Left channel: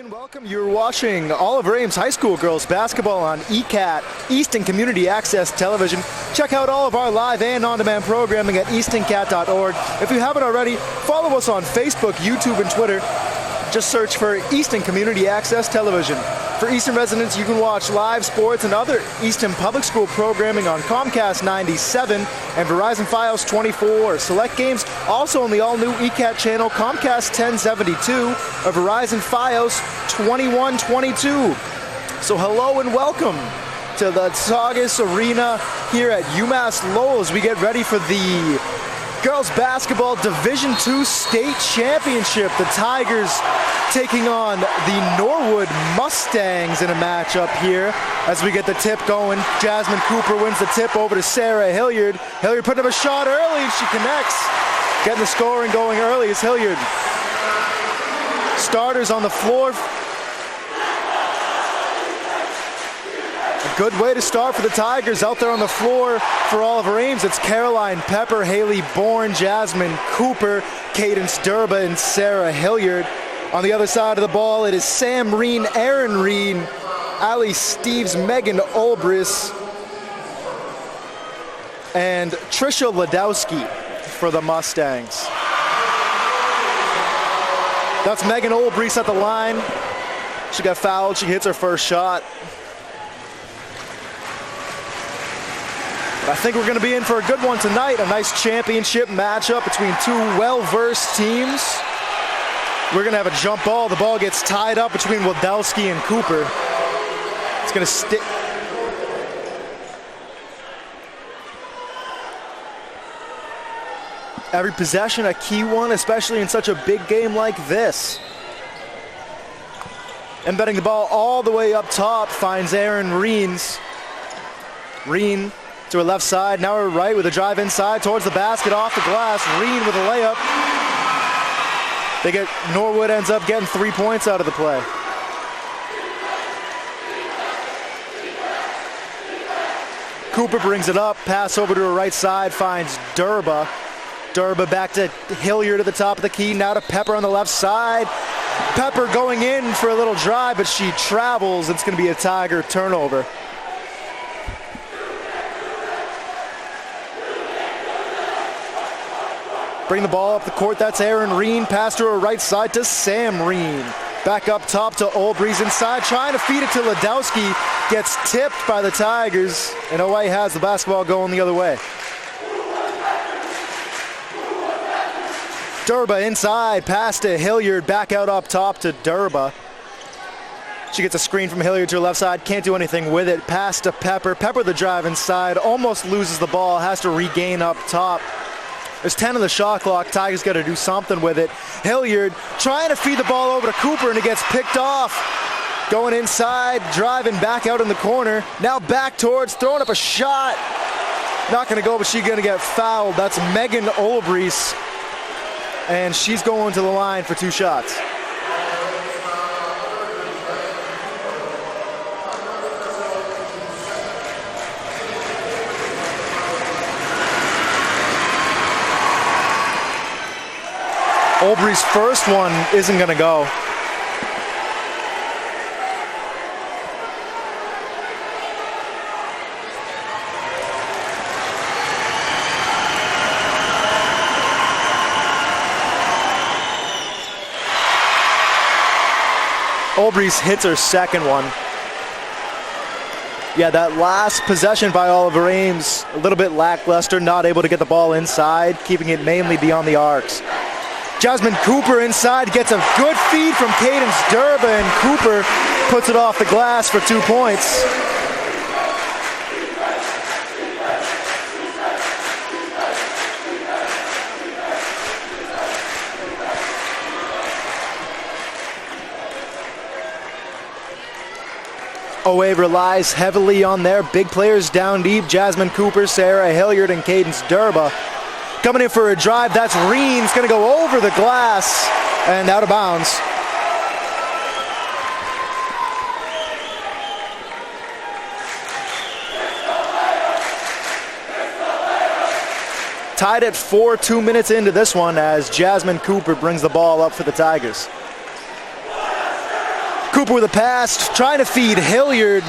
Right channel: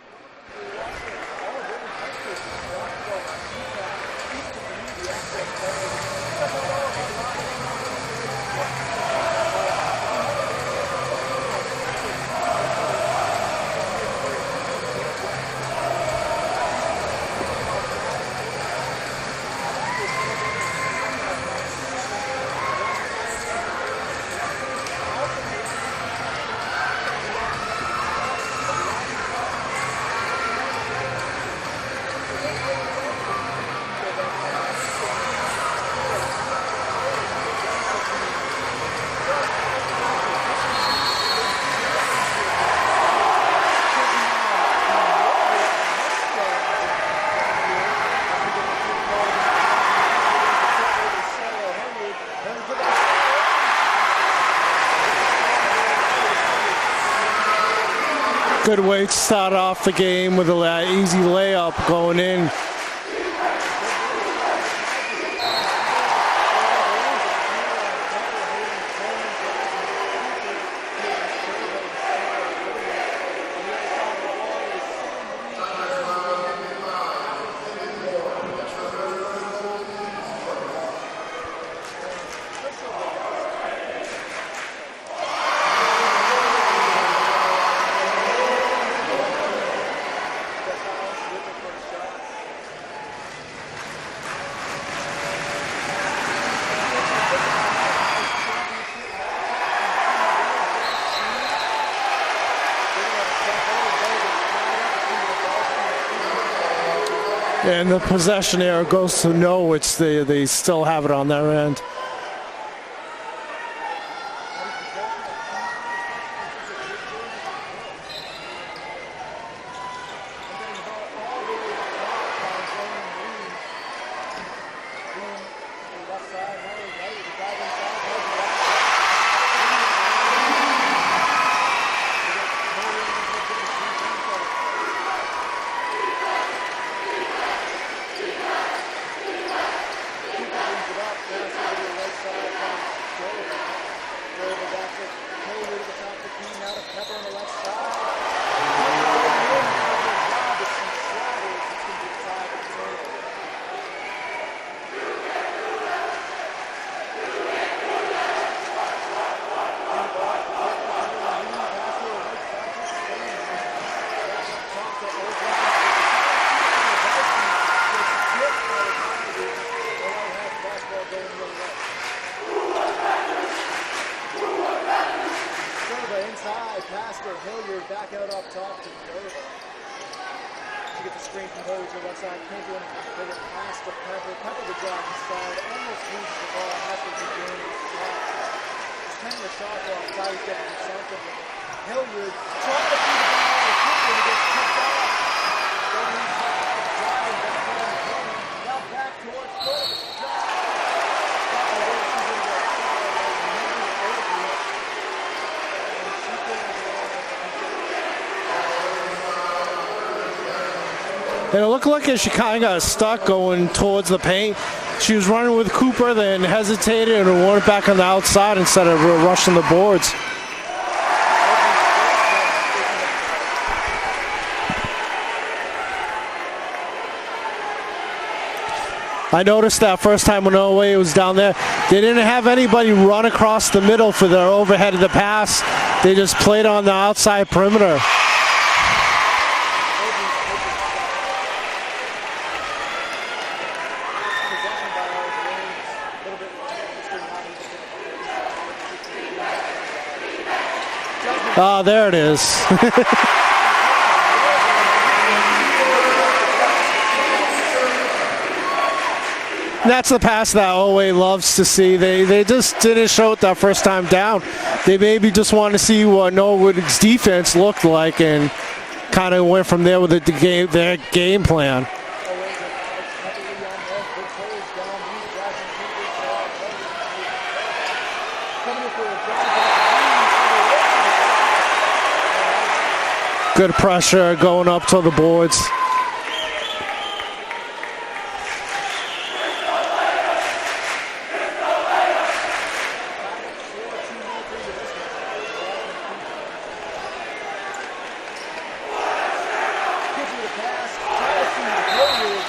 and welcome. You're watching Oliver Ames High School girls basketball on ECAT, Easton Community Access Television. Check out all of our live and on-demand programming at eastoncat.org. If you haven't already, follow us on Facebook, YouTube, and Twitter. Just search for Easton Community Access Television. For Easton residents, you can watch live sports and other Easton Public School programming on Comcast 97 and Verizon Fios 24. Select games also on the all-new ECAT channel Comcast 1072 or Verizon Fios 2122. So hello and welcome to the Saugus Arena here at UMass Lowell as we get ready for the girls basketball Division II state championship. The Tigers taking on the Norwood Mustangs in a matchup here as we get the tip going. Jasmine Cooper wins the tip over to Sarah Hilliard. Hilliard putting up a shot early. She connects. Getting the scoring going early is Hilliard. Good way to on the start floor. off the game with an easy layup going in. Good way to start for the Tigers. Out there on the floor for Oliver Ames, it's Caroline Pepper, Haley Bourne, Jasmine Cooper, Cadence Durba, and Sarah Hilliard. On the other side of the ball, it is Sam Reen, Aaron Reen, Ali Steves, Megan Olbris, and Trisha Ladowski for the Mustangs. That's Megan Olbris at the line. She got fouled. She hits her first shot. I think we're going to be in for a good one tonight. A nice championship matchup between two well-versed teams. We're going to have a jump ball. The ball gets tied up between Wadowski and Cooper. And the possession error goes to Norwood. They still have it on their end. Every possession a key one, especially in such a big game like this. Embedding the ball all the way up top finds Aaron Reens. Reen to her left side, now her right with a drive inside towards the basket, off the glass. Reen with a layup. Norwood ends up getting 3 points out of the play. Cooper brings it up, pass over to her right side, finds Durba. Durba back to Hilliard at the top of the key, now to Pepper on the left side. Pepper going in for a little drive, but she travels. It's going to be a Tiger turnover. Bring the ball up the court, that's Aaron Reen. Pass to her right side to Sam Reen. Back up top to Olbris inside, trying to feed it to Ladowski. Gets tipped by the Tigers, and OA has the basketball going the other way. Durba inside, pass to Hilliard, back out up top to Durba. She gets a screen from Hilliard to her left side, can't do anything with it. Pass to Pepper, Pepper the drive inside, almost loses the ball, has to regain up top. There's 10 on the shot clock. Tigers got to do something with it. Hilliard trying to feed the ball over to Cooper, and it gets picked off. Going inside, driving back out in the corner. Now back towards, throwing up a shot. Not going to go, but she's going to get fouled. That's Megan Olbris, and she's going to the line for 2 shots. And it looked like she kind of got stuck going towards the paint. She was running with Cooper, then hesitated and went back on the outside instead of rushing the boards. Olbris' first one isn't going to go. I noticed that first time when OA was down there, they didn't have anybody run across the middle for their overhead of the pass. They just played on the outside perimeter. Olbris hits her second one. Yeah, that last possession by Oliver Ames, a little bit lackluster, not able to get the ball inside, keeping it mainly beyond the arcs. Jasmine Cooper inside gets a good feed from Cadence Durba, and Cooper puts it off the glass for 2 points. That's the pass that OA loves to see. They just didn't show it that first time down. They maybe just wanted to see what Norwood's defense looked like and kind of went from there with their game plan. OA relies heavily on their big players down deep. Jasmine Cooper, Sarah Hilliard, and Cadence Durba. Coming in for a drive, that's Reens, going to go over the glass and out of bounds. Good pressure going up to the boards. Tied at 4, 2 minutes into this one as Jasmine Cooper brings the ball up for the Tigers. Cooper with a pass, trying to feed Hilliard.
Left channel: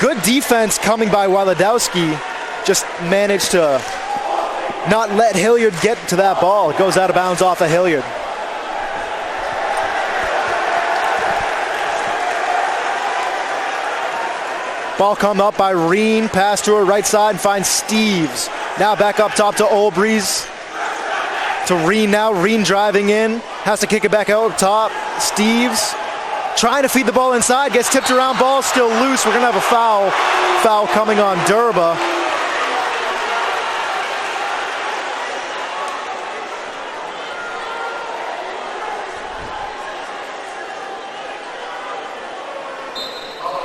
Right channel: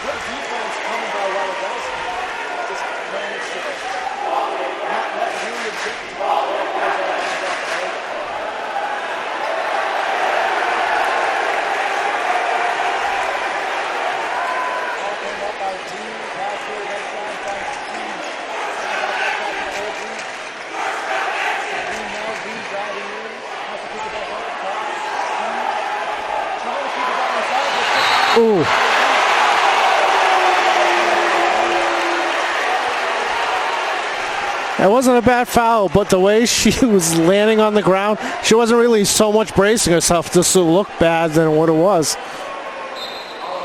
Good defense coming by Waladowski. Just managed to not let Hilliard get to that ball. It goes out of bounds off of Hilliard. Ball come up by Reen, pass to her right side and finds Steves. Now back up top to Olbreeze. To Reen now, Reen driving in, has to kick it back out top. Steves trying to feed the ball inside, gets tipped around, ball still loose. We're gonna have a foul coming on Durba. That wasn't a bad foul, but the way she was landing on the ground, she wasn't really so much bracing herself just to look bad than what it was.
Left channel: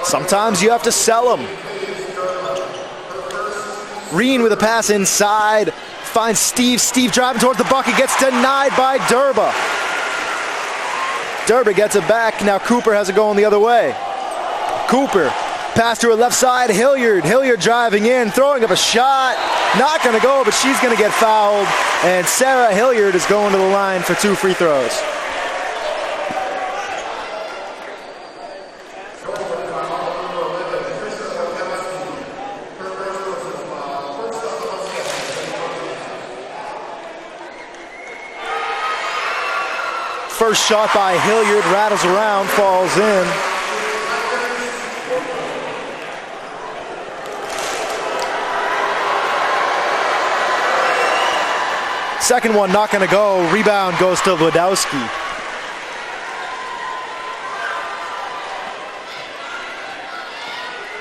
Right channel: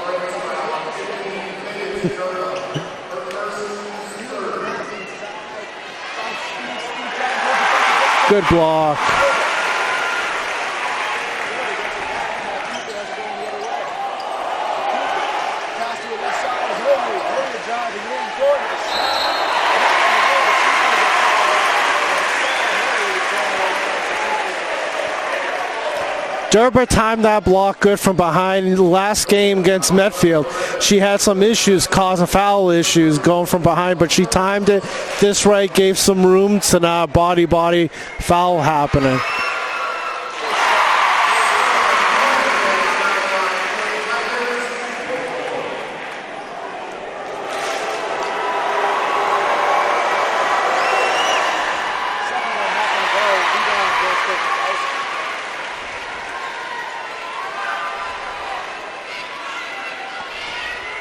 Sometimes you have to sell them. Reen with a pass inside, finds Steve. Steve driving toward the bucket, gets denied by Durba. Durba gets it back. Now Cooper has it going the other way. Cooper, pass to her left side, Hilliard. Hilliard driving in, throwing up a shot. Not going to go, but she's going to get fouled. And Sarah Hilliard is going to the line for 2 free throws. Durba timed that block good from behind. Last game against Metfield, she had some issues, causing foul issues going from behind, but she timed it this right, gave some room to not body foul happening. First shot by Hilliard, rattles around, falls in. Second one not going to go. Rebound goes to Wadowski.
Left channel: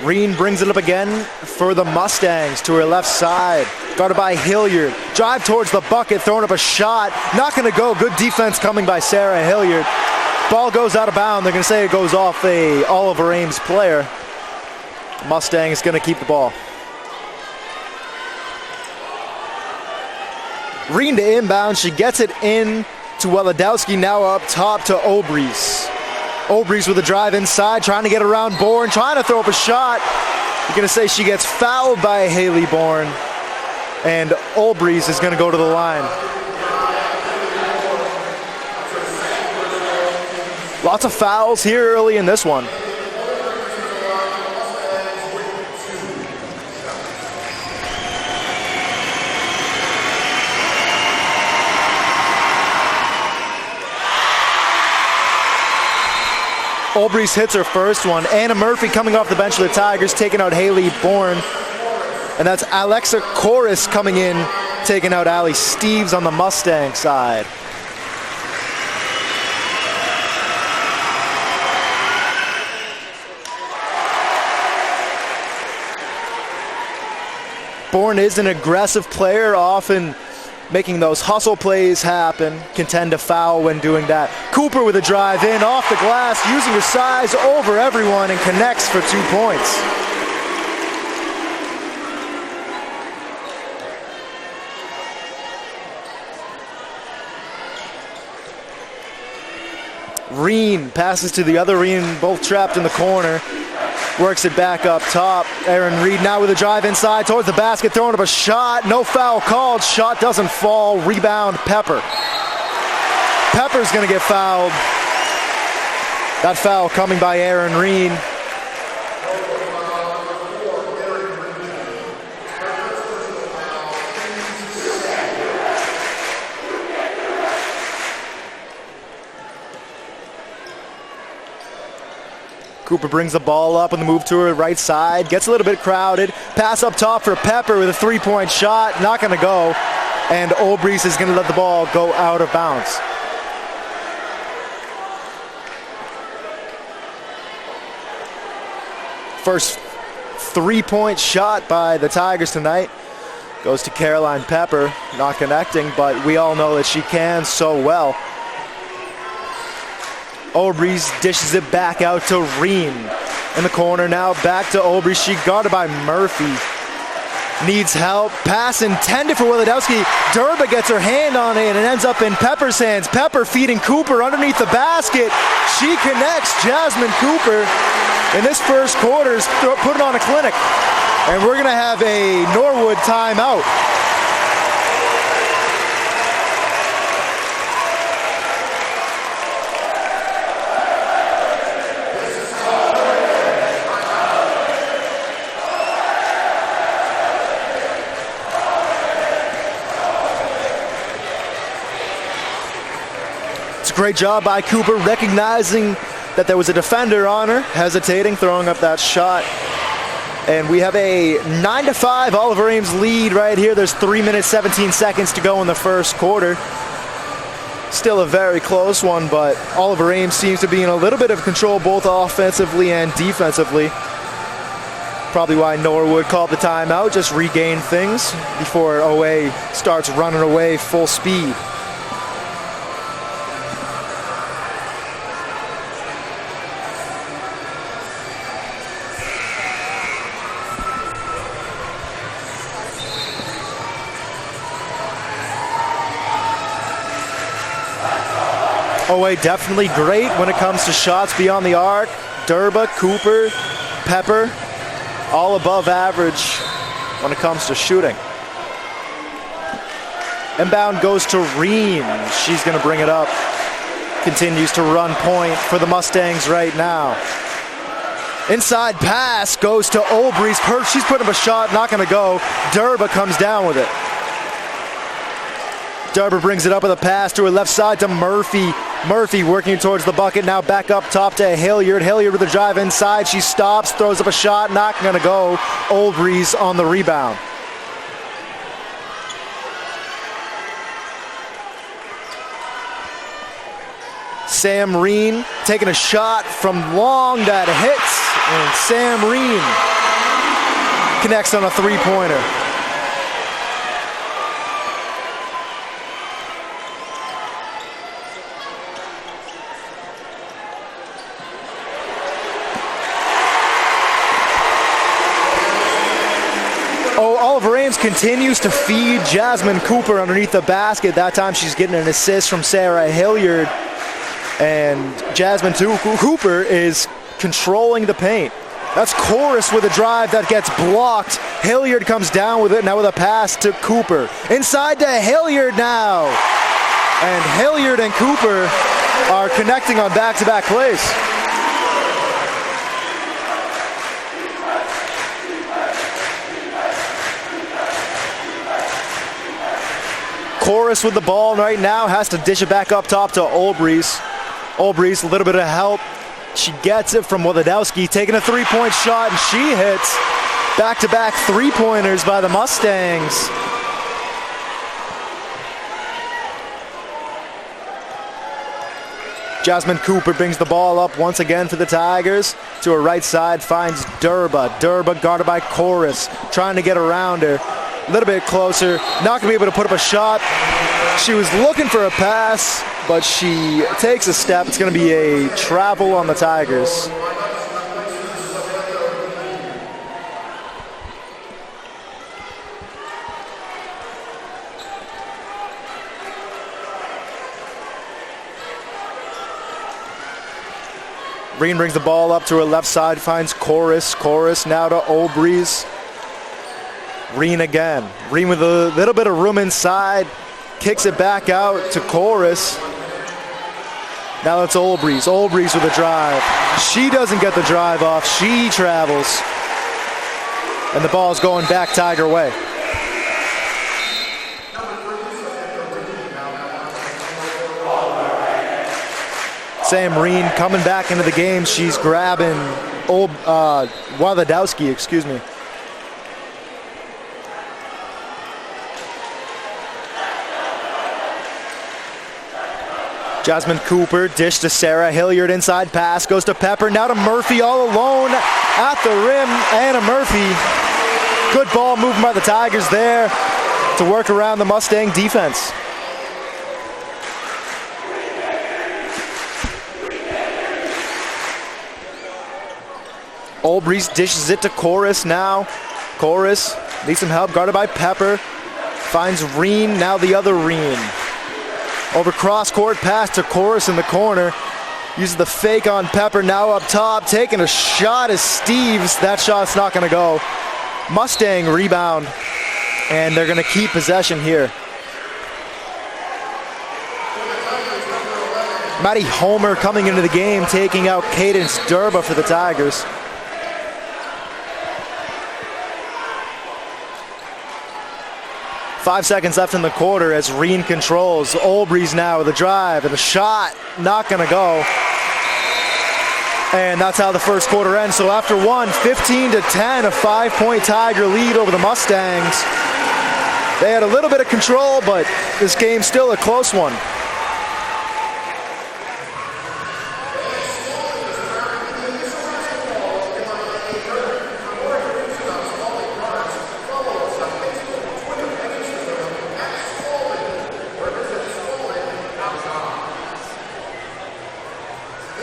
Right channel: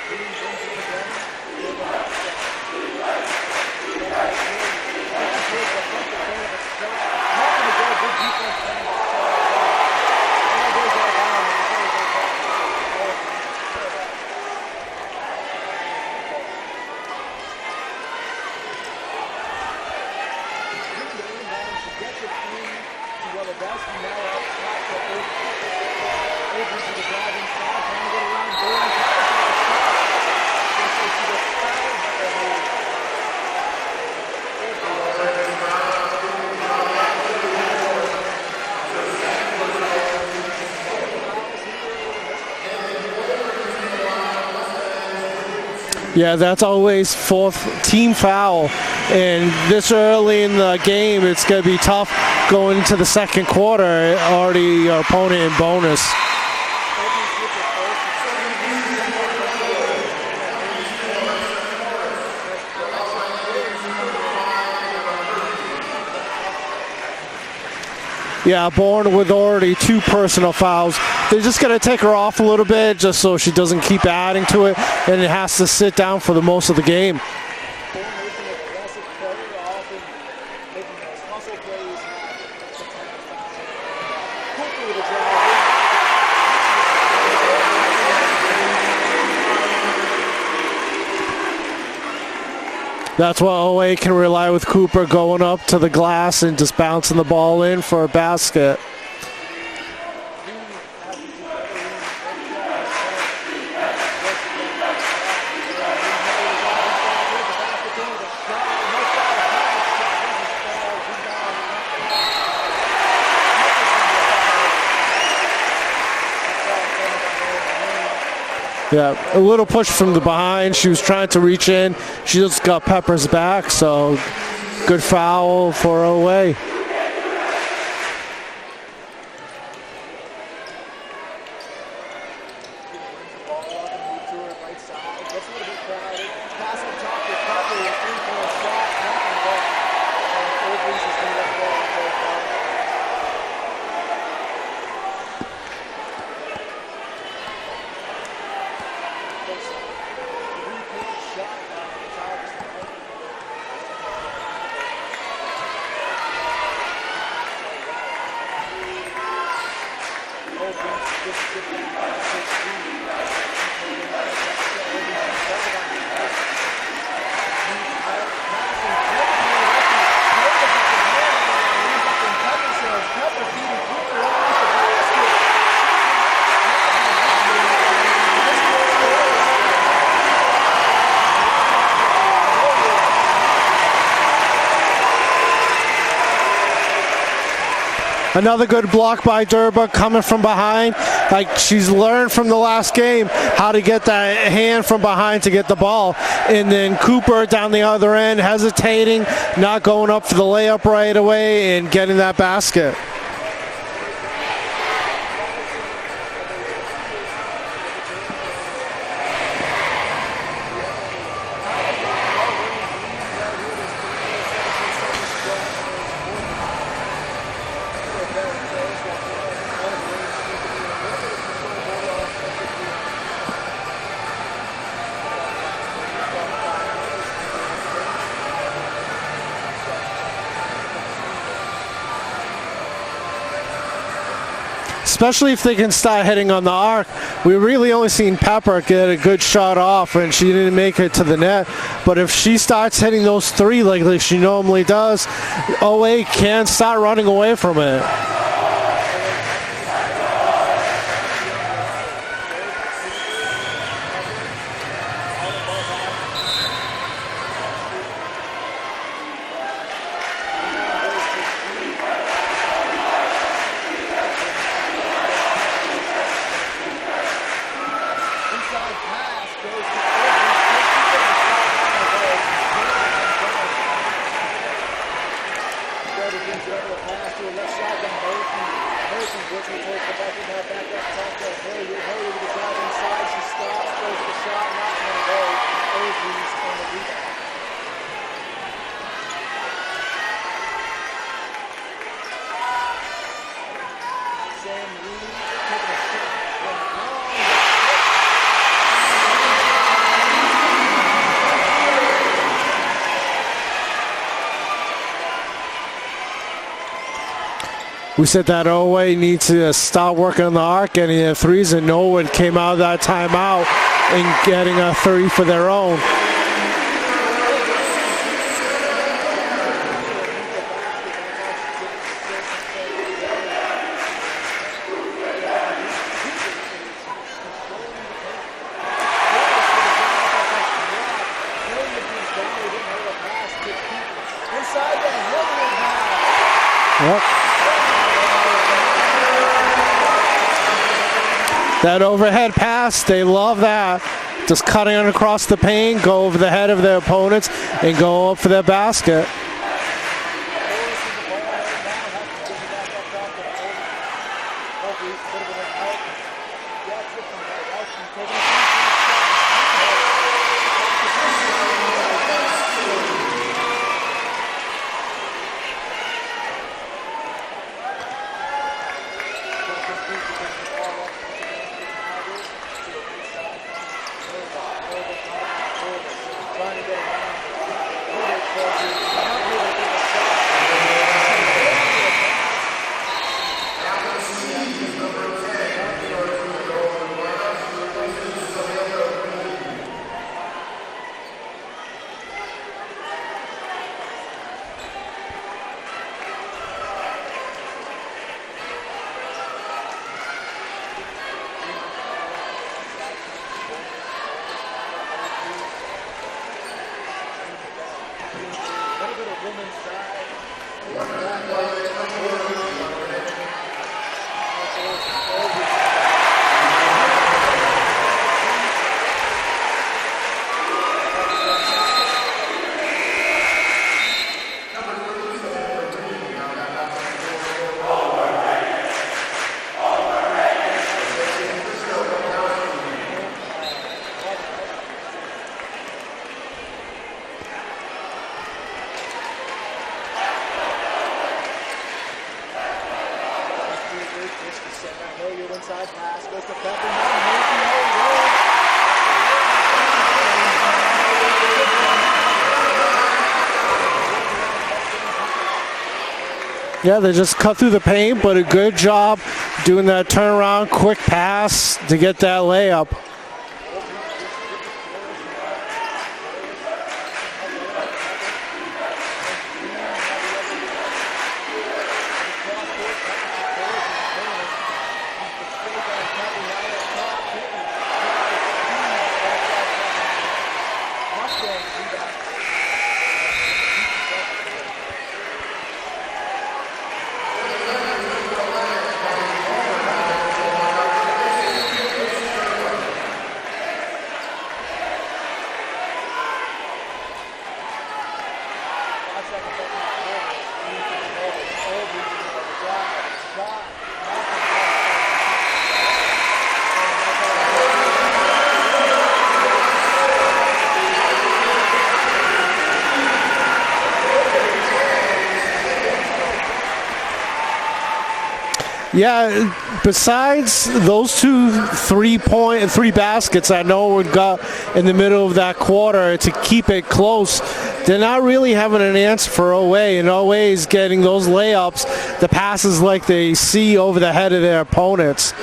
Reen brings it up again for the Mustangs to her left side. Guarded by Hilliard. Drive towards the bucket, throwing up a shot. Not going to go. Good defense coming by Sarah Hilliard. Ball goes out of bounds. They're going to say it goes off a Oliver Ames player. Mustang is going to keep the ball. Reen to inbound. She gets it in to Waladowski. Now up top to Olbreeze. Olbreeze with a drive inside, trying to get around Bourne, trying to throw up a shot. You're going to say she gets fouled by Haley Bourne. And Olbreeze is going to go to the line. Lots of fouls here early in this one. Yeah, that's always 4th team foul. And this early in the game, it's going to be tough going to the second quarter. Already opponent in bonus. Olbreeze hits her first one. Anna Murphy coming off the bench for the Tigers, taking out Haley Bourne. And that's Alexa Corris coming in, taking out Allie Steves on the Mustang side. Yeah, Bourne with already 2 personal fouls. They're just going to take her off a little bit just so she doesn't keep adding to it, and it has to sit down for the most of the game. Bourne is an aggressive player, often making those hustle plays happen, can tend to foul when doing that. Cooper with a drive in, off the glass, using his size over everyone, and connects for 2 points. That's why OA can rely with Cooper going up to the glass and just bouncing the ball in for a basket. Reen passes to the other Reen, both trapped in the corner. Works it back up top. Aaron Reed now with a drive inside towards the basket, throwing up a shot. No foul called. Shot doesn't fall. Rebound, Pepper. Pepper's going to get fouled. That foul coming by Aaron Reed. Yeah, a little push from the behind. She was trying to reach in. She just got Pepper's back, so good foul for OA. Cooper brings the ball up on the move to her right side. Gets a little bit crowded. Pass up top for Pepper with a 3-point shot. Not going to go. And Olbreeze is going to let the ball go out of bounds. First 3-point shot by the Tigers tonight goes to Caroline Pepper. Not connecting, but we all know that she can so well. Olbreeze dishes it back out to Reen. In the corner now, back to Olbreeze. She guarded by Murphy. Needs help. Pass intended for Waladowski. Durba gets her hand on it and ends up in Pepper's hands. Pepper feeding Cooper underneath the basket. She connects. Jasmine Cooper in this first quarter is putting on a clinic. And we're going to have a Norwood timeout. Another good block by Durba coming from behind. like she's learned from the last game how to get that hand from behind to get the ball. And then Cooper down the other end, hesitating, not going up for the layup right away and getting that basket. It's a great job by Cooper, recognizing that there was a defender on her, hesitating, throwing up that shot. And we have a 9-5 Oliver Ames lead right here. There's 3 minutes, 17 seconds to go in the first quarter. Still a very close one, but Oliver Ames seems to be in a little bit of control both offensively and defensively. Probably why Norwood called the timeout, just regain things before OA starts running away full speed. Especially if they can start hitting on the arc. We really only seen Pepper get a good shot off and she didn't make it to the net. But if she starts hitting those three like she normally does, OA can start running away from it. OA definitely great when it comes to shots beyond the arc. Durba, Cooper, Pepper, all above average when it comes to shooting. Inbound goes to Ream. She's going to bring it up. Continues to run point for the Mustangs right now. Inside pass goes to Olbrys. She's putting up a shot, not going to go. Durba comes down with it. Durba brings it up with a pass to her left side to Murphy. Murphy working towards the bucket, now back up top to Hilliard. Hilliard with a drive inside. She stops, throws up a shot, not going to go. Olbrys on the rebound. Sam Reen taking a shot from long that hits, and Sam Reen connects on a three-pointer. We said that OA needs to start working on the arc, getting their threes, and Norwood came out of that timeout and getting a three for their own. Oliver Ames continues to feed Jasmine Cooper underneath the basket. That time she's getting an assist from Sarah Hilliard. And Jasmine Cooper is controlling the paint. That's Chorus with a drive that gets blocked. Hilliard comes down with it now with a pass to Cooper. Inside to Hilliard now. Yep. And Hilliard and Cooper are connecting on back-to-back plays. That overhead pass, they love that. Just cutting across the paint, go over the head of their opponents, and go up for their basket. Chorus with the ball right now, has to dish it back up top to Olbrys. Olbrys, a little bit of help. She gets it from Wodadowski, taking a three-point shot, and she hits back-to-back three-pointers by the Mustangs. Jasmine Cooper brings the ball up once again for the Tigers. To her right side, finds Durba. Durba guarded by Chorus, trying to get around her. A little bit closer, not going to be able to put up a shot. She was looking for a pass, but she takes a step. It's going to be a travel on the Tigers. Reen brings the ball up to her left side, finds Chorus. Chorus now to Olbrys. Reen again. Reen with a little bit of room inside. Kicks it back out to Chorus. Now it's Olbrys. Olbrys with a drive. She doesn't get the drive off. She travels. And the ball's going back Tiger way. Sam Reen coming back into the game. She's grabbing Wodadowski, excuse me. Jasmine Cooper, dish to Sarah Hilliard, inside pass, goes to Pepper, now to Murphy all alone at the rim. Anna Murphy, good ball movement by the Tigers there to work around the Mustang defense. Yeah, they just cut through the paint, but a good job doing that turnaround, quick pass to get that layup. Olbrys dishes it to Chorus now. Chorus needs some help, guarded by Pepper. Finds Reen, now the other Reen. Over cross-court pass to Chorus in the corner. Uses the fake on Pepper, now up top. Taking a shot is Steves. That shot's not going to go. Mustang rebound, and they're going to keep possession here. Matty Homer coming into the game, taking out Cadence Durba for the Tigers. Five seconds left in the quarter as Reen controls. Olbrys now with a drive and the shot, not gonna go. And that's how the first quarter ends. So after one, 15-10, a 5-point Tiger lead over the Mustangs. They had a little bit of control, but this game's still a close one. Yeah, besides those three baskets that Norwood got in the middle of that quarter to keep it close, they're not really having an answer for OA, and OA is getting those layups, the passes like they see over the head of their opponents.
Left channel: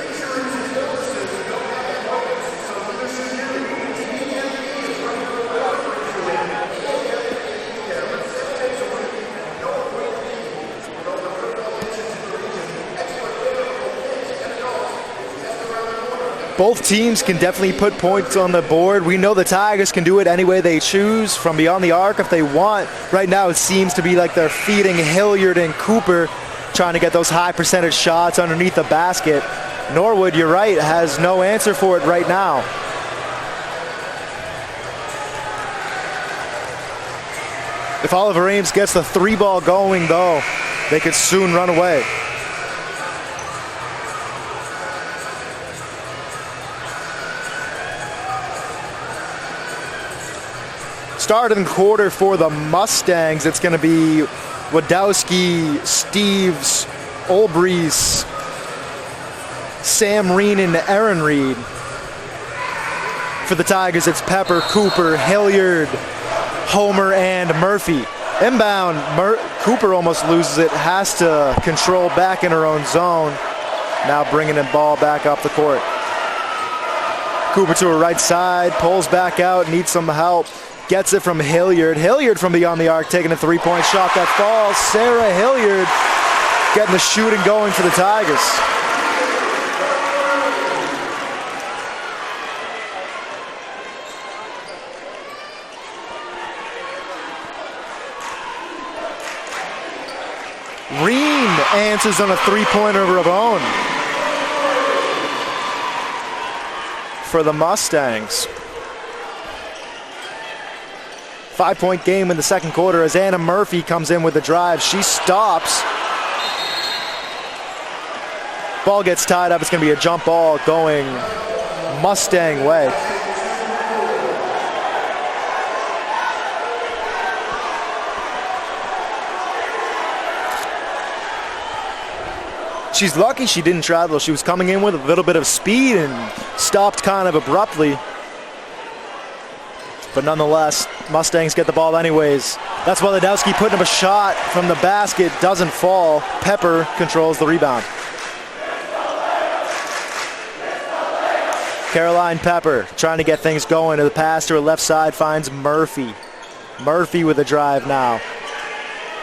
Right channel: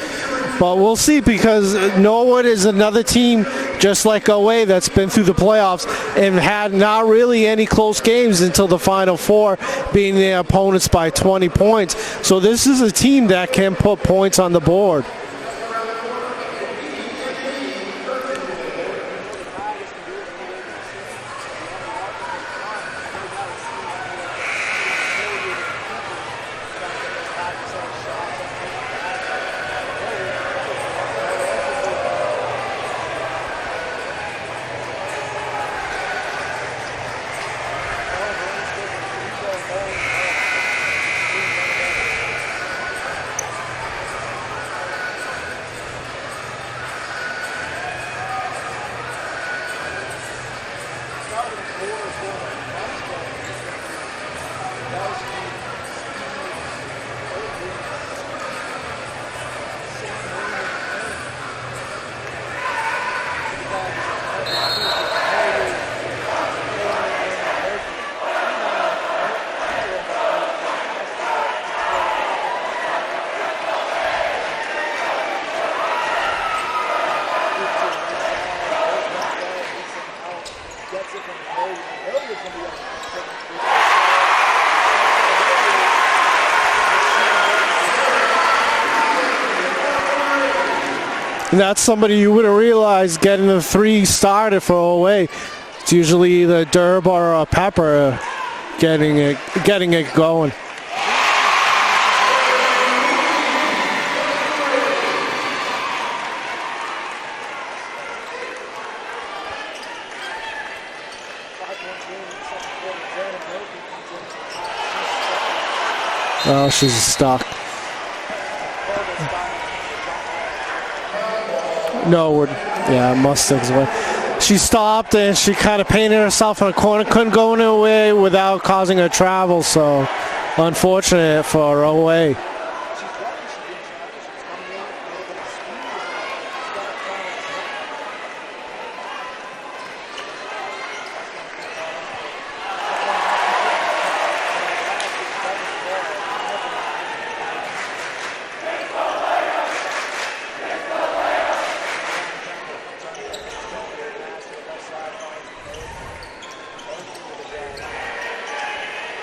But we'll see, because Norwood is another team just like OA that's been through the playoffs and had not really any close games until the Final Four, being their opponents by 20 points. So this is a team that can put points on the board. Both teams can definitely put points on the board. We know the Tigers can do it any way they choose, from beyond the arc if they want. Right now it seems to be like they're feeding Hilliard and Cooper, trying to get those high percentage shots underneath the basket. Norwood, you're right, has no answer for it right now. If Oliver Ames gets the three ball going, though, they could soon run away. Start of the quarter for the Mustangs. It's going to be Wadowski, Steves, Olbrys, Sam Reen, and Aaron Reed. For the Tigers, it's Pepper, Cooper, Hilliard, Homer, and Murphy. Inbound, Cooper almost loses it, has to control back in her own zone. Now bringing the ball back up the court. Cooper to her right side, pulls back out, needs some help. Gets it from Hilliard. Hilliard from beyond the arc, taking a three-point shot that falls. Sarah Hilliard getting the shooting going for the Tigers. And that's somebody you wouldn't realize getting the three started for OA. It's usually either Durb or Pepper getting it going. Reen answers on a three-pointer of her own for the Mustangs. 5-point game in the second quarter as Anna Murphy comes in with a drive. She stops. Oh, she's stuck. Ball gets tied up. It's going to be a jump ball going Mustang way. Yeah, Mustang's way. She stopped and she kind of painted herself in a corner. Couldn't go anywhere without causing a travel. So unfortunate for OA. She's lucky she didn't travel. She was coming in with a little bit of speed and stopped kind of abruptly. But nonetheless, Mustangs get the ball anyways. That's why Wadowski putting up a shot from the basket, doesn't fall. Pepper controls the rebound. Caroline Pepper trying to get things going. To the pass to her left side, finds Murphy. Murphy with a drive now.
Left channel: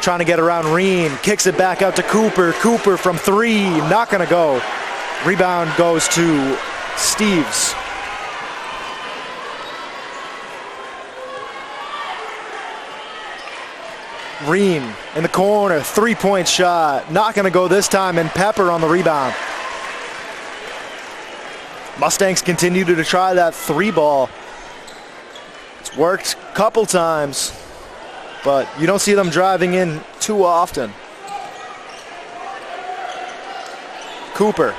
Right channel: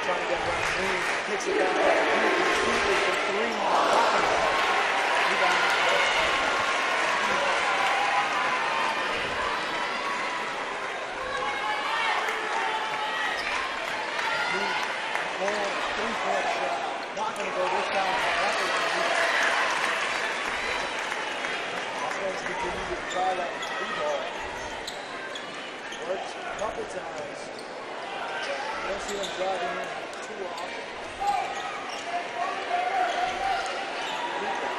Trying to get around Reen, kicks it back out to Cooper. Cooper from three, not gonna go. Rebound goes to Steves. Reen in the corner, three-point shot. Not going to go this time, and Pepper on the rebound. Mustangs continue to try that three ball. It's worked a couple times, but you don't see them driving in too often. Cooper,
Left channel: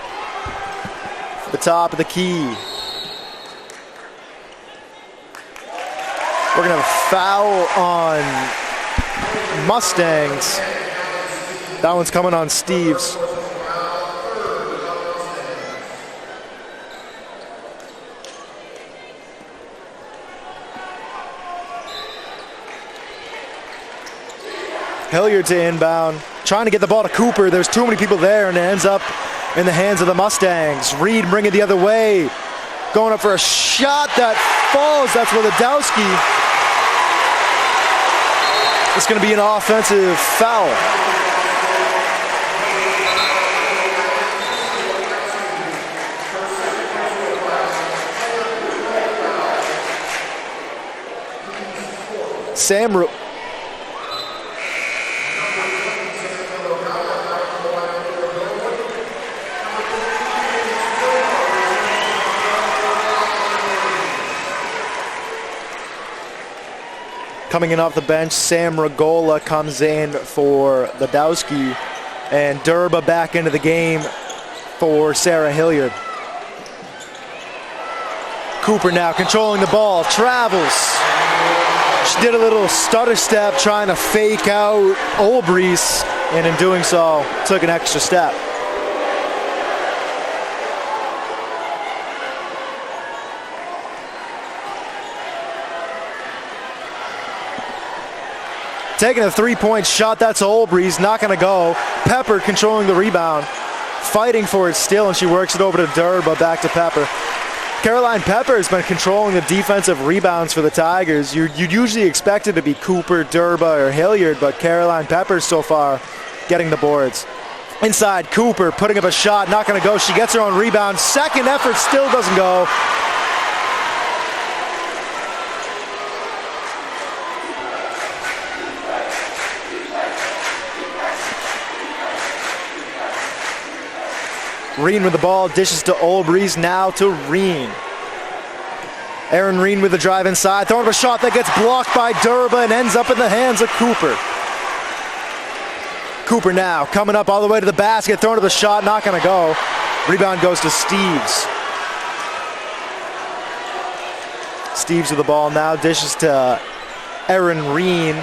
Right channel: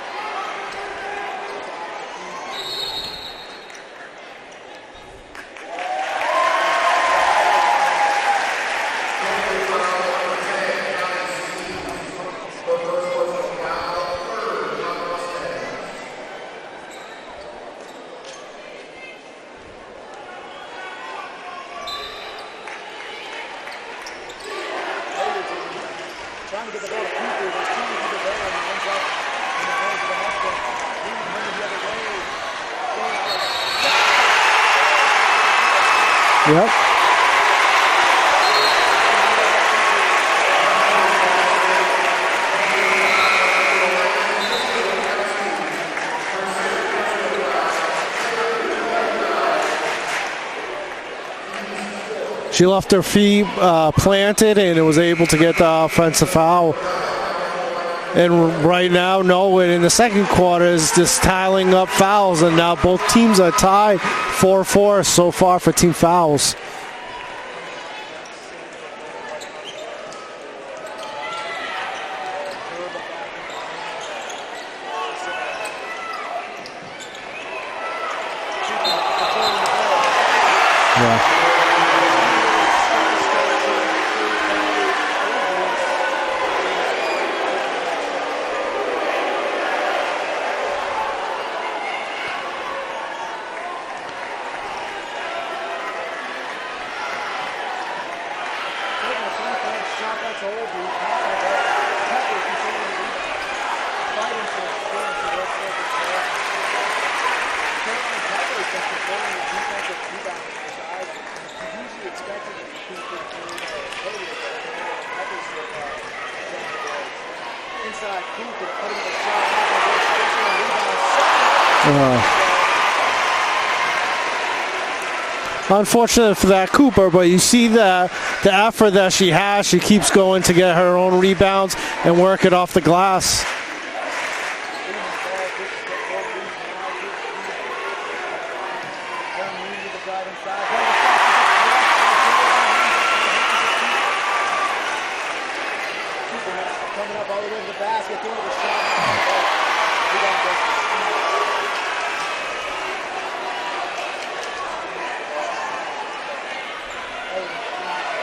the top of the key. We're going to foul on Mustangs. That one's coming on Steves. Hilliard to inbound, trying to get the ball to Cooper. There's too many people there, and it ends up in the hands of the Mustangs. Reed bring it the other way, going up for a shot that falls. That's Wadowski. Yep. It's going to be an offensive foul. She left her feet planted and was able to get the offensive foul. And right now, Norwood in the second quarter is just tallying up fouls, and now both teams are tied 4-4 so far for team fouls. Coming in off the bench, Sam Regola comes in for Badowski, and Durba back into the game for Sarah Hilliard. Cooper now controlling the ball, travels. Yeah. She did a little stutter step trying to fake out Olbrys, and in doing so, took an extra step. Taking a three-point shot, that's Olbrys, not gonna go. Pepper controlling the rebound, fighting for it still, and she works it over to Durba, back to Pepper. Caroline Pepper has been controlling the defensive rebounds for the Tigers. You'd usually expect it to be Cooper, Durba, or Hilliard, but Caroline Pepper so far getting the boards. Inside, Cooper putting up a shot, not gonna go. She gets her own rebound. Second effort, still doesn't go. Unfortunate for that Cooper, but you see the effort that she has. She keeps going to get her own rebounds and work it off the glass. Reen with the ball, dishes to Olbrys, now to Reen. Erin Reen with the drive inside, throwing a shot that gets blocked by Durba and ends up in the hands of Cooper. Cooper now coming up all the way to the basket, throwing to the shot, not gonna go. Rebound goes to Steeves. Steeves with the ball now, dishes to Erin Reen.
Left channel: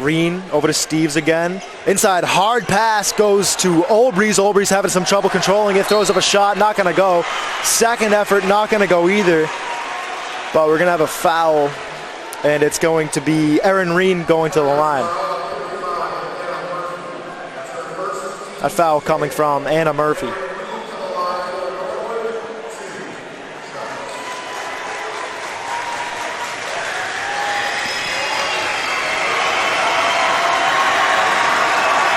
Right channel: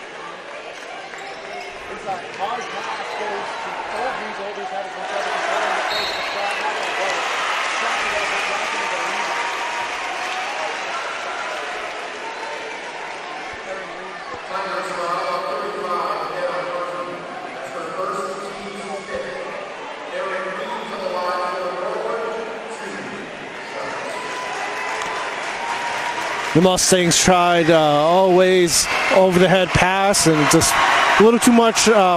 Reen over to Steeves again. Inside, hard pass goes to Olbrys. Olbrys having some trouble controlling it, throws up a shot, not gonna go. Second effort, not gonna go either. But we're gonna have a foul, and it's going to be Erin Reen going to the line. A foul coming from Anna Murphy. The Mustangs tried always over the head pass and just a little too much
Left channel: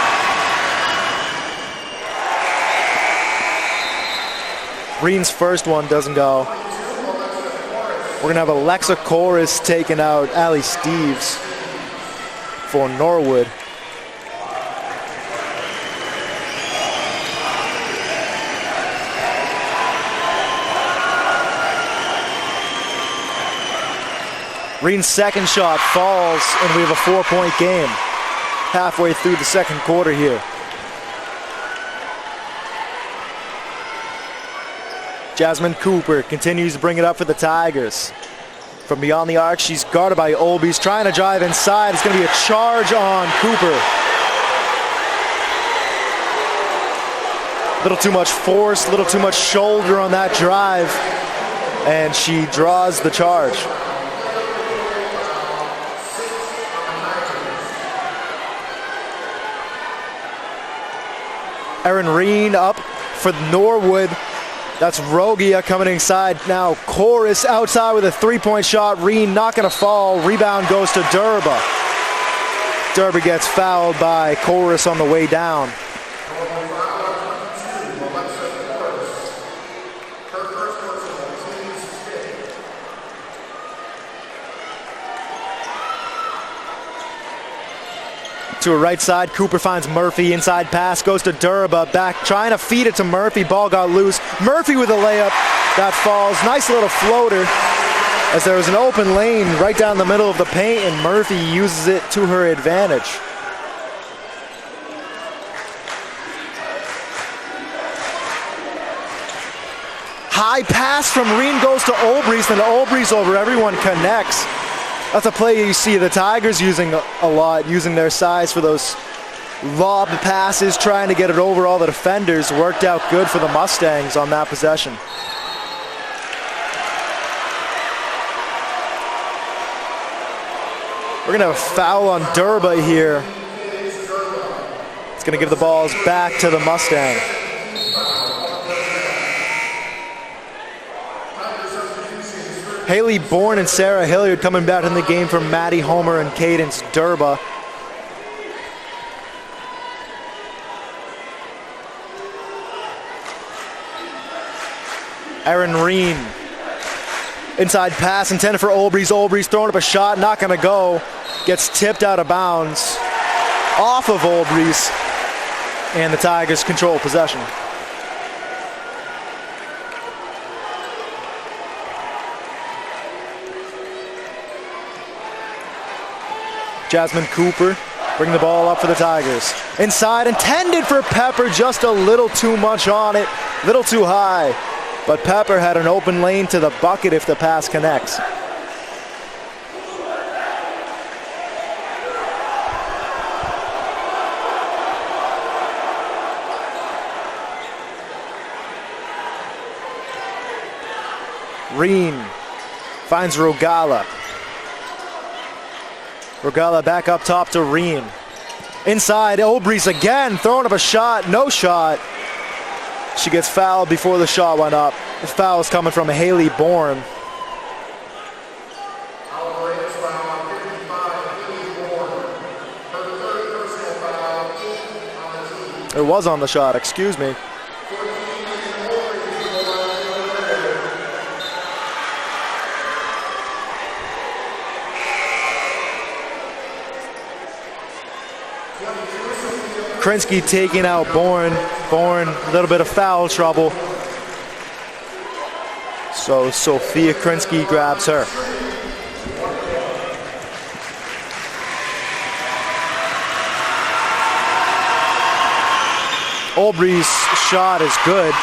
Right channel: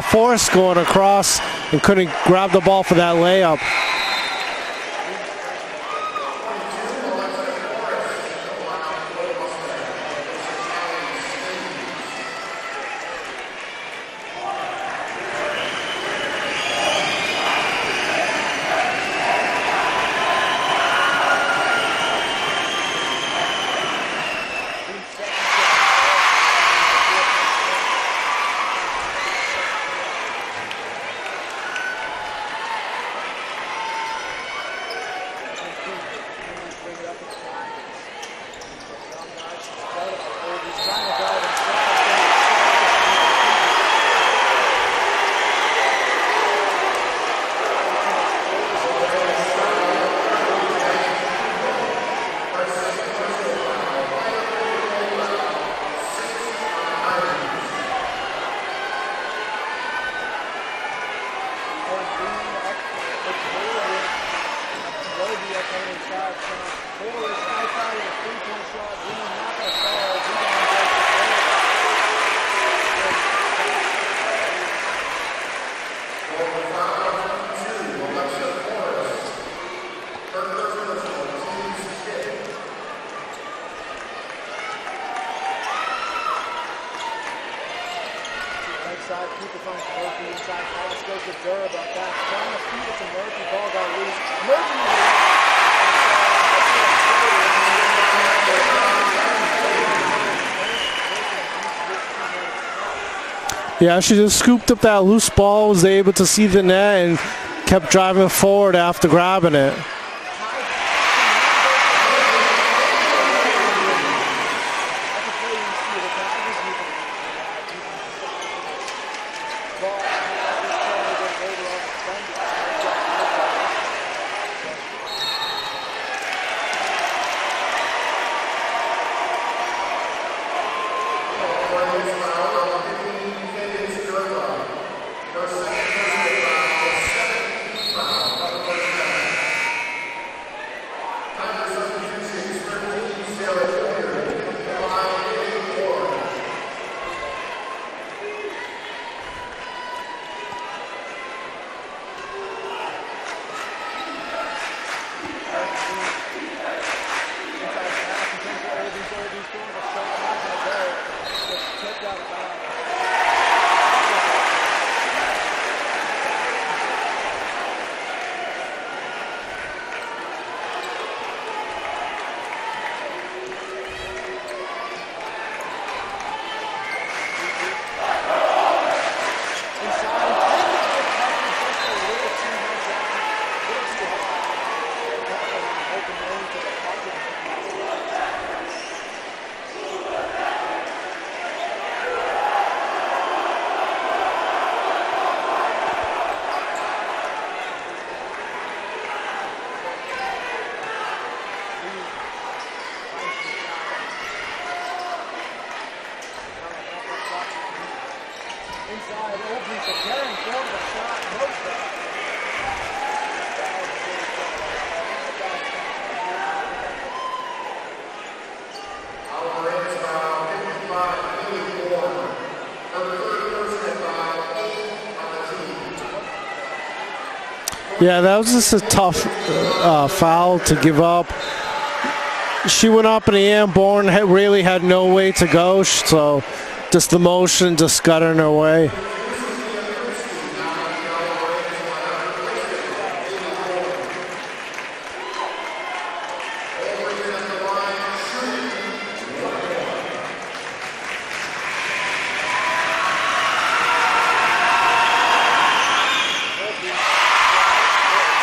force going across and couldn't grab the ball for that layup. Reen's first one doesn't go. We're gonna have Alexa Chorus taking out Allie Steeves for Norwood. Reen's second shot falls, and we have a 4-point game halfway through the second quarter here. Jasmine Cooper continues to bring it up for the Tigers. From beyond the arc, she's guarded by Olbrys, trying to drive inside. It's going to be a charge on Cooper. A little too much force, a little too much shoulder on that drive, and she draws the charge. Erin Reen up for Norwood. That's Rogia coming inside now. Chorus outside with a three-point shot. Reen not going to fall. Rebound goes to Durba. Durba gets fouled by Chorus on the way down. To a right side, Cooper finds Murphy. Inside pass goes to Durba. Back trying to feed it to Murphy. Ball got loose. Murphy with a layup. That falls. Nice little floater. As there was an open lane right down the middle of the paint, and Murphy uses it to her advantage. Yeah, she just scooped up that loose ball, was able to see the net, and kept driving forward after grabbing it. High pass from Reen goes to Olbrys, and Olbrys over everyone connects. That's a play you see the Tigers using a lot, using their size for those lob passes, trying to get it over all the defenders. Worked out good for the Mustangs on that possession. We're gonna have a foul on Durba here. It's gonna give the balls back to the Mustangs. Haley Bourne and Sarah Hilliard coming back in the game from Maddie Homer and Cadence Durba. Erin Reen. Inside pass intended for Olbrys. Olbrys throwing up a shot, not gonna go. Gets tipped out of bounds. off of Olbrys, and the Tigers control possession. Jasmine Cooper bring the ball up for the Tigers. Inside, intended for Pepper, just a little too much on it, little too high. But Pepper had an open lane to the bucket if the pass connects. Reen finds Rogala. Rogala back up top to Reen. Inside, Olbrys again, throwing up a shot, no shot. She gets fouled before the shot went up. The foul is coming from Haley Bourne. It was on the shot, excuse me. Yeah, that was just a tough foul to give up. She went up in the air, Bourne really had no way to go, so just the motion just got in her way. Krinsky taking out Bourne. Bourne, a little bit of foul trouble. So Sophia Krinsky grabs her. Olbrys' shot is good.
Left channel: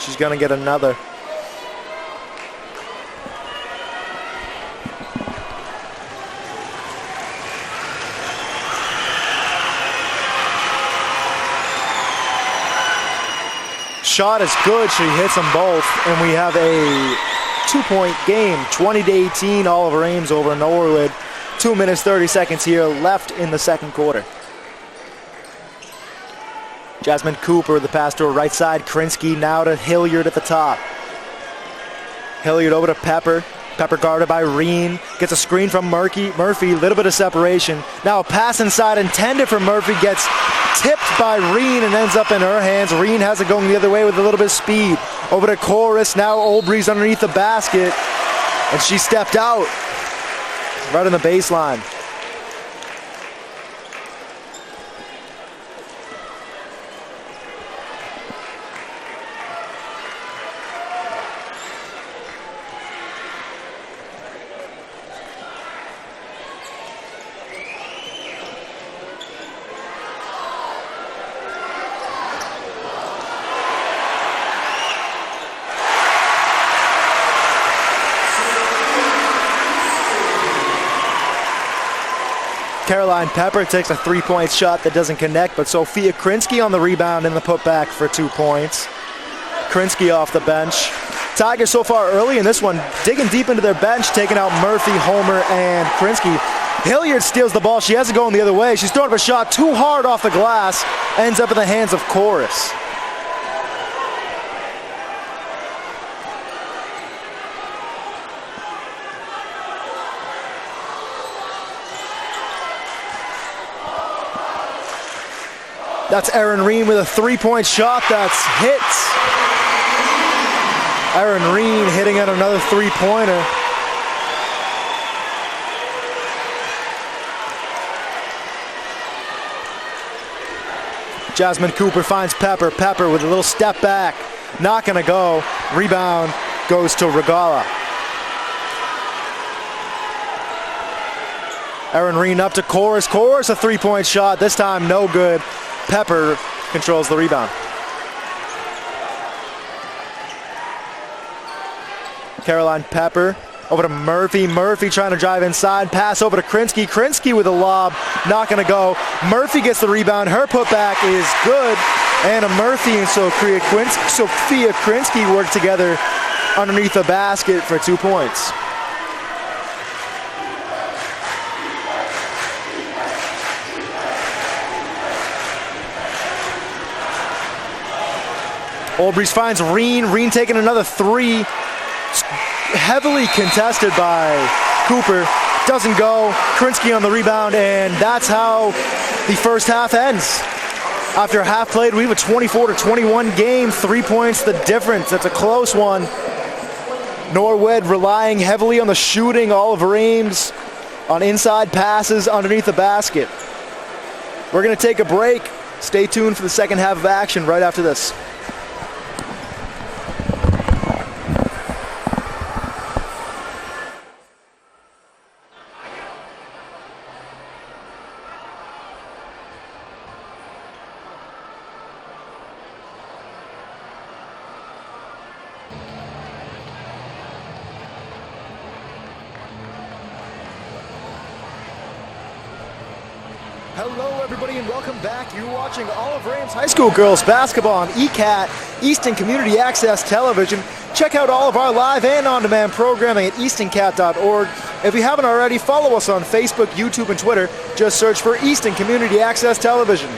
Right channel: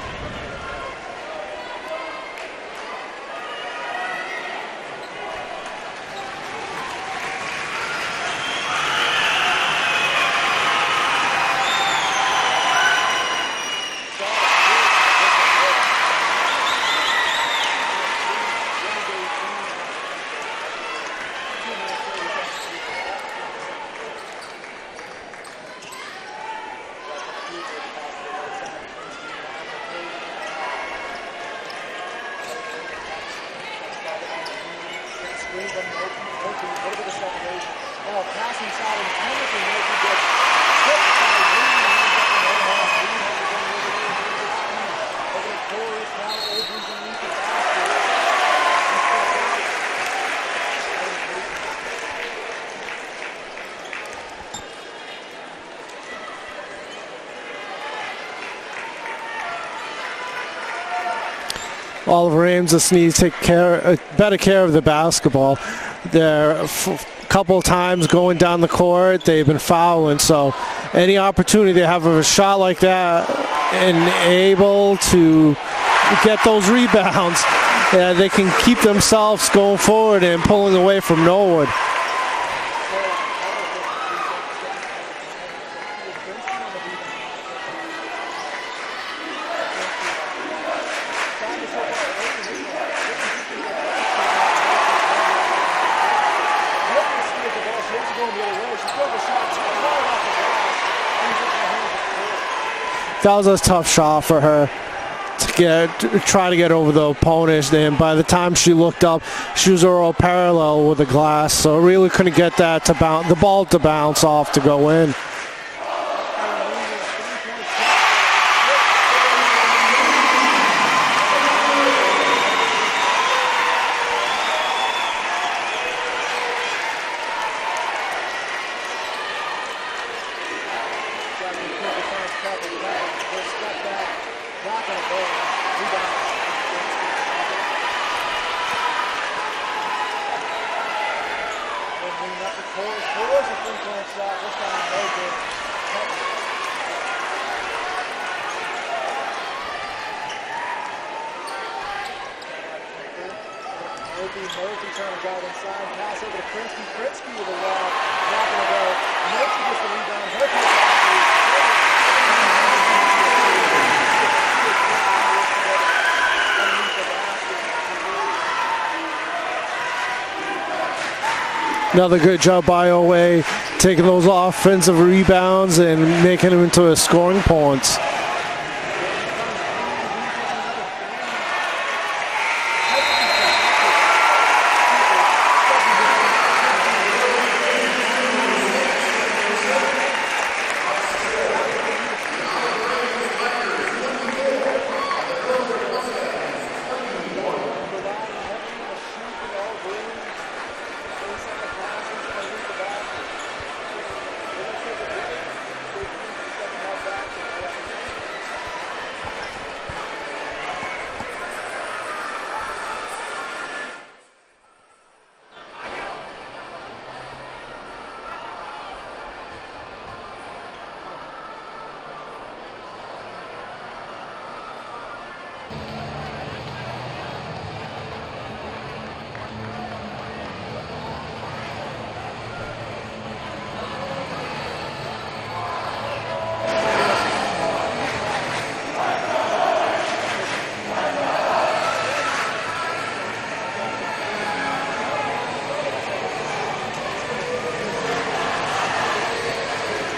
She's gonna get another. Shot is good, she hits them both, and we have a 2-point game, 20-18, Oliver Ames over Norwood. 2 minutes, 30 seconds here left in the second quarter. Jasmine Cooper, the pass to her right side. Krinsky now to Hilliard at the top. Hilliard over to Pepper. Pepper guarded by Reen. Gets a screen from Murphy. A little bit of separation. Now a pass inside intended for Murphy. Gets tipped by Reen and ends up in her hands. Reen has it going the other way with a little bit of speed. Over to Chorus. Now Olbrys underneath the basket. And she stepped out. Right on the baseline. Oliver Ames just needs to take better care of the basketball. They're a couple of times going down the court, they've been fouling, so any opportunity they have of a shot like that and able to get those rebounds, they can keep themselves going forward and pulling away from Norwood. Caroline Pepper takes a three-point shot that doesn't connect, but Sophia Krinsky on the rebound in the putback for 2 points. Krinsky off the bench. Tigers so far early in this one, digging deep into their bench, taking out Murphy, Homer, and Krinsky. Hilliard steals the ball. She has it going the other way. She's throwing up a shot too hard off the glass. Ends up in the hands of Chorus. That was a tough shot for her to try to get over the opponent. And by the time she looked up, she was all parallel with the glass. So really couldn't get that to bounce, the ball to bounce off to go in. That's Erin Reen with a three-point shot that's hits. Erin Reen hitting at another three-pointer. Jasmine Cooper finds Pepper. Pepper with a little step back. Not gonna go. Rebound goes to Regala. Erin Reen up to Chorus. Chorus a three-point shot. This time no good. Pepper controls the rebound. Caroline Pepper over to Murphy. Murphy trying to drive inside. Pass over to Krinsky. Krinsky with a lob. Not going to go. Murphy gets the rebound. Her putback is good. Anna Murphy and Sophia Krinsky work together underneath the basket for 2 points. Another good job by Owe, taking those offensive rebounds and making them into scoring points. Olbrys finds Reen. Reen taking another three. Heavily contested by Cooper. Doesn't go. Krinsky on the rebound, and that's how the first half ends. After half played, we have a 24-21 game. 3 points the difference. That's a close one. Norwood relying heavily on the shooting. Oliver Ames on inside passes underneath the basket. We're going to take a break. Stay tuned for the second half of action right after this. High school girls basketball on ECAT, Easton Community Access Television. Check out all of our live and on-demand programming at eastoncat.org. If you haven't already, follow us on Facebook, YouTube, and Twitter. Just search for Easton Community Access Television.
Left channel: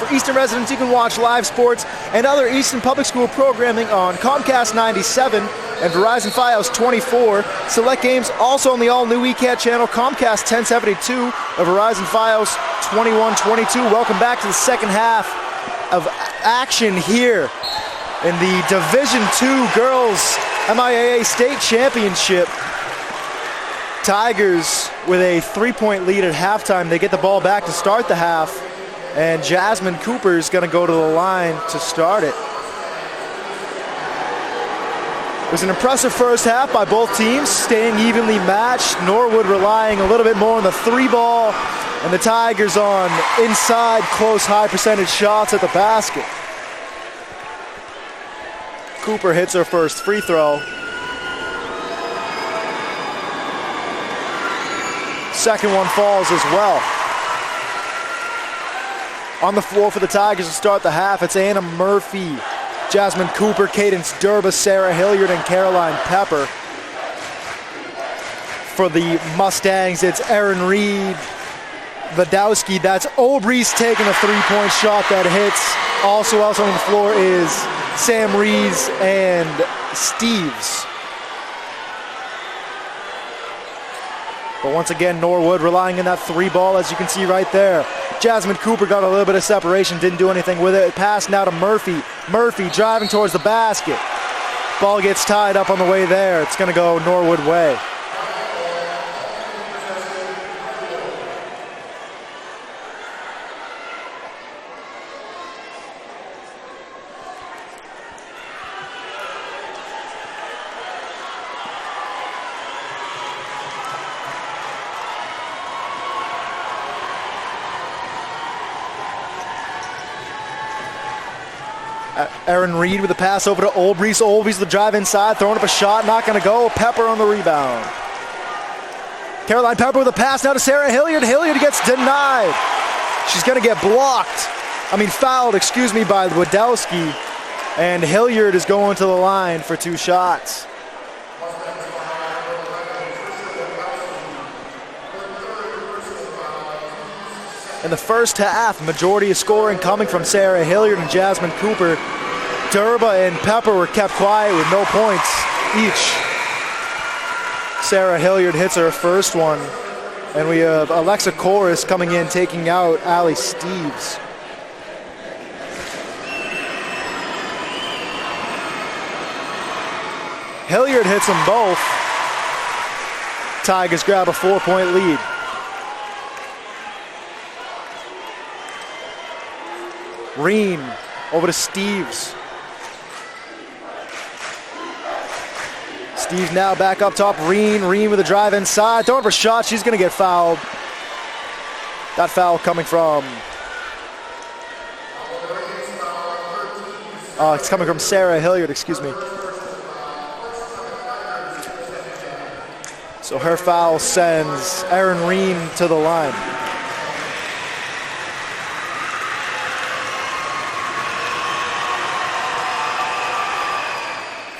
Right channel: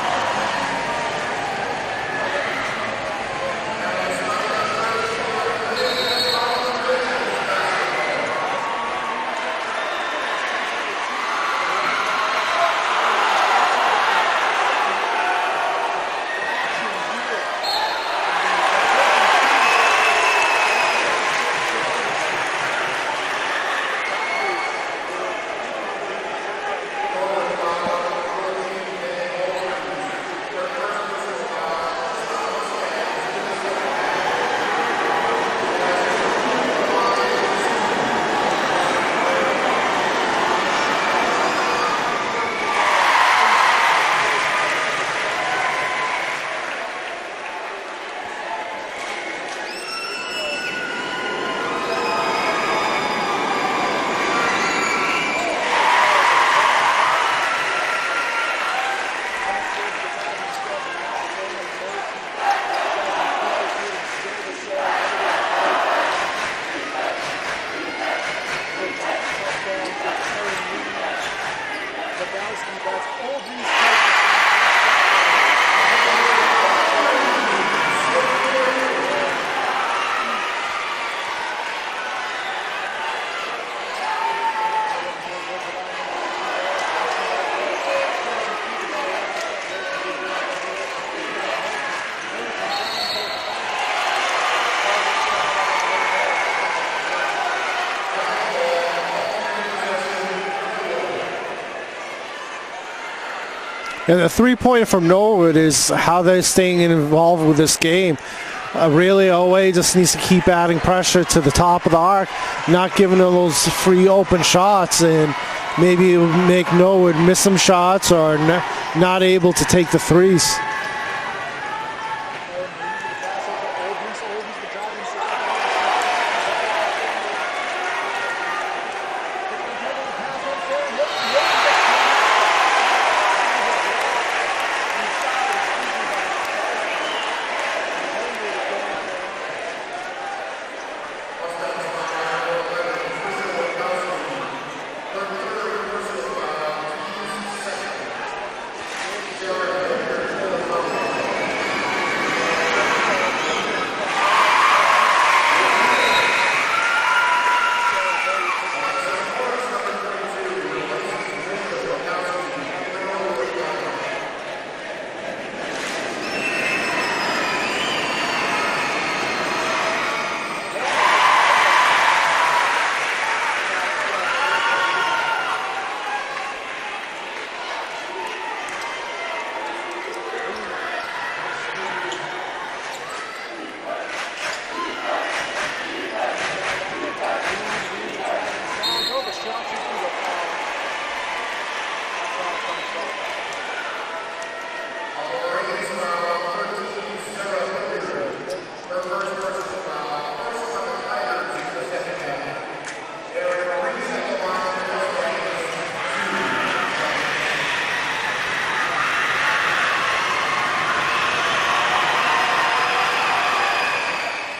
For Easton residents, you can watch live sports and other Easton Public School programming on Comcast 97 and Verizon Fios 24. Select games also on the all-new ECAT channel, Comcast 1072 or Verizon Fios 2122. Welcome back to the second half of action here in the Division II Girls MIAA State Championship. Tigers with a 3-point lead at halftime. They get the ball back to start the half, and Jasmine Cooper is going to go to the line to start it. It was an impressive first half by both teams, staying evenly matched. Norwood relying a little bit more on the three ball, and the Tigers on inside close high percentage shots at the basket. Cooper hits her first free throw. Second one falls as well. On the floor for the Tigers to start the half, it's Anna Murphy, Jasmine Cooper, Cadence Durba, Sarah Hilliard, and Caroline Pepper. For the Mustangs, it's Erin Reed, Wadowski. That's Obrey's taking a three-point shot that hits. Also on the floor is Sam Rees and Steves. But once again, Norwood relying on that three ball, as you can see right there. Jasmine Cooper got a little bit of separation, didn't do anything with it. Pass now to Murphy. Murphy driving towards the basket. Ball gets tied up on the way there. It's going to go Norwood way. And the three-pointer from Norwood is how they're staying involved with this game. Really, OA just needs to keep adding pressure to the top of the arc, not giving them those free open shots, and maybe it would make Norwood miss some shots or not able to take the threes. Erin Reed with the pass over to Olbrys. Olbrys the drive inside, throwing up a shot, not going to go. Pepper on the rebound. Caroline Pepper with a pass now to Sarah Hilliard. Hilliard gets denied. She's going to get fouled, by Wadowski. And Hilliard is going to the line for two shots. In the first half, majority of scoring coming from Sarah Hilliard and Jasmine Cooper. Durba and Pepper were kept quiet with no points each. Sarah Hilliard hits her first one. And we have Alexa Corus coming in, taking out Allie Steves. Hilliard hits them both. Tigers grab a 4-point lead. Reen over to Steves. Steves now back up top. Reen with a drive inside. Throwing for a shot. She's going to get fouled. That foul coming from... it's coming from Sarah Hilliard, excuse me. So her foul sends Erin Reen to the line.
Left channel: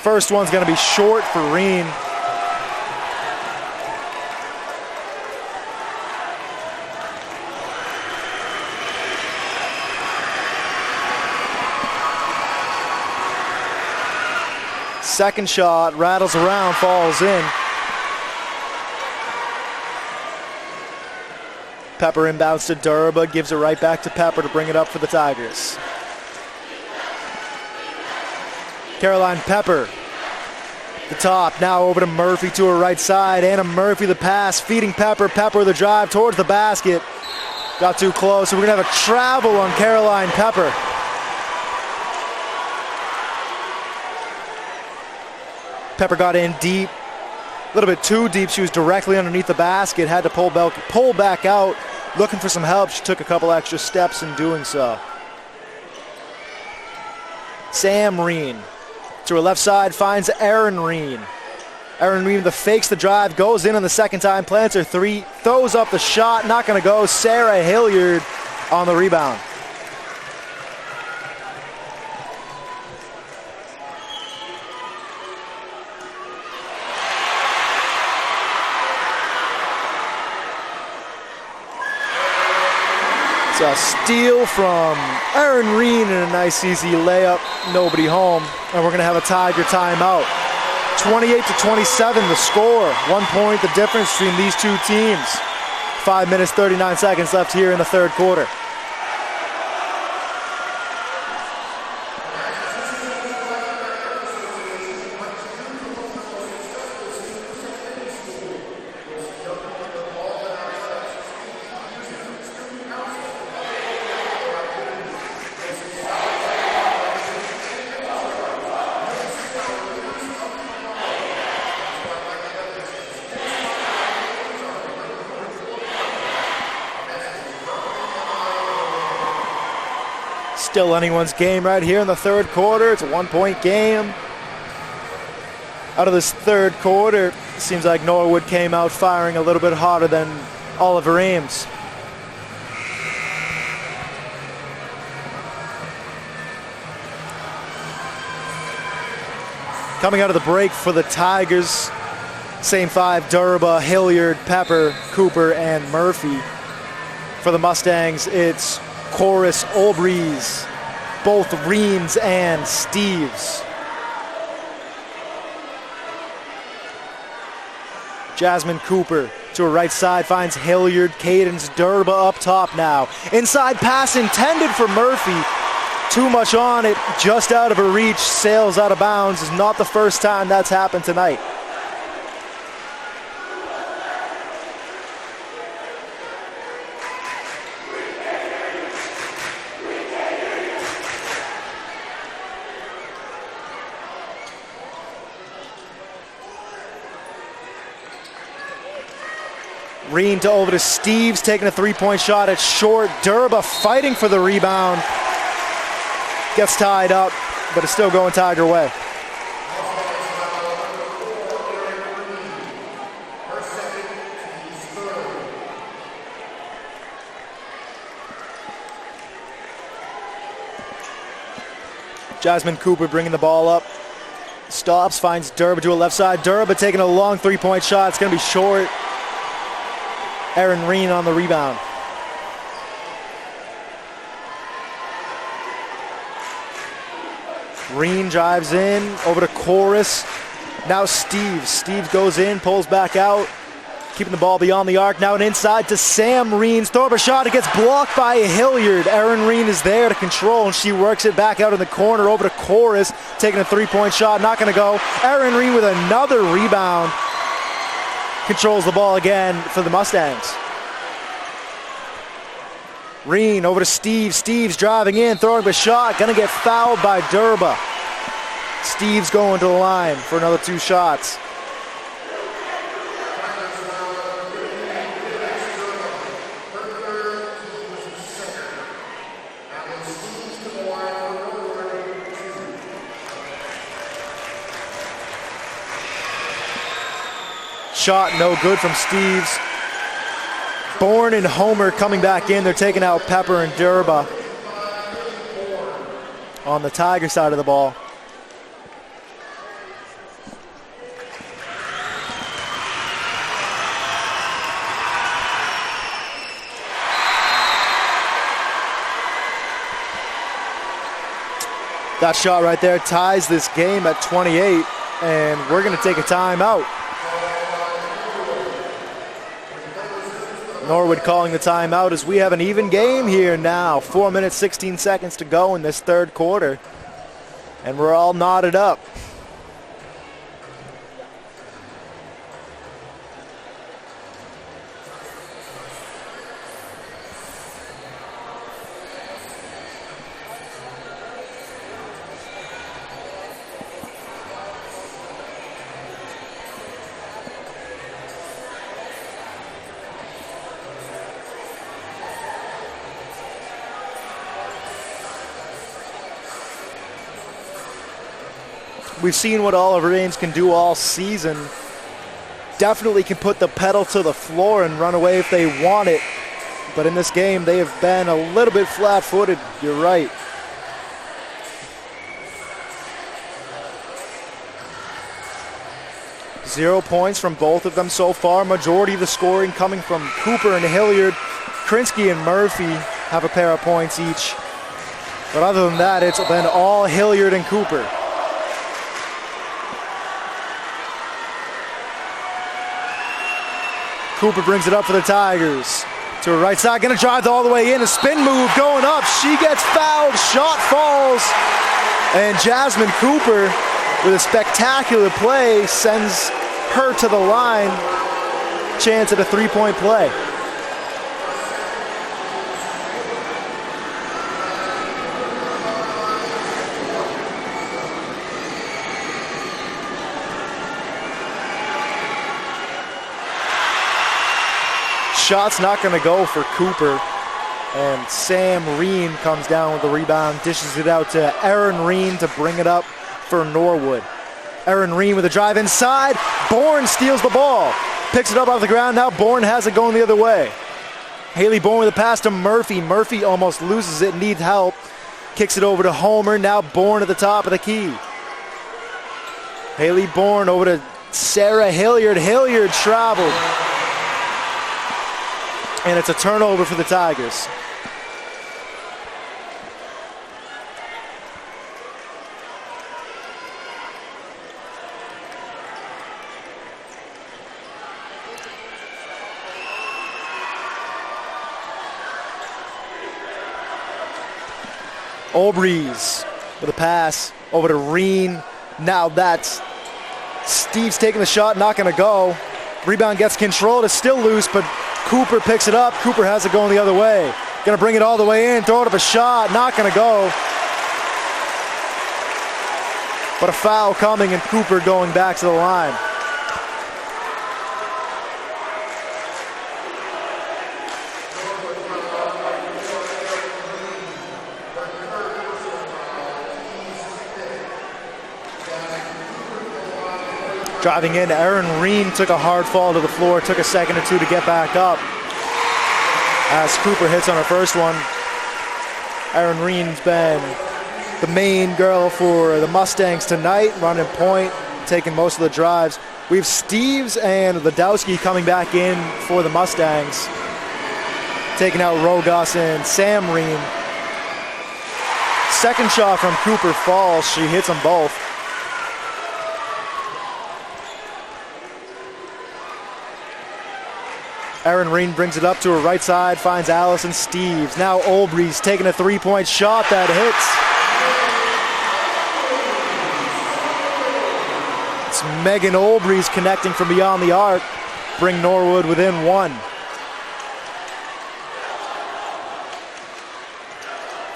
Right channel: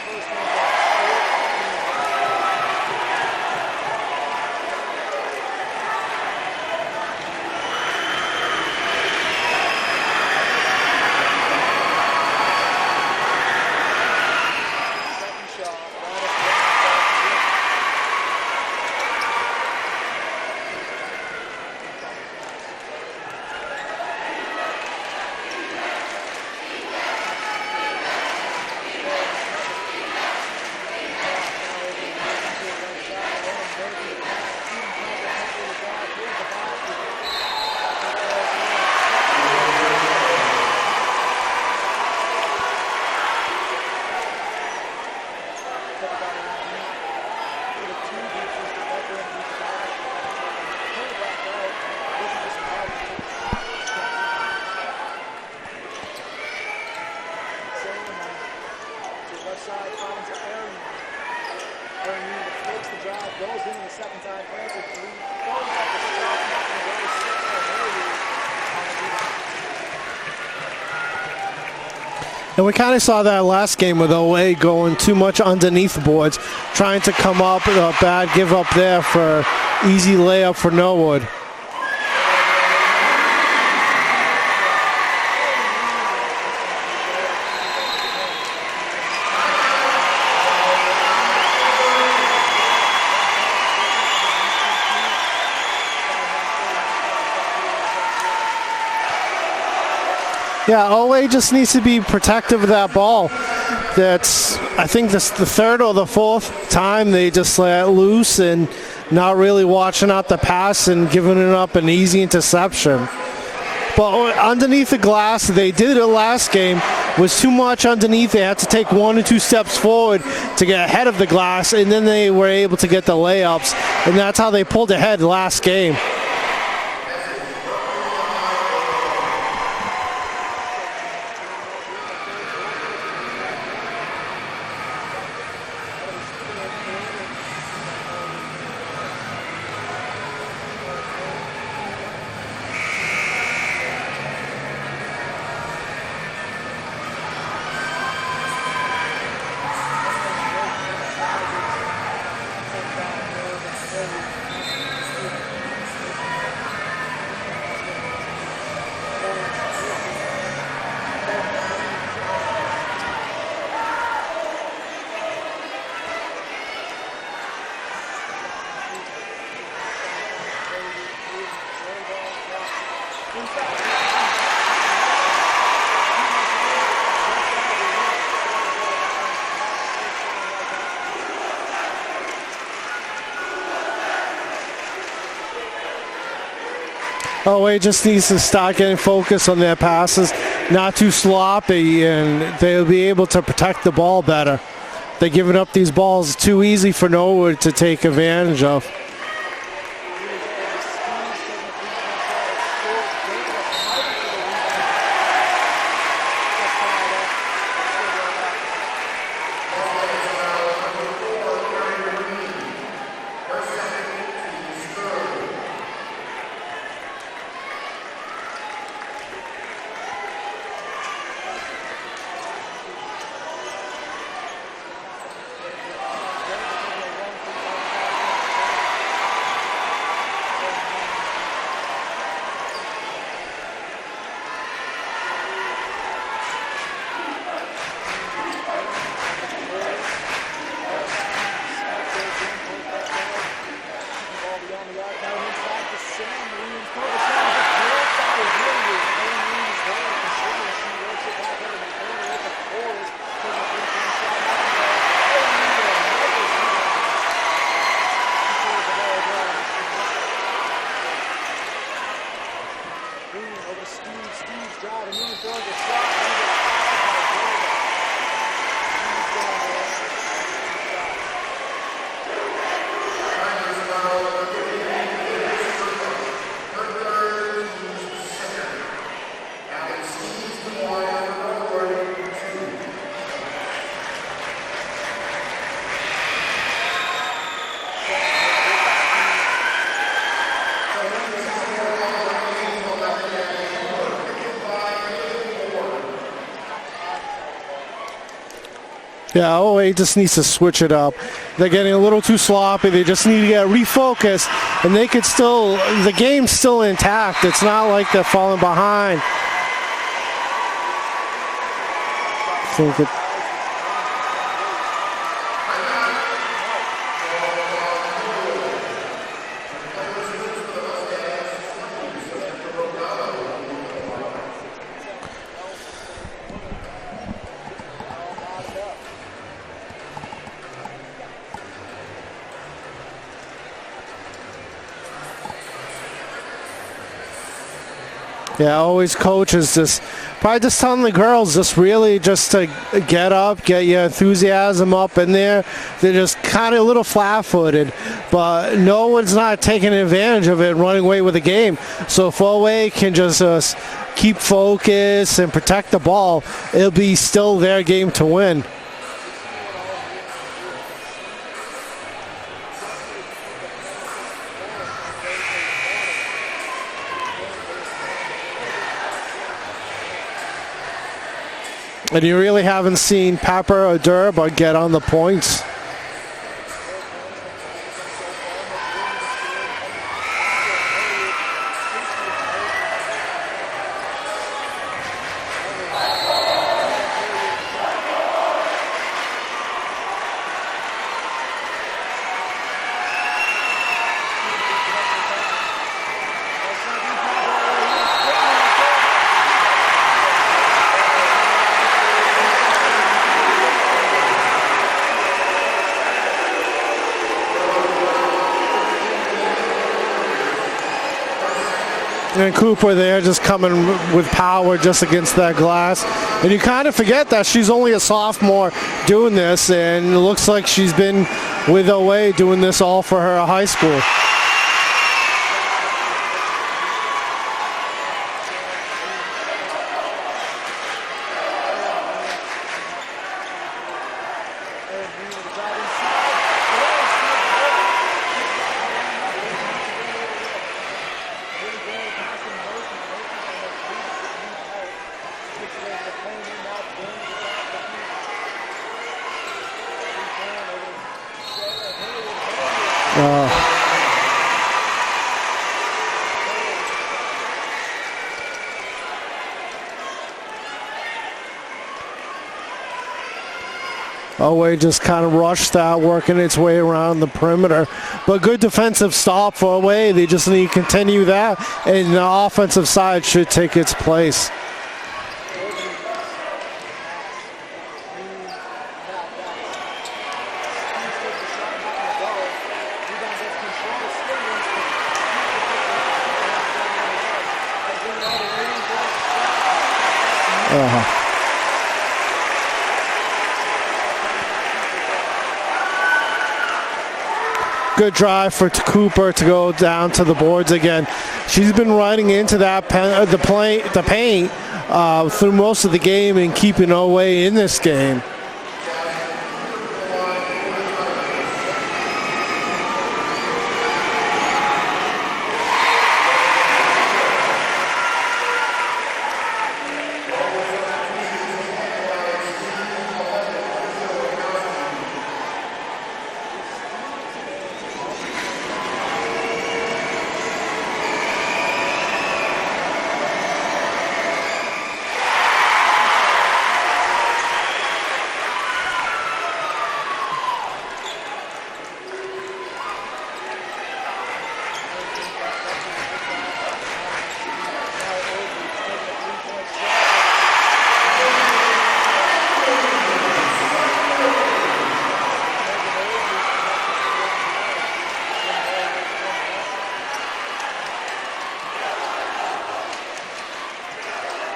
First one's going to be short for Reen. Second shot rattles around, falls in. Pepper inbounds to Durba, gives it right back to Pepper to bring it up for the Tigers. Caroline Pepper The top, now over to Murphy to her right side. Anna Murphy, the pass, feeding Pepper. Pepper, the drive towards the basket. Got too close, so we're going to have a travel on Caroline Pepper. Pepper got in deep, a little bit too deep. She was directly underneath the basket, had to pull back out, looking for some help. She took a couple extra steps in doing so. Sam Reen to her left side, finds Erin Reen. Erin Reen fakes the drive, goes in on the second time, plants her three, throws up the shot, not going to go. Sarah Hilliard on the rebound. And we kind of saw that last game with OA going too much underneath the boards, trying to come up with a bad give up there for easy layup for Norwood. So a steal from Erin Reen and a nice easy layup, nobody home, and we're going to have a Tiger timeout. 28-27 the score, 1 point the difference between these two teams. 5 minutes, 39 seconds left here in the third quarter. Yeah, OA just needs to be protective of that ball. That's, I think this the third or the fourth time they just let it loose and not really watching out the pass and giving it up an easy interception. But underneath the glass, they did it last game, was too much underneath. They had to take 1 or 2 steps forward to get ahead of the glass, and then they were able to get the layups, and that's how they pulled ahead last game. Still anyone's game right here in the third quarter. It's a 1 point game. Out of this third quarter, it seems like Norwood came out firing a little bit harder than Oliver Ames. Coming out of the break for the Tigers, same five: Durba, Hilliard, Pepper, Cooper, and Murphy. For the Mustangs, it's Chorus, Olbreeze, both Reams and Steves. Jasmine Cooper to her right side finds Hilliard. Cadence Durba up top now. Inside pass intended for Murphy. Too much on it, just out of her reach, sails out of bounds. Is not the first time that's happened tonight. OA just needs to start getting focused on their passes, not too sloppy, and they'll be able to protect the ball better. They're giving up these balls too easy for Norwood to take advantage of. Reen to over to Steves, taking a three-point shot at short. Durba fighting for the rebound. Gets tied up, but it's still going Tiger way. Jasmine Cooper bringing the ball up. Stops, finds Durba to a left side. Durba taking a long three-point shot. It's going to be short. Erin Reen on the rebound. Reen drives in, over to Chorus. Now Steve goes in, pulls back out, keeping the ball beyond the arc. Now an inside to Sam Reen. Throw up a shot, it gets blocked by Hilliard. Erin Reen is there to control, and she works it back out in the corner over to Chorus, taking a three-point shot, not going to go. Erin Reen with another rebound. Controls the ball again for the Mustangs. Reen over to Steve. Steve's driving in, throwing the shot. Gonna get fouled by Durba. Steve's going to the line for another 2 shots. Shot no good from Steves. Bourne and Homer coming back in. They're taking out Pepper and Durba on the Tiger side of the ball. Yeah, OA just needs to switch it up. They're getting a little too sloppy. They just need to get refocused, and they could still, the game's still intact. It's not like they're falling behind. That shot right there ties this game at 28, and we're going to take a timeout. Norwood calling the timeout as we have an even game here now. 4 minutes, 16 seconds to go in this third quarter. And we're all knotted up. Yeah, always coaches just probably just telling the girls just really just to get up, get your enthusiasm up in there. They're just kind of a little flat-footed, but no one's not taking advantage of it and running away with the game. So if Oway can just keep focus and protect the ball, it'll be still their game to win. We've seen what Oliver Ames can do all season. Definitely can put the pedal to the floor and run away if they want it. But in this game, they have been a little bit flat-footed. You're right. And you really haven't seen Pepper or Durb get on the points. 0 points from both of them so far. Majority of the scoring coming from Cooper and Hilliard. Krinsky and Murphy have a pair of points each. But other than that, it's been all Hilliard and Cooper. Cooper brings it up for the Tigers. To her right side, gonna drive all the way in. A spin move going up. She gets fouled. Shot falls. And Jasmine Cooper, with a spectacular play, sends her to the line. Chance at a three-point play. And Cooper there just coming with power just against that glass. And you kind of forget that she's only a sophomore doing this, and it looks like she's been with Oway doing this all for her high school. Shot's not going to go for Cooper. And Sam Reen comes down with the rebound, dishes it out to Erin Reen to bring it up for Norwood. Erin Reen with a drive inside. Bourne steals the ball. Picks it up off the ground. Now Bourne has it going the other way. Haley Bourne with a pass to Murphy. Murphy almost loses it, needs help. Kicks it over to Homer. Now Bourne at the top of the key. Haley Bourne over to Sarah Hilliard. Hilliard traveled. And it's a turnover for the Tigers. Oway just kind of rushed that, working its way around the perimeter. But good defensive stop for Oway. They just need to continue that, and the offensive side should take its place. Olbreeze with a pass over to Reen. Now that's Steve's taking the shot, not going to go. Rebound gets controlled. It's still loose, but Cooper picks it up. Cooper has it going the other way. Going to bring it all the way in, throw it up a shot, not going to go. But a foul coming and Cooper going back to the line. Good drive for Cooper to go down to the boards again. She's been riding into that the paint through most of the game and keeping Oway in this game. Driving in, Erin Reen took a hard fall to the floor. Took a second or two to get back up. As Cooper hits on the first one, Erin Reen's been the main girl for the Mustangs tonight, running point, taking most of the drives. We have Steves and Ladowski coming back in for the Mustangs, taking out Rogas and Sam Reen. Second shot from Cooper falls. She hits them both. Erin Reen brings it up to her right side, finds Allison Steves. Now Olbreeze taking a three-point shot that hits. It's Megan Olbreeze connecting from beyond the arc. Bring Norwood within one.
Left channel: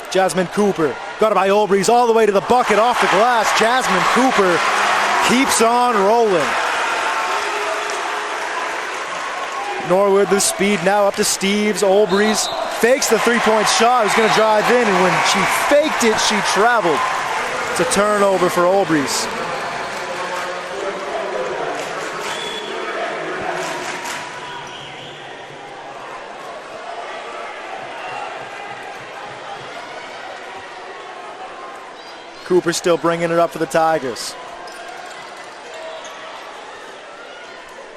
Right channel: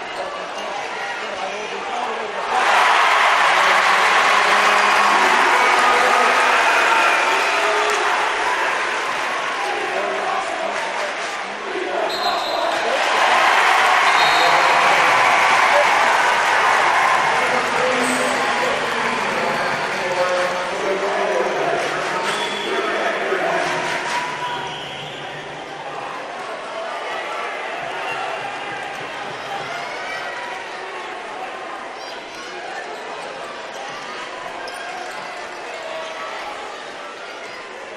Jasmine Cooper, got it by Olbreeze all the way to the bucket off the glass. Jasmine Cooper keeps on rolling. Norwood with speed now up to Steves. Olbreeze fakes the three-point shot. He's going to drive in, and when she faked it, she traveled. It's a turnover for Olbreeze. Cooper still bringing it up for the Tigers.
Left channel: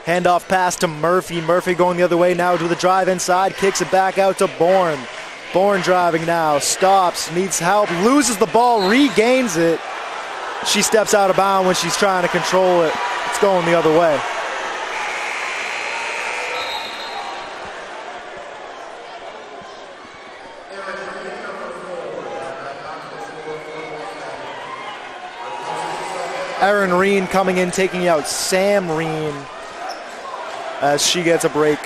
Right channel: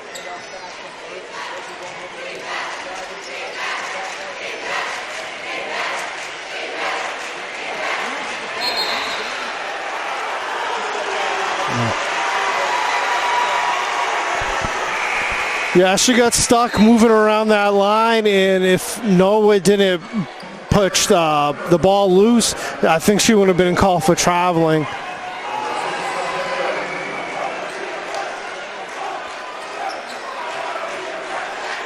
Handoff pass to Murphy. Murphy going the other way now to the drive inside. Kicks it back out to Bourne. Bourne driving now. Stops. Needs help. Loses the ball. Regains it. She steps out of bounds when she's trying to control it. It's going the other way. Yeah, she got stuck moving around that line, and if Norwood didn't push the ball loose, I think she would have been called for traveling. Erin Reen coming in, taking out Sam Reen as she gets a break.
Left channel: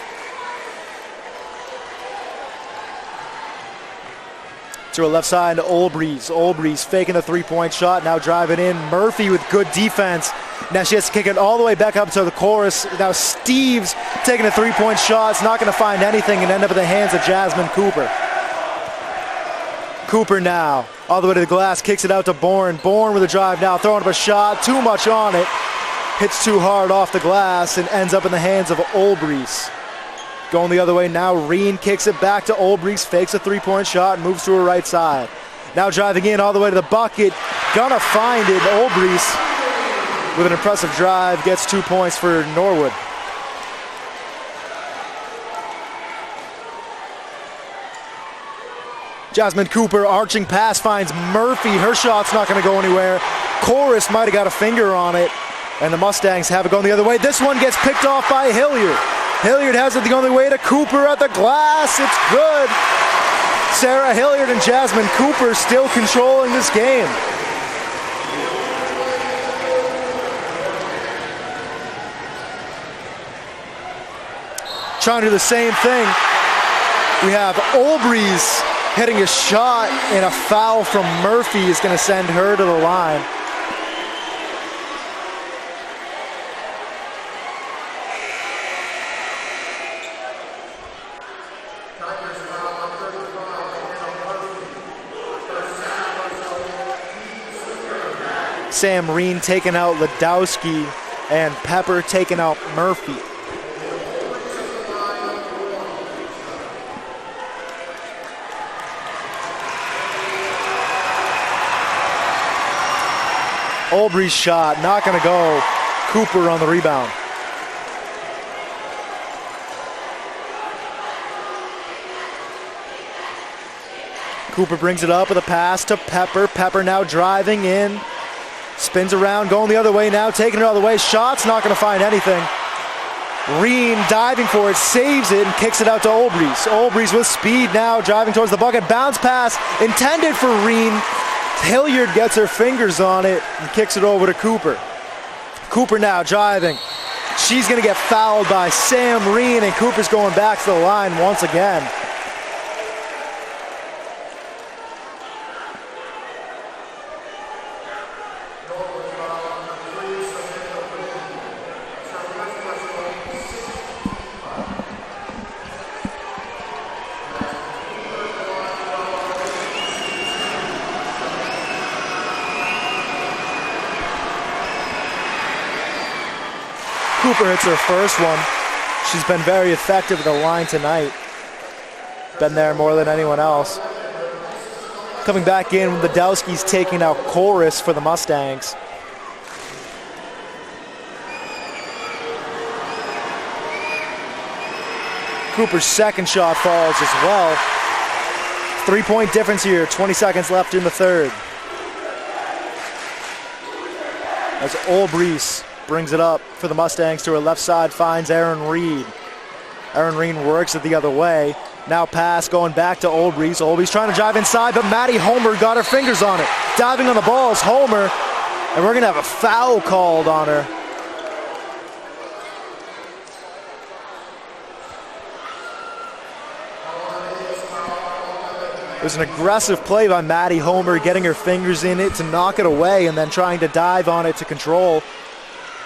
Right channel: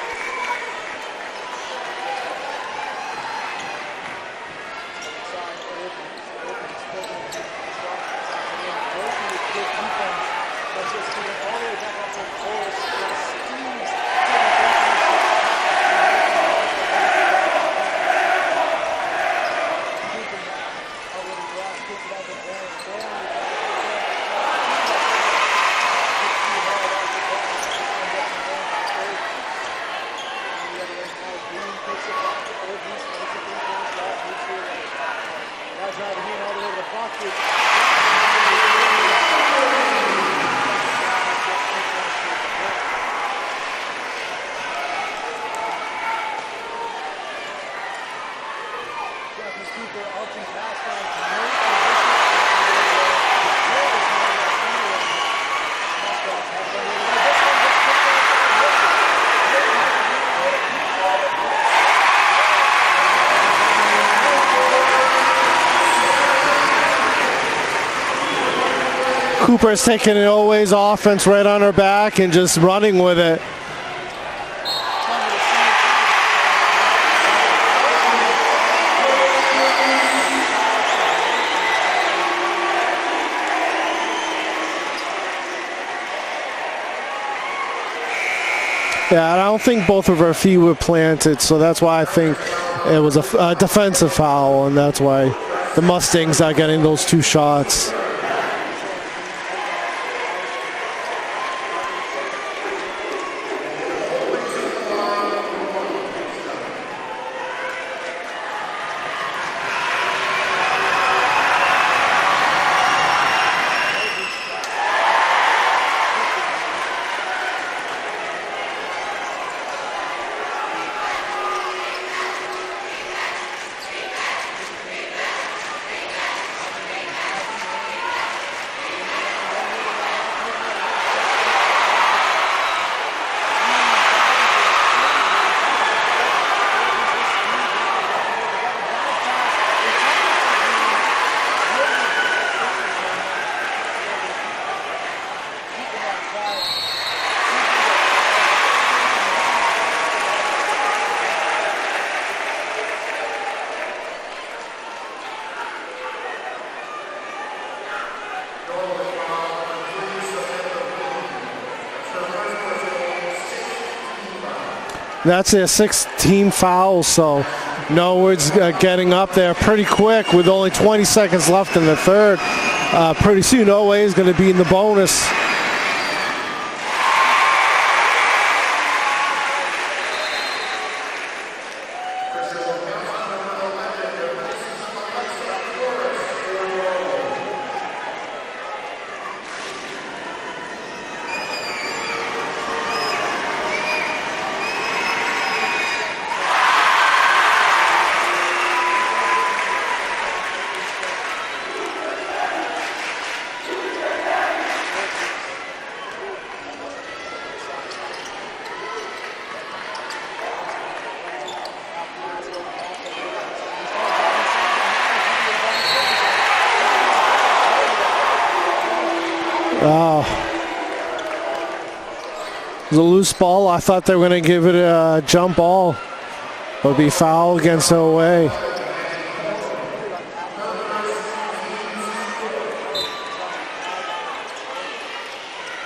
to a left side to Olbrys. Olbrys faking the three-point shot, now driving in. Murphy with good defense. Now she has to kick it all the way back up to the chorus. Now Steves taking a three-point shot. It's not going to find anything and end up in the hands of Jasmine Cooper. Cooper now, all the way to the glass, kicks it out to Bourne. Bourne with a drive now, throwing up a shot, too much on it. Hits too hard off the glass and ends up in the hands of Olbrys. Going the other way now, Reen kicks it back to Olbrys, fakes a three-point shot, and moves to her right side. Now driving in all the way to the bucket, gonna find it. Olbrys, with an impressive drive, gets 2 points for Norwood. Jasmine Cooper, arching pass, finds Murphy. Her shot's not gonna go anywhere. Chorus might have got a finger on it, and the Mustangs have it going the other way. This one gets picked off by Hilliard. Hilliard has it the only way to Cooper at the glass. It's good. Sarah Hilliard and Jasmine Cooper still controlling this game. Cooper's taking it always offense right on her back and just running with it. Trying to do the same thing. We have Olbrys hitting a shot, and a foul from Murphy is going to send her to the line. Yeah, I don't think both of her feet were planted, so that's why I think it was a defensive foul, and that's why the Mustangs are getting those two shots. Sam Reen taking out Ladowski, and Pepper taking out Murphy. Olbrys shot, not going to go. Cooper on the rebound. Cooper brings it up with a pass to Pepper. Pepper now driving in. Spins around, going the other way now, taking it the other way. Shot's not going to find anything. Reen diving for it, saves it, and kicks it out to Olbrys. Olbrys with speed now, driving towards the bucket. Bounce pass intended for Reen. Hilliard gets her fingers on it and kicks it over to Cooper. Cooper now driving. She's going to get fouled by Sam Reen, and Cooper's going back to the line once again. That's their 16th foul, so Norwood's getting up there pretty quick with only 20 seconds left in the third. Pretty soon, Norway is going to be in the bonus. Cooper hits her first one. She's been very effective at the line tonight. Been there more than anyone else. Coming back in, Ladowski's taking out Chorus for the Mustangs. Cooper's second shot falls as well. 3-point difference here, 20 seconds left in the third. As Olbrys brings it up for the Mustangs to her left side, finds Aaron Reed. Aaron Reed works it the other way. Now pass going back to Olbrys. Olbrys trying to drive inside, but Maddie Homer got her fingers on it. Diving on the ball is Homer, and we're gonna have a foul called on her. It was a loose ball. I thought they were going to give it a jump ball. It'll be foul against Norway. It was an aggressive play by Maddie Homer, getting her fingers in it to knock it away and then trying to dive on it to control.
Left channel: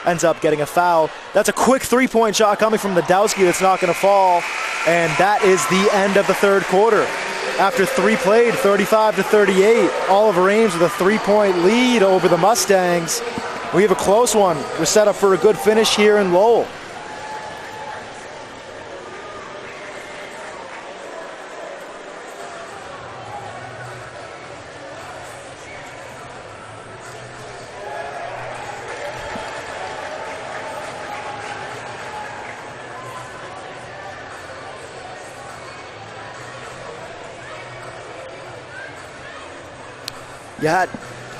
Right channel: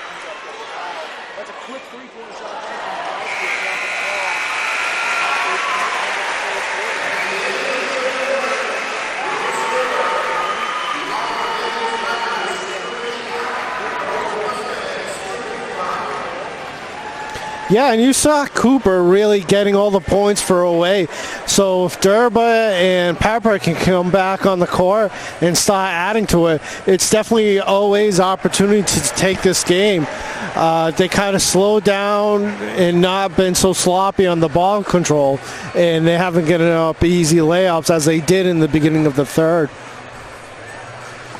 Ends up getting a foul. That's a quick three-point shot coming from Ladowski. It's not going to fall. And that is the end of the third quarter. After three played, 35-38. Oliver Ames with a three-point lead over the Mustangs. We have a close one. We're set up for a good finish here in Lowell. Yeah, and you saw Cooper really getting all the points for away. So if Durba and Pepper can come back on the court and start adding to it, it's definitely always opportunity to take this game. They kind of slowed down and not been so sloppy on the ball control, and they haven't given up easy layups as they did in the beginning of the third. Yeah,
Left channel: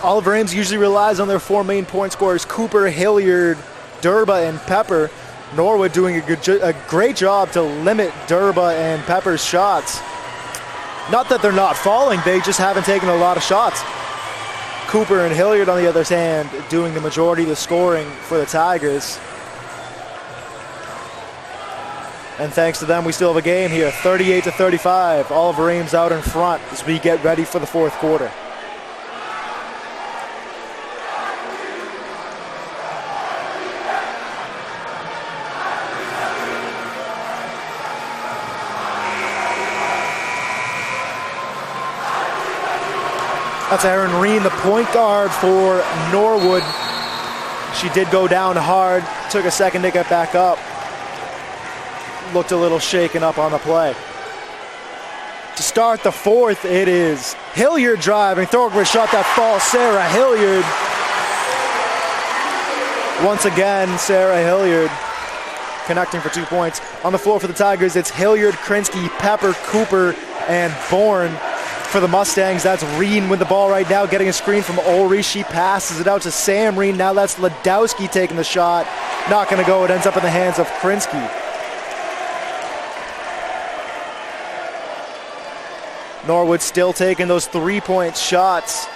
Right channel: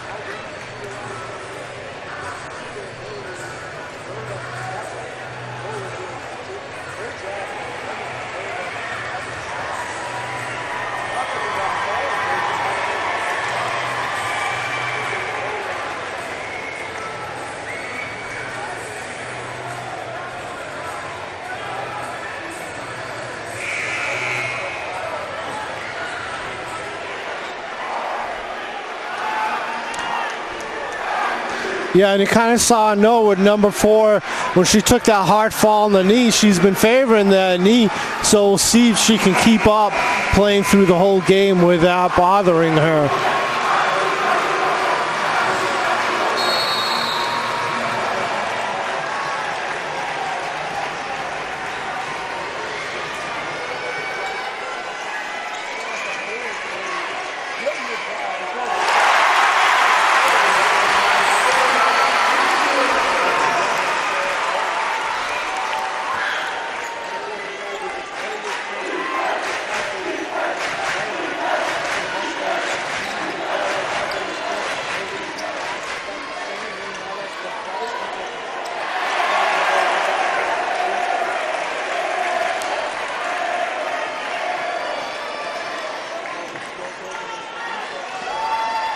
Oliver Ames usually relies on their four main point scorers, Cooper, Hilliard, Durba, and Pepper. Norwood doing a great job to limit Durba and Pepper's shots. Not that they're not falling, they just haven't taken a lot of shots. Cooper and Hilliard, on the other hand, doing the majority of the scoring for the Tigers. And thanks to them, we still have a game here, 38-35. Oliver Ames out in front as we get ready for the fourth quarter. Yeah, and you kind of saw Norwood, number 4, when she took that hard fall on the knee. She's been favoring that knee, so we'll see if she can keep up playing through the whole game without bothering her. That's Erin Reen, the point guard for Norwood. She did go down hard, took a second to get back up. Looked a little shaken up on the play. To start the fourth, it is Hilliard driving, throwing for a shot that falls. Sarah Hilliard. Once again, Sarah Hilliard connecting for 2 points. On the floor for the Tigers, it's Hilliard, Krinsky, Pepper, Cooper, and Bourne. For the Mustangs, that's Reen with the ball right now, getting a screen from Ulrich. She passes it out to Sam Reen. Now that's Ladowski taking the shot. Not going to go. It ends up in the hands of Krinsky. Norwood still taking those three-point shots.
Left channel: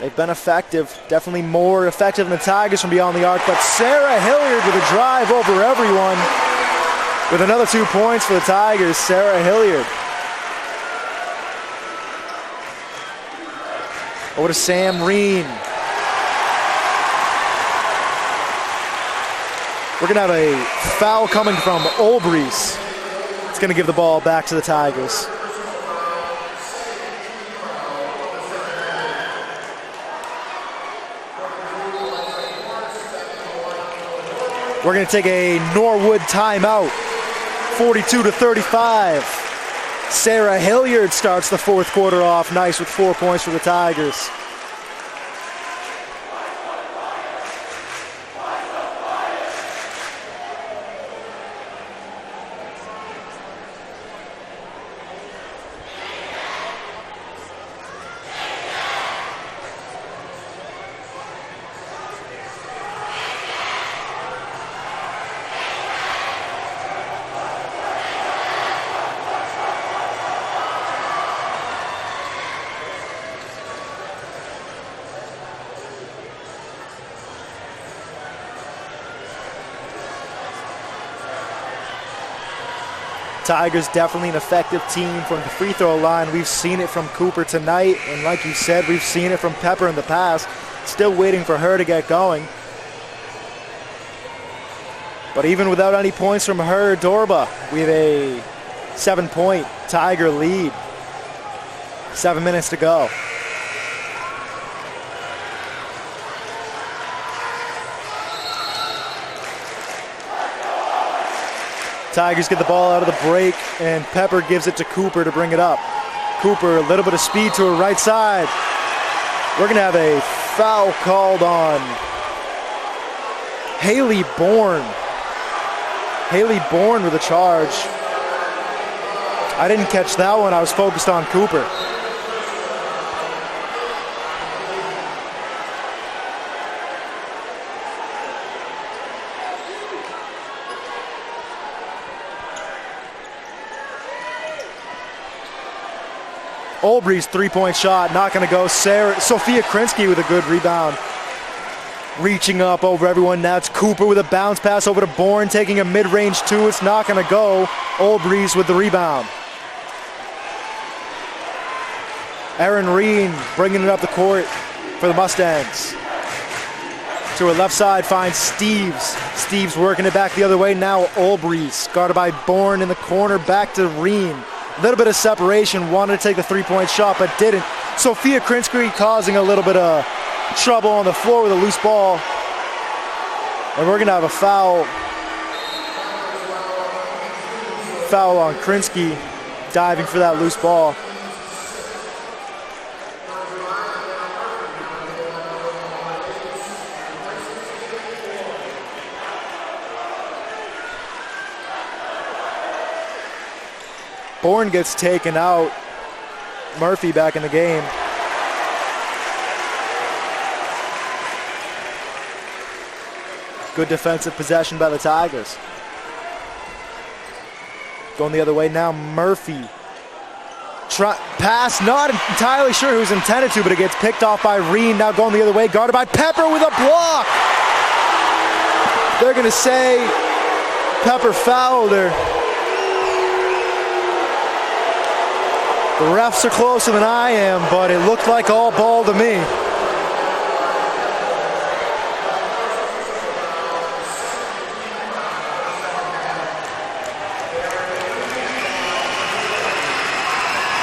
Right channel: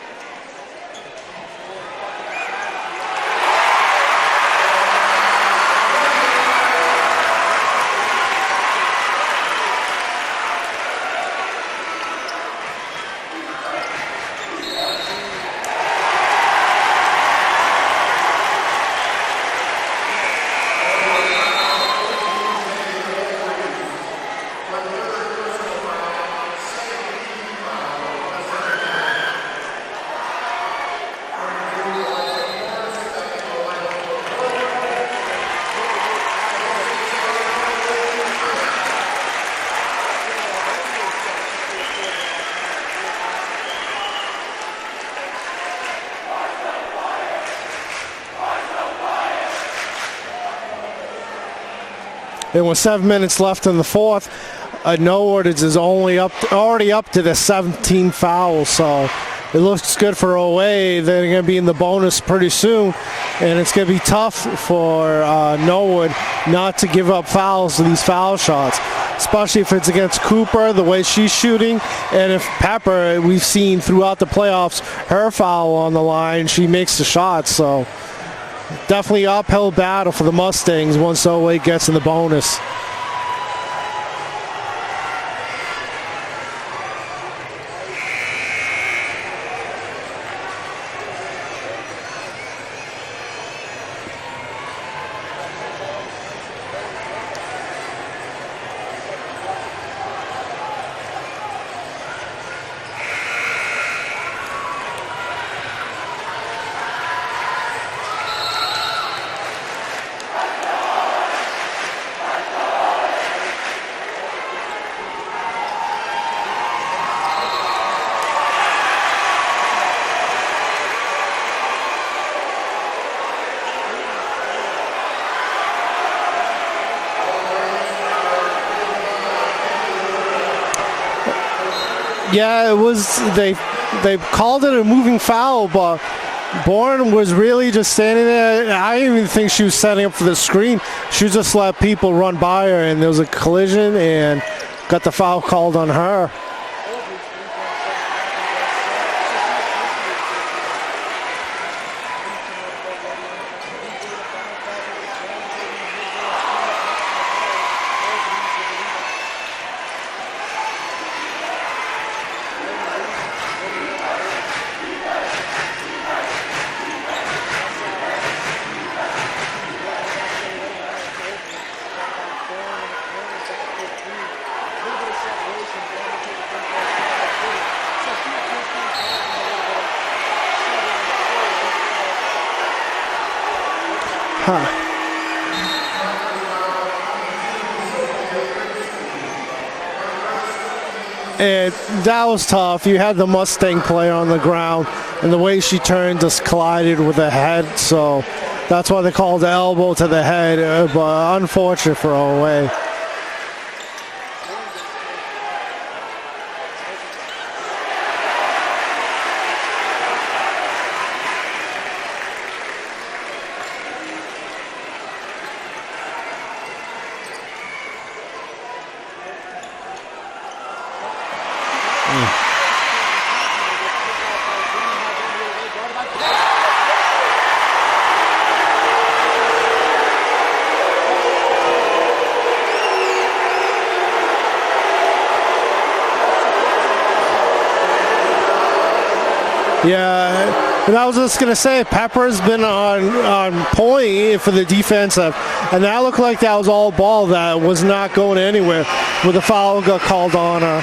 They've been effective, definitely more effective than the Tigers from beyond the arc. But Sarah Hilliard with a drive over everyone. With another 2 points for the Tigers, Sarah Hilliard. Over to Sam Reen. We're going to have a foul coming from Olbrys. It's going to give the ball back to the Tigers. We're going to take a Norwood timeout. 42-35. Sarah Hilliard starts the fourth quarter off nice with 4 points for the Tigers. And with 7 minutes left in the fourth, Norwood is already up to the 17 fouls, so it looks good for OA. They're going to be in the bonus pretty soon, and it's going to be tough for Norwood not to give up fouls to these foul shots, especially if it's against Cooper, the way she's shooting, and if Pepper, we've seen throughout the playoffs, her foul on the line, she makes the shots. So definitely uphill battle for the Mustangs once OA gets in the bonus. Tigers definitely an effective team from the free throw line. We've seen it from Cooper tonight, and like you said, we've seen it from Pepper in the past. Still waiting for her to get going. But even without any points from her, Dorba, we have a 7-point Tiger lead. 7 minutes to go. Tigers get the ball out of the break, and Pepper gives it to Cooper to bring it up. Cooper, a little bit of speed to her right side. We're going to have a foul called on Haley Bourne. Haley Bourne with a charge. I didn't catch that one. I was focused on Cooper. Yeah, it was, they called it a moving foul, but Bourne was really just standing there. I didn't even think she was setting up for the screen. She just let people run by her, and there was a collision and got the foul called on her. Olbrys' three-point shot, not going to go. Sophia Krinsky with a good rebound. Reaching up over everyone. Now it's Cooper with a bounce pass over to Bourne, taking a mid-range two. It's not going to go. Olbrys with the rebound. Erin Reen bringing it up the court for the Mustangs. To her left side finds Steves. Steves working it back the other way. Now Olbrys guarded by Bourne in the corner. Back to Reen. A little bit of separation. Wanted to take the three-point shot, but didn't. Sophia Krinsky causing a little bit of trouble on the floor with a loose ball. And we're going to have a foul. Foul on Krinsky diving for that loose ball. And that was tough. You had the Mustang player on the ground, and the way she turned just collided with the head. So that's why they called the elbow to the head. But unfortunate for OA. Bourne gets taken out. Murphy back in the game. Good defensive possession by the Tigers. Going the other way now, Murphy. Pass, not entirely sure who's intended to, but it gets picked off by Reen. Now going the other way, guarded by Pepper with a block. They're going to say Pepper fouled her. closer than I am, but it looked like all ball to me. Yeah, and I was just going to say, Pepper's been on point for the defensive, and that looked like that was all ball that was not going anywhere with a foul got called on her.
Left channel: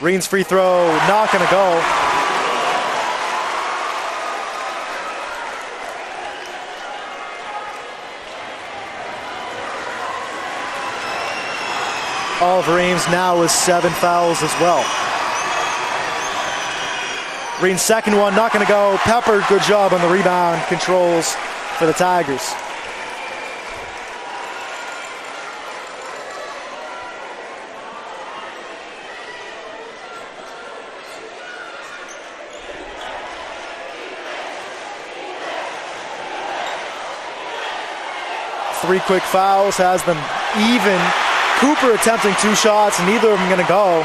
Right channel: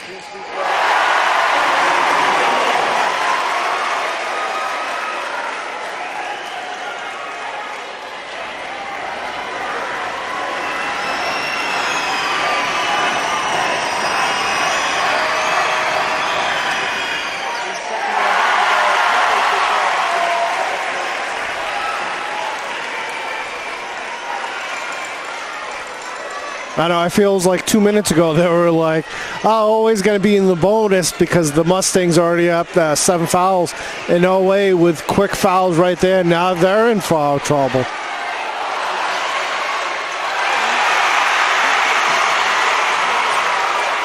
Green's free throw, not going to go. Oliver Ames now with 7 fouls as well. Green's second one, not going to go. Pepper, good job on the rebound controls for the Tigers. I know, it feels like 2 minutes ago they were like, oh, always going to be in the bonus because the Mustangs already up 7 fouls. And no way, with quick fouls right there, now they're in foul trouble. 3 quick fouls has them even. Cooper attempting 2 shots, neither of them going to go.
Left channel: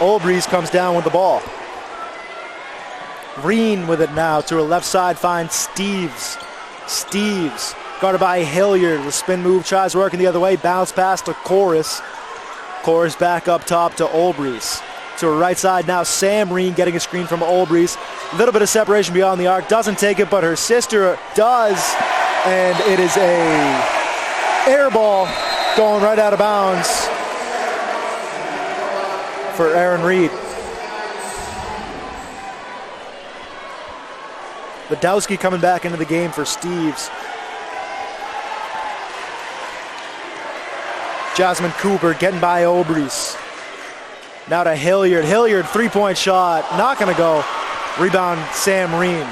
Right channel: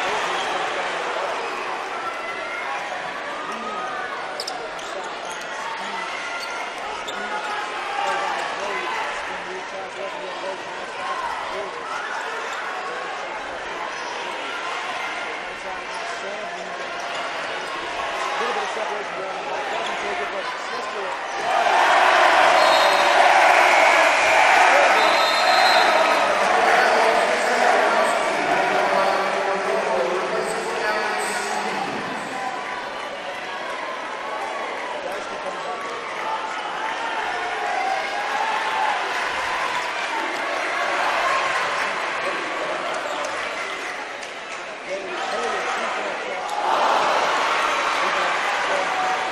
Olbreeze comes down with the ball. Green with it now to her left side, finds Steves. Steves guarded by Hilliard. The spin move tries working the other way, bounce pass to Chorus. Chorus back up top to Olbreeze. To her right side now, Sam Reen getting a screen from Olbreeze. A little bit of separation beyond the arc, doesn't take it, but her sister does. And it is a air ball going right out of bounds for Aaron Reed. Badowski coming back into the game for Steves. Jasmine Cooper getting by Olbreeze. Now to Hilliard. Hilliard, 3-point shot, not gonna go. Rebound, Sam Reen.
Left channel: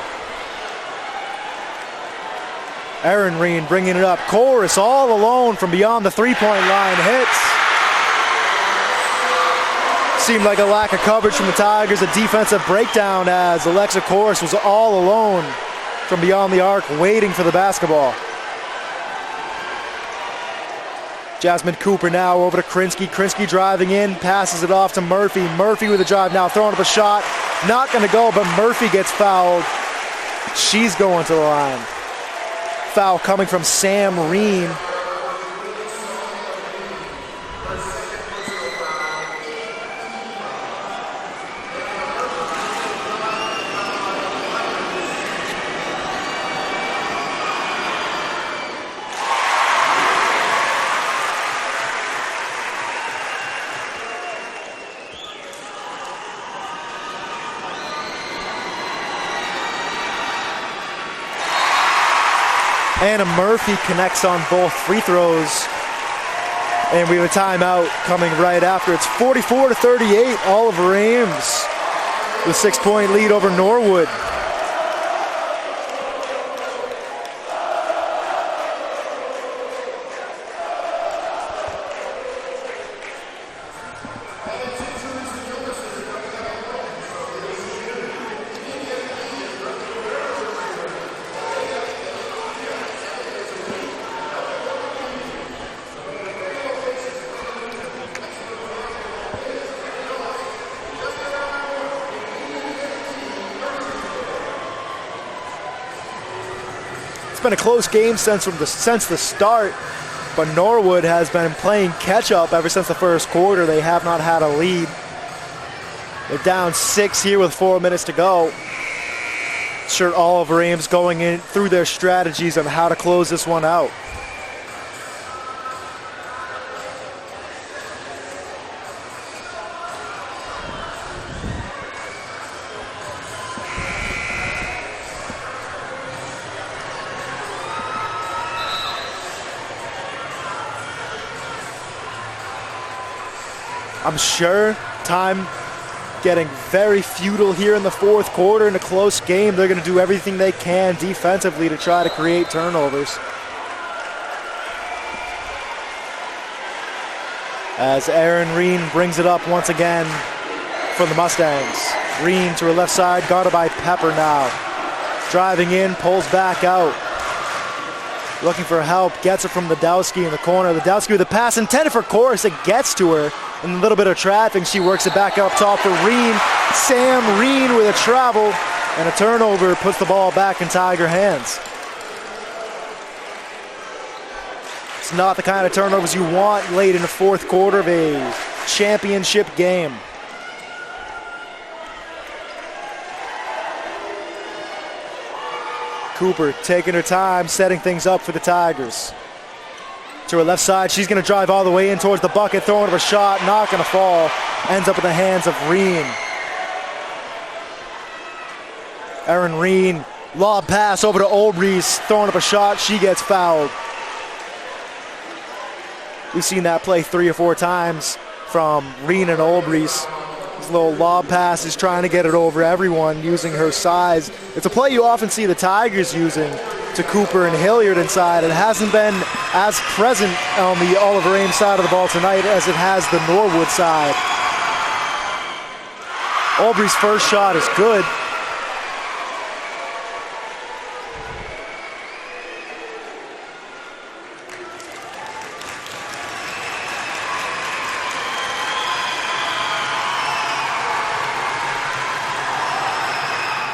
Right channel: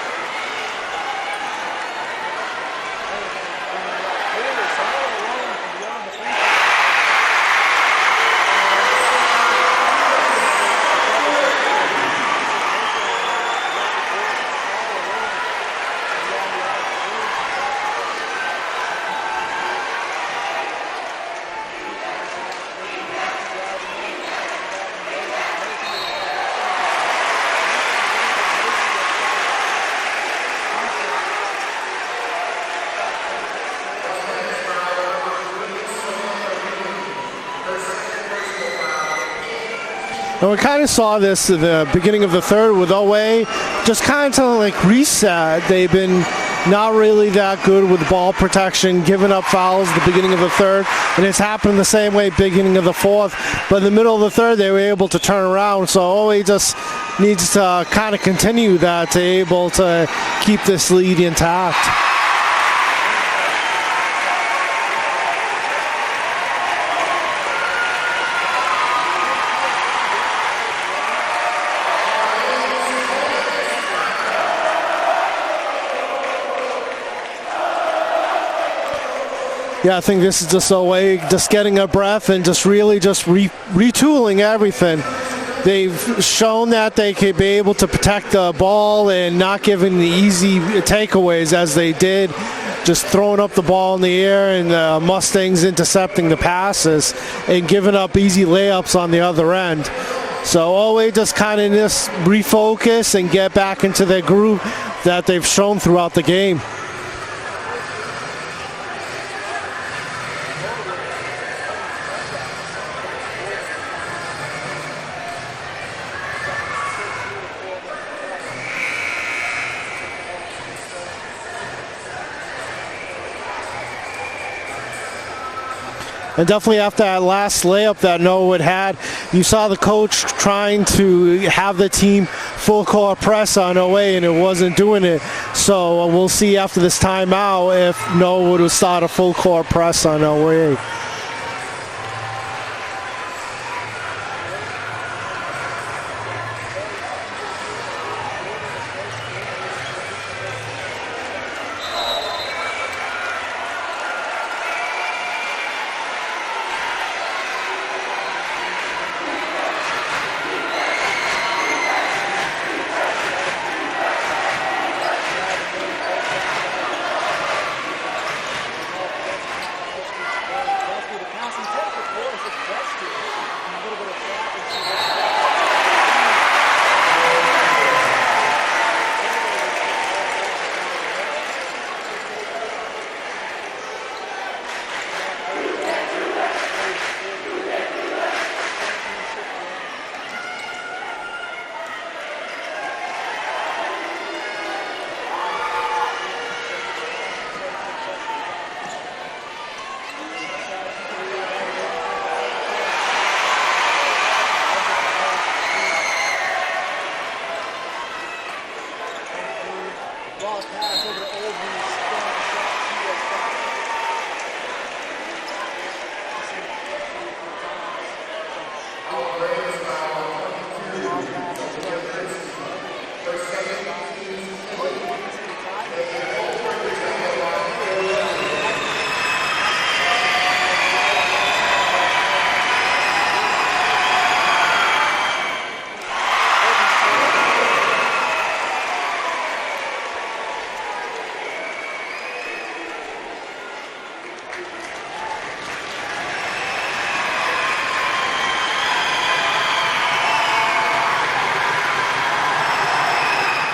Aaron Reen bringing it up. Chorus all alone from beyond the 3-point line. Hits. Seemed like a lack of coverage from the Tigers. A defensive breakdown as Alexa Chorus was all alone from beyond the arc waiting for the basketball. Jasmine Cooper now over to Krinsky. Krinsky driving in, passes it off to Murphy. Murphy with a drive now, throwing up a shot. Not going to go, but Murphy gets fouled. She's going to the line. Foul coming from Sam Reen. Well, we kind of saw this at the beginning of the third with OA. Just kind of like reset. They've been not really that good with ball protection, giving up fouls at the beginning of the third. And it's happened the same way beginning of the fourth. But in the middle of the third, they were able to turn around. So OA just needs to kind of continue that to able to keep this lead intact. Anna Murphy connects on both free throws. And we have a timeout coming right after. It's 44-38. Oliver Ames with 6-point lead over Norwood. Yeah, I think this is just a way, just getting a breath and just really just retooling everything. They've shown that they could be able to protect the ball and not giving the easy takeaways as they did. Just throwing up the ball in the air and the Mustangs intercepting the passes and giving up easy layups on the other end. So always just kind of just refocus and get back into their groove that they've shown throughout the game. It's been a close game since the start, but Norwood has been playing catch-up ever since the first quarter. They have not had a lead. They're down 6 here with 4 minutes to go. Sure, Oliver Ames going in through their strategies on how to close this one out. And definitely after that last layup that Norwood had, you saw the coach trying to have the team full court press on OA, and it wasn't doing it. So we'll see after this timeout if Norwood will start a full court press on OA. I'm sure time getting very futile here in the fourth quarter in a close game. They're going to do everything they can defensively to try to create turnovers. As Aaron Reen brings it up once again for the Mustangs. Reen to her left side, guarded by Pepper now. Driving in, pulls back out. Looking for help, gets it from Badowski in the corner. Badowski with a pass intended for Chorus. It gets to her. And a little bit of traffic. She works it back up top to Reen. Sam Reen with a travel. And a turnover puts the ball back in Tiger hands. Just not the kind of turnovers you want late in the fourth quarter of a championship game. Cooper taking her time, setting things up for the Tigers. To her left side, she's going to drive all the way in towards the bucket, throwing of a shot, not going to fall. Ends up in the hands of Reen. Erin Reen, lob pass over to Olbrys, throwing up a shot, she gets fouled. We've seen that play 3 or 4 times from Reen and Olbrys. This little lob pass is trying to get it over everyone using her size. It's a play you often see the Tigers using to Cooper and Hilliard inside. It hasn't been as present on the Oliver Ames side of the ball tonight as it has the Norwood side. Olbrys' first shot is good.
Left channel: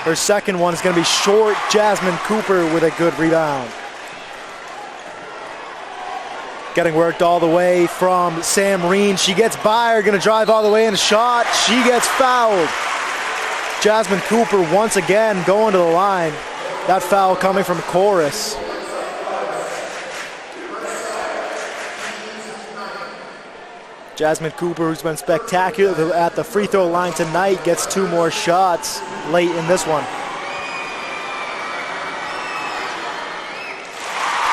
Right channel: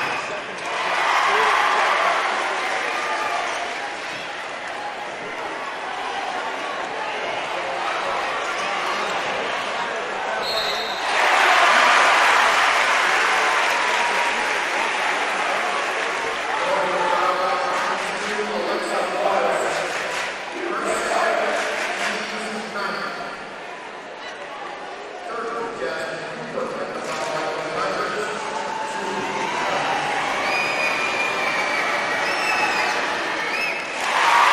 Her second one is going to be short. Jasmine Cooper with a good rebound. Getting worked all the way from Sam Reen. She gets by her, going to drive all the way in a shot. She gets fouled. Jasmine Cooper once again going to the line. That foul coming from Chorus. Jasmine Cooper, who's been spectacular at the free throw line tonight, gets 2 more shots late in this one.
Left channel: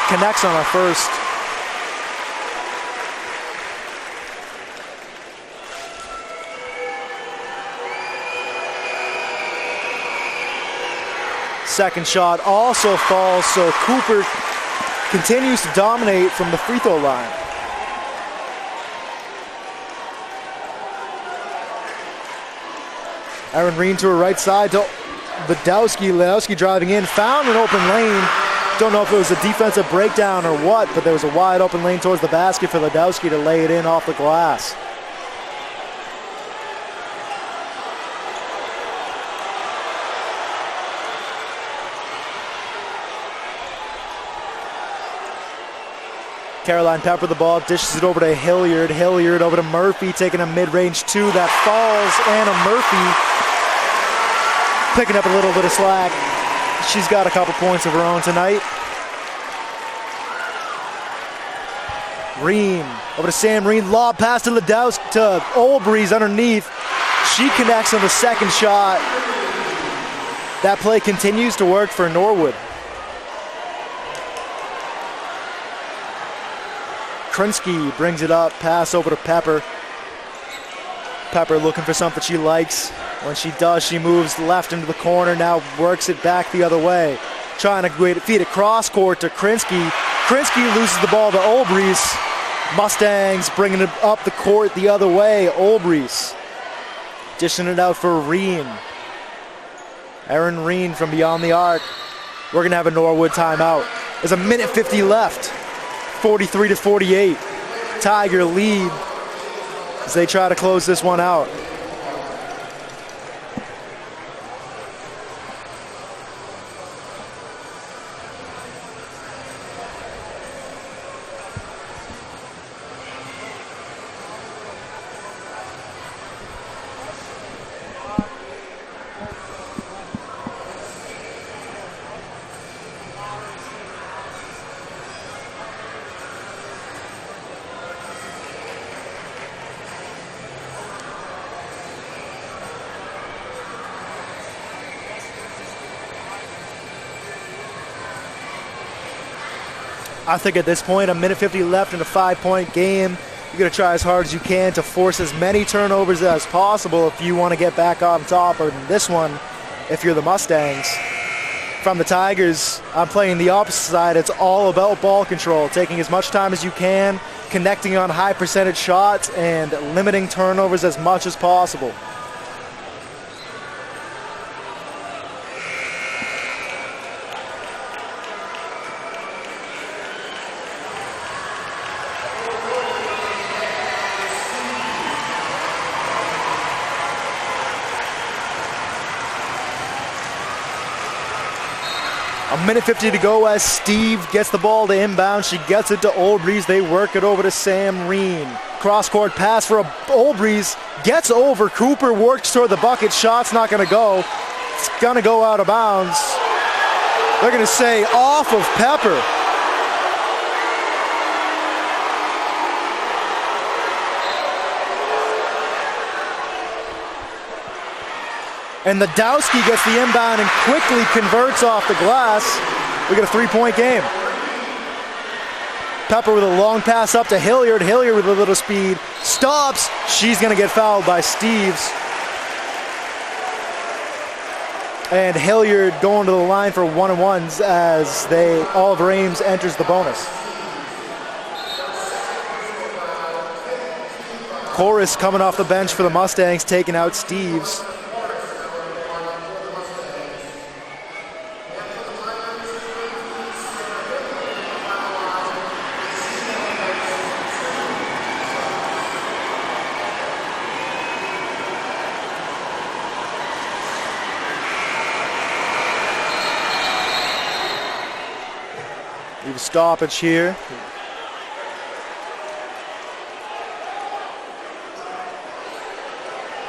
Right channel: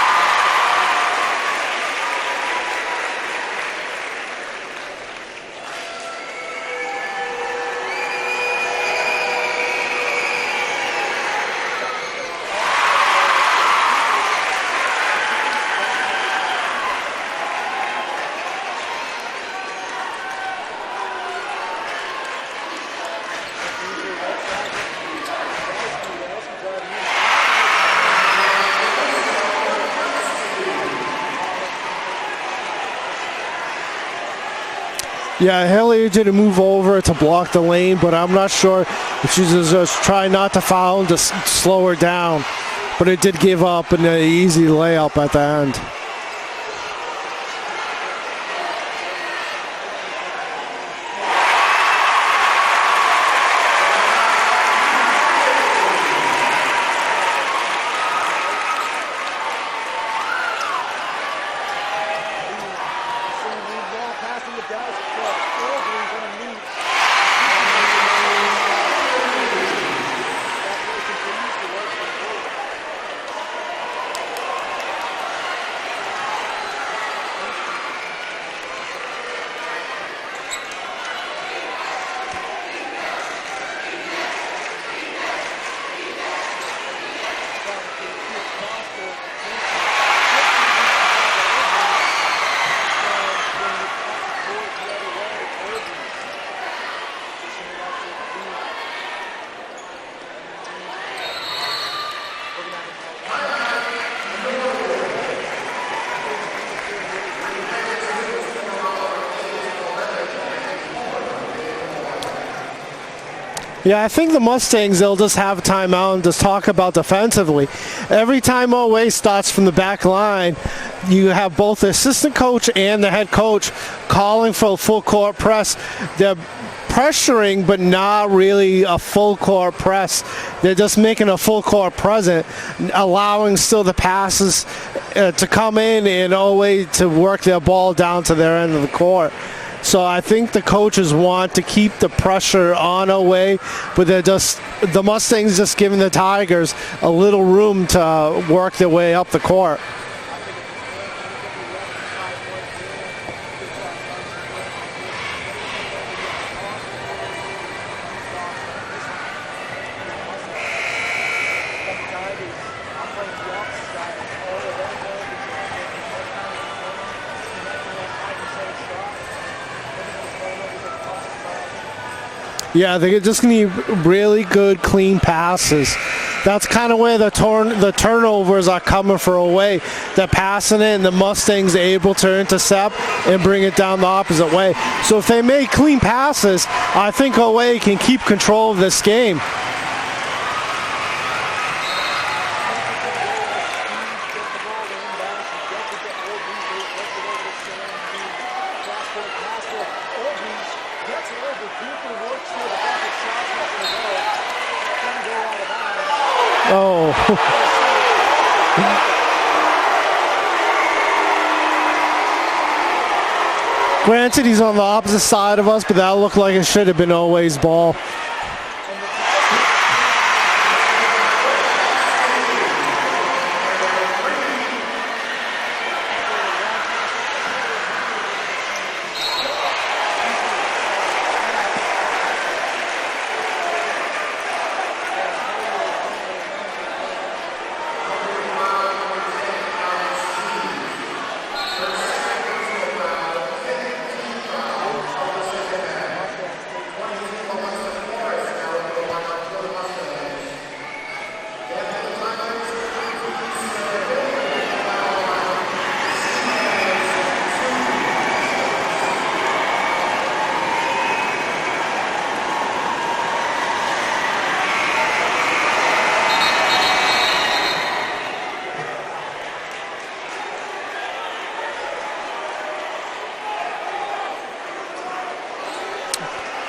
Connects on her first. Second shot also falls, so Cooper continues to dominate from the free throw line. Erin Reen to her right side. Ledowski driving in, found an open lane. Don't know if it was a defensive breakdown or what, but there was a wide open lane towards the basket for Ledowski to lay it in off the glass. Yeah, Hilliard didn't move over to block the lane, but I'm not sure if she's just trying not to foul to slow her down. But it did give up an easy layup at the end. Caroline Pepper the ball, dishes it over to Hilliard. Hilliard over to Murphy, taking a mid-range 2 that falls. Anna Murphy picking up a little bit of slack. She's got a couple points of her own tonight. Reen over to Sam Reen, lob pass to Ledowski, to Olbrys underneath. She connects on the second shot. That play continues to work for Norwood. Krinsky brings it up, pass over to Pepper. Pepper looking for something she likes. When she does, she moves left into the corner, now works it back the other way. Trying to feed it cross court to Krinsky. Krinsky loses the ball to Olbrys. Mustangs bringing it up the court the other way. Olbrys dishing it out for Reen. Erin Reen from beyond the arc. We're going to have a Norwood timeout. There's a minute 50 left. 43-48. Tiger lead as they try to close this one out. Yeah, I think the Mustangs, they'll just have a timeout and just talk about defensively. Every time OA starts from the back line, you have both the assistant coach and the head coach calling for a full court press. They're pressuring, but not really a full court press. They're just making a full court present, allowing still the passes to come in and OA to work their ball down to their end of the court. So I think the coaches want to keep the pressure on OA, but the Mustangs just giving the Tigers a little room to work their way up the court. I think at this point, a minute 50 left in a 5-point game, you're going to try as hard as you can to force as many turnovers as possible if you want to get back on top of this one, if you're the Mustangs. From the Tigers, I'm playing the opposite side. It's all about ball control, taking as much time as you can, connecting on high percentage shots, and limiting turnovers as much as possible. Yeah, they're just going to need really good, clean passes. That's kind of where the turnovers are coming for away. They're passing it, and the Mustangs are able to intercept and bring it down the opposite way. So if they make clean passes, I think OA can keep control of this game. A minute 50 to go as Steve gets the ball to inbound. She gets it to Oldbreeze. They work it over to Sam Reen. Cross-court pass for Oldbreeze. Gets over. Cooper works toward the bucket. Shot's not going to go. It's going to go out of bounds. Oh, they're going to say off of Pepper. Granted, he's on the opposite side of us, but that looked like it should have been Oway's ball. And Ladowski gets the inbound and quickly converts off the glass. We get a three-point game. Pepper with a long pass up to Hilliard. Hilliard with a little speed. Stops. She's going to get fouled by Steves. And Hilliard going to the line for one-and-ones as Oliver Ames enters the bonus. Chorus coming off the bench for the Mustangs, taking out Steves. Stoppage here.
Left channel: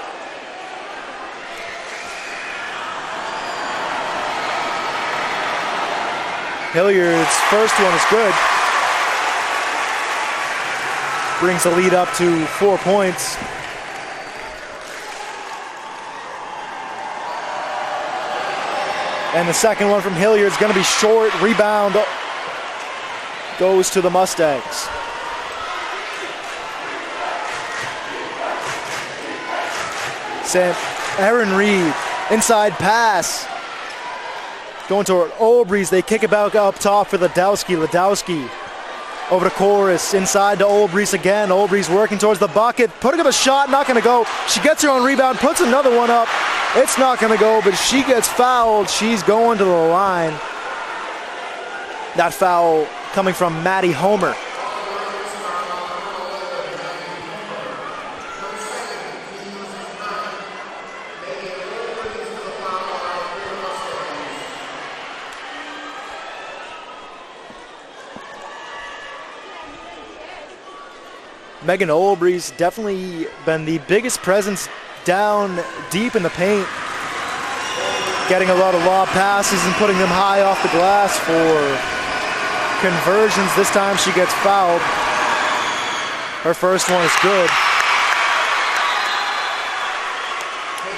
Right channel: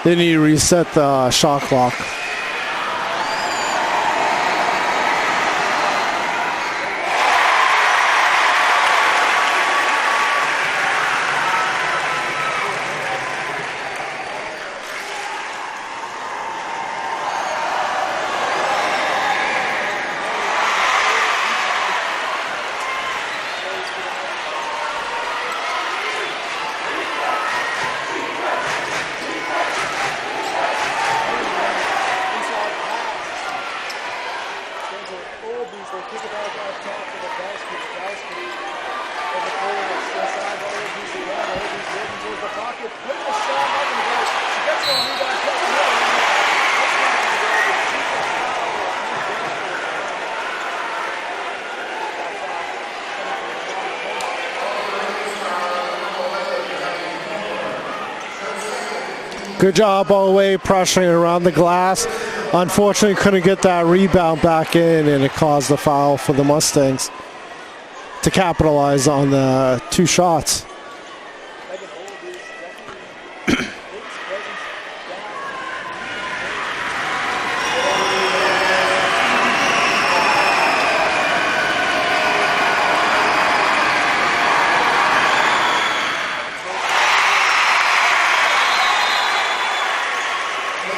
They need to reset the shot clock. Hilliard's first one is good. Brings the lead up to 4 points. And the second one from Hilliard is going to be short. Rebound goes to the Mustangs. Aaron Reed, inside pass. Going toward Oldbreeze. They kick it back up top for Ladowski. Ladowski over to Chorus. Inside to Oldbreeze again. Oldbreeze working towards the bucket. Putting up a shot, not going to go. She gets her on rebound, puts another one up. It's not going to go, but she gets fouled. She's going to the line. That foul coming from Maddie Homer. Good job all the way, pressuring around the glass. Unfortunately, couldn't get that rebound back in, and it caused the foul for the Mustangs to capitalize on the 2 shots. Megan Oldbreeze definitely been the biggest presence down deep in the paint. Getting a lot of raw passes and putting them high off the glass for conversions. This time she gets fouled. Her first one is good.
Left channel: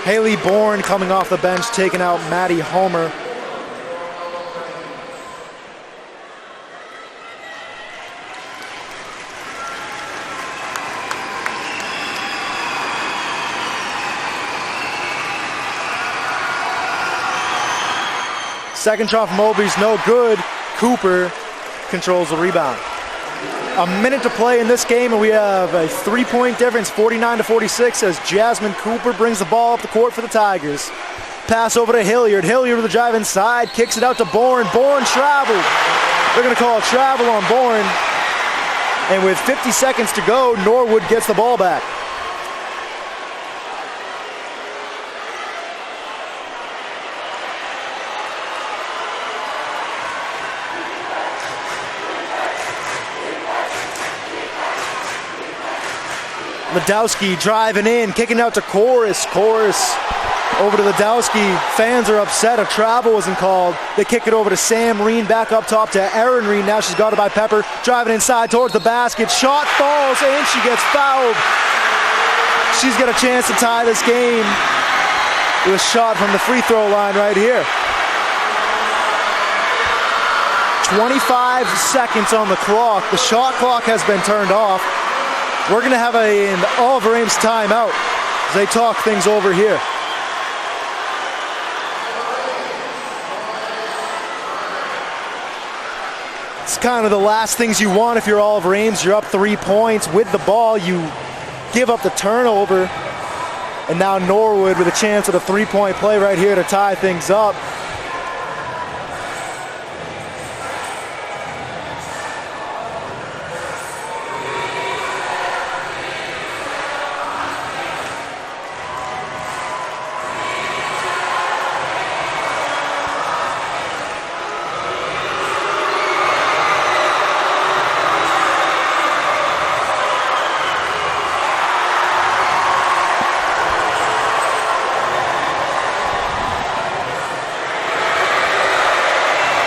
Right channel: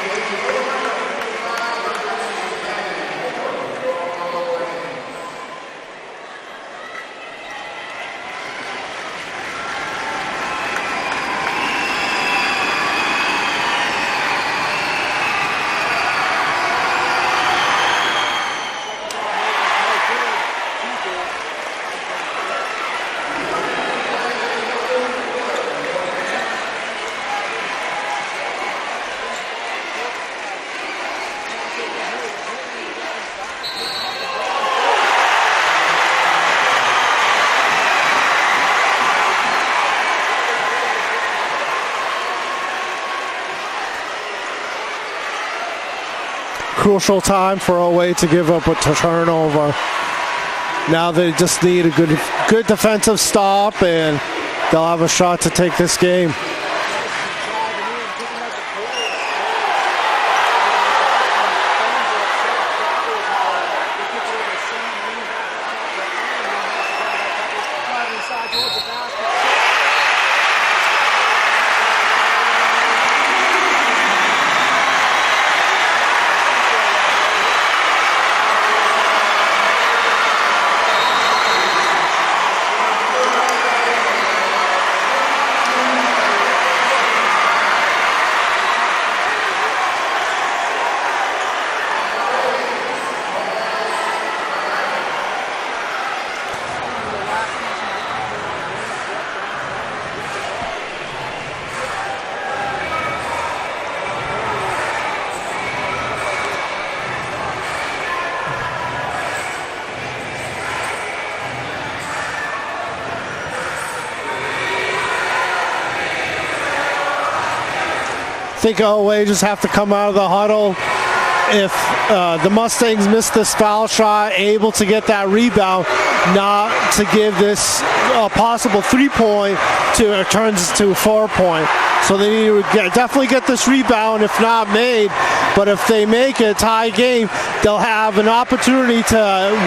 Haley Bourne coming off the bench, taking out Maddie Homer. Second shot from Oldbreeze, no good. Cooper controls the rebound. A minute to play in this game, and we have a 3-point difference, 49-46, as Jasmine Cooper brings the ball up the court for the Tigers. Pass over to Hilliard. Hilliard with a drive inside, kicks it out to Bourne. Bourne traveled. They're going to call a travel on Bourne. And with 50 seconds to go, Norwood gets the ball back. Crucial time for Oway to give up a turnover. Now they just need a good defensive stop, and they'll have a shot to take this game. Ladowski driving in, kicking out to Chorus. Chorus over to Ladowski. Fans are upset. A travel wasn't called. They kick it over to Sam Reen, back up top to Erin Reen. Now she's guarded by Pepper. Driving inside towards the basket. Shot falls, and she gets fouled. She's got a chance to tie this game. This shot from the free throw line right here. 25 seconds on the clock. The shot clock has been turned off. We're going to have an Oliver Ames timeout as they talk things over here. It's kind of the last things you want if you're Oliver Ames. You're up 3 points with the ball. You give up the turnover. And now Norwood with a chance at a 3-point play right here to tie things up. I think Oway just have to come out of the huddle, if the Mustangs miss this foul shot, able to get that rebound, not to give this possible 3-point to it turns to a 4-point. So they need to definitely get this rebound, if not made. But if they make a tie game, they'll have an opportunity to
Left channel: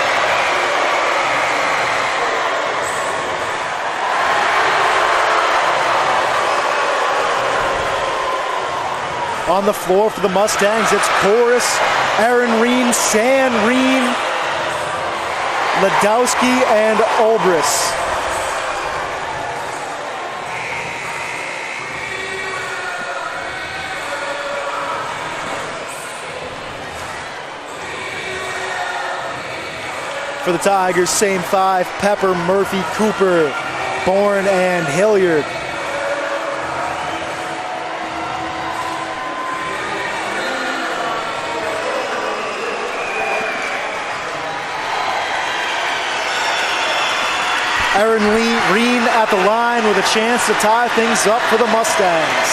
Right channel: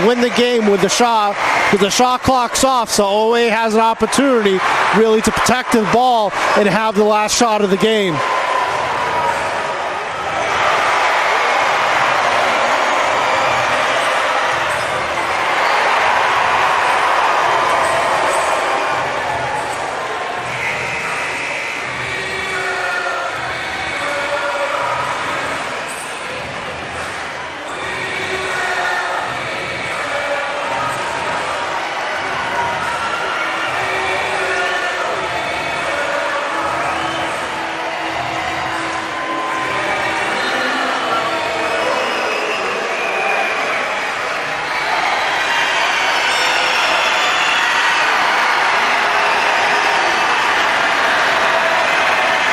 win the game with the shot. With the shot clock's off, so OA has an opportunity really to protect the ball and have the last shot of the game. On the floor for the Mustangs, it's Chorus, Aaron Reen, Sam Reen, Ladowski, and Olbris. For the Tigers, same five: Pepper, Murphy, Cooper, Bourne, and Hilliard. Aaron Reen at the line with a chance to tie things up for the Mustangs.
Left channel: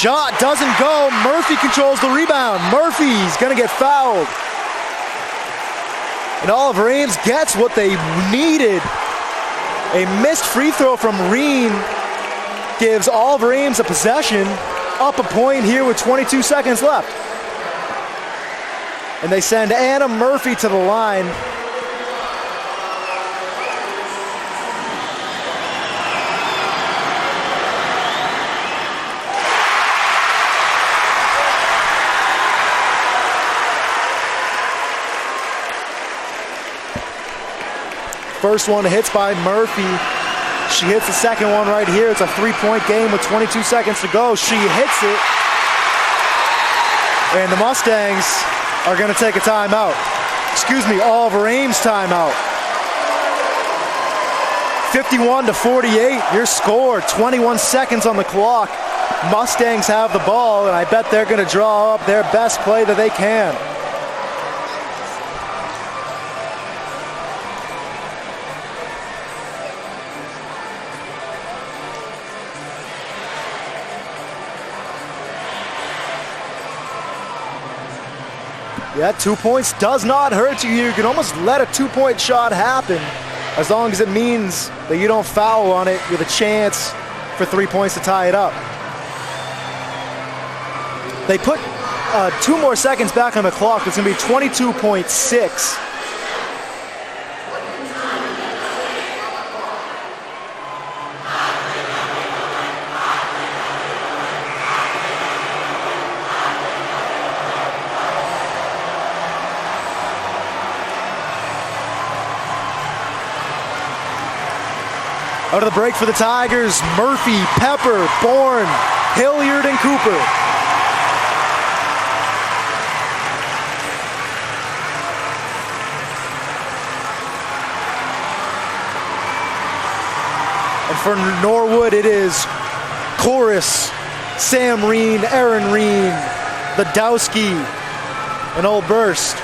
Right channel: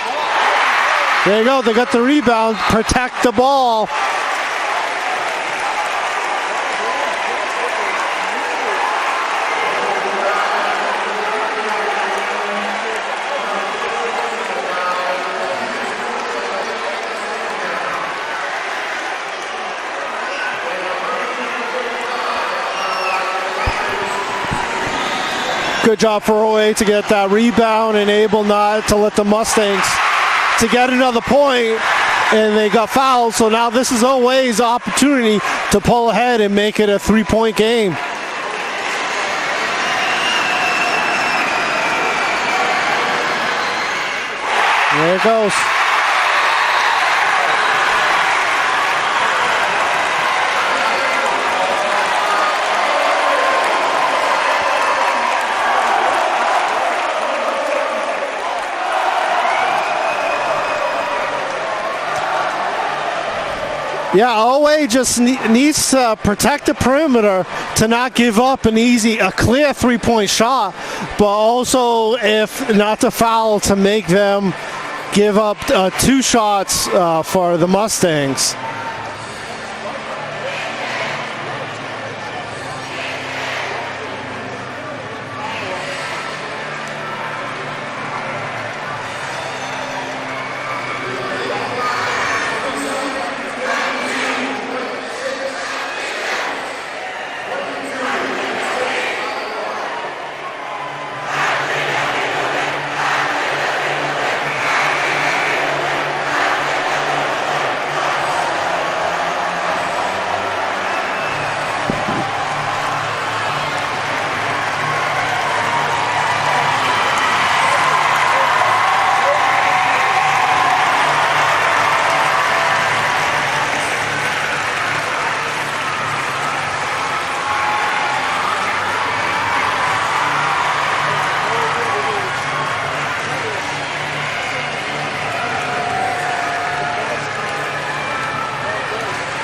Shot doesn't go. Murphy controls the rebound. Murphy's going to get fouled. And Oliver Ames gets what they needed. A missed free throw from Reen gives Oliver Ames a possession, up a point here with 22 seconds left. And they send Anna Murphy to the line. Good job for OA to get that rebound and able not to let the Mustangs to get another point, and they got fouled. So now this is OA's opportunity to pull ahead and make it a 3-point game. First one hits by Murphy. She hits the second one right here. It's a 3-point game with 22 seconds to go. She hits it. There it goes. And the Mustangs are going to take a timeout. Excuse me, Oliver Ames timeout. 51-48, your score, 21 seconds on the clock. Mustangs have the ball, and I bet they're going to draw up their best play that they can. Yeah, OA just needs to protect the perimeter to not give up a clear 3-point shot, but also, if not to foul, to make them give up 2 shots for the Mustangs. Yeah, 2 points does not hurt you. You can almost let a 2-point shot happen, as long as it means that you don't foul on it with a chance for 3 points to tie it up. They put 2 more seconds back on the clock. It's going to be 22.6. Out of the break for the Tigers, Murphy, Pepper, Bourne, Hilliard, and Cooper. And for Norwood, it is Chorus, Sam Reen, Aaron Reen, Ladowski, and Old Burst.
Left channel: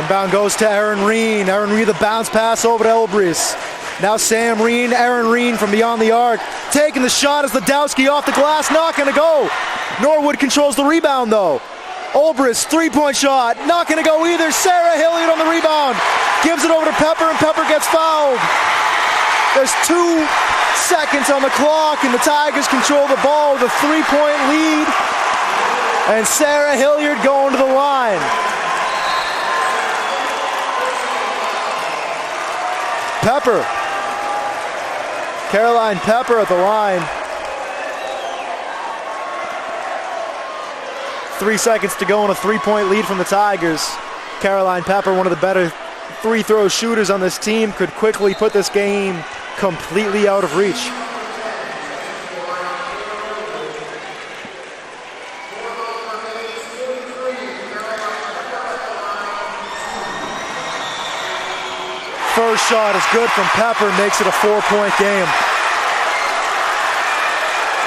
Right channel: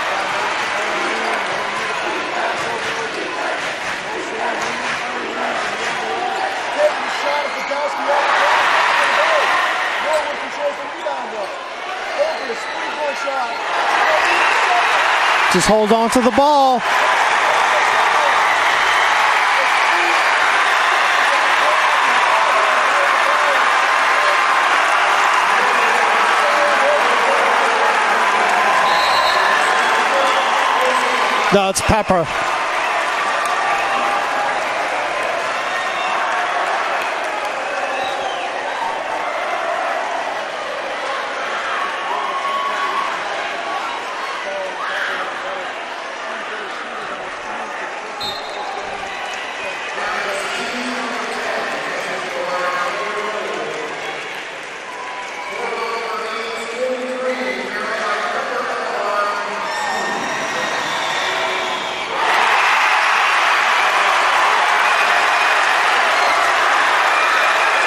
Inbound goes to Aaron Reen. Aaron Reen, the bounce pass over to Elbris. Now Sam Reen, Aaron Reen from beyond the arc. Taking the shot as Ladowski off the glass, not gonna go. Norwood controls the rebound though. Olbris, 3-point shot, not gonna go either. Sarah Hilliard on the rebound. Just hold on to the ball. Gives it over to Pepper, and Pepper gets fouled. There's 2 seconds on the clock, and the Tigers control the ball with a 3-point lead. And Sarah Hilliard going to the line. No, it's Pepper. Pepper. Caroline Pepper at the line. 3 seconds to go on a 3-point lead from the Tigers. Caroline Pepper, one of the better free throw shooters on this team, could quickly put this game completely out of reach. First shot is good from Pepper, makes it a 4-point game.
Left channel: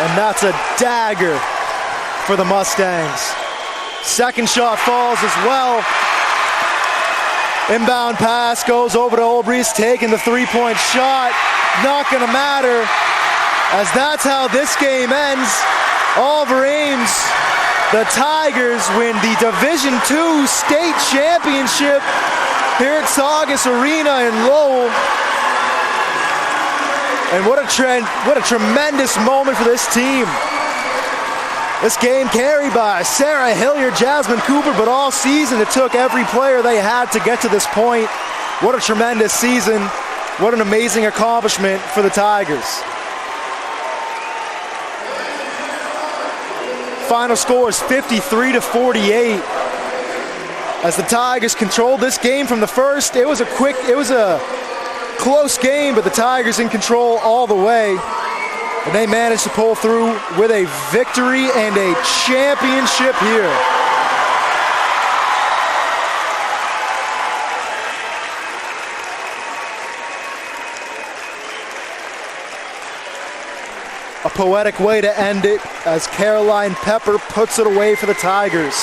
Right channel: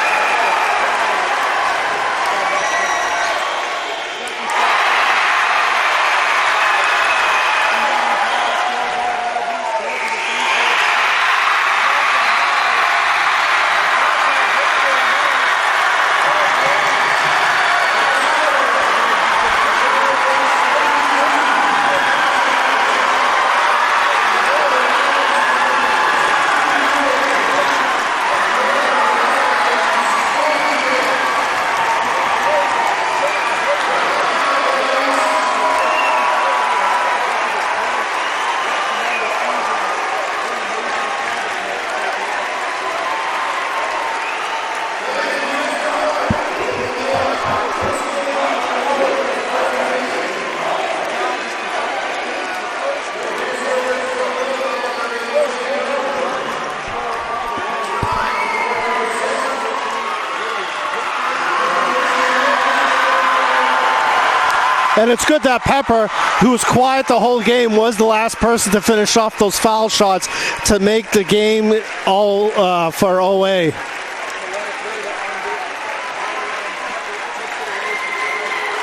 And that's a dagger for the Mustangs. Second shot falls as well. Inbound pass goes over to Obrist, taking the three-point shot. Not gonna matter, as that's how this game ends. Oliver Ames, the Tigers win the Division II state championship here at Saugus Arena in Lowell. And what a tremendous moment for this team. This game carried by Sarah Hilliard, Jasmine Cooper, but all season it took every player they had to get to this point. What a tremendous season. What an amazing accomplishment for the Tigers. Final score is 53-48. As the Tigers controlled this game from the first, it was a close game, but the Tigers in control all the way. And they managed to pull through with a victory and a championship here. And it's good that Pepper, who was quiet the whole game, was the last person to finish off those foul shots to make the game all for OA. A poetic way to end it as Caroline Pepper puts it away for the Tigers.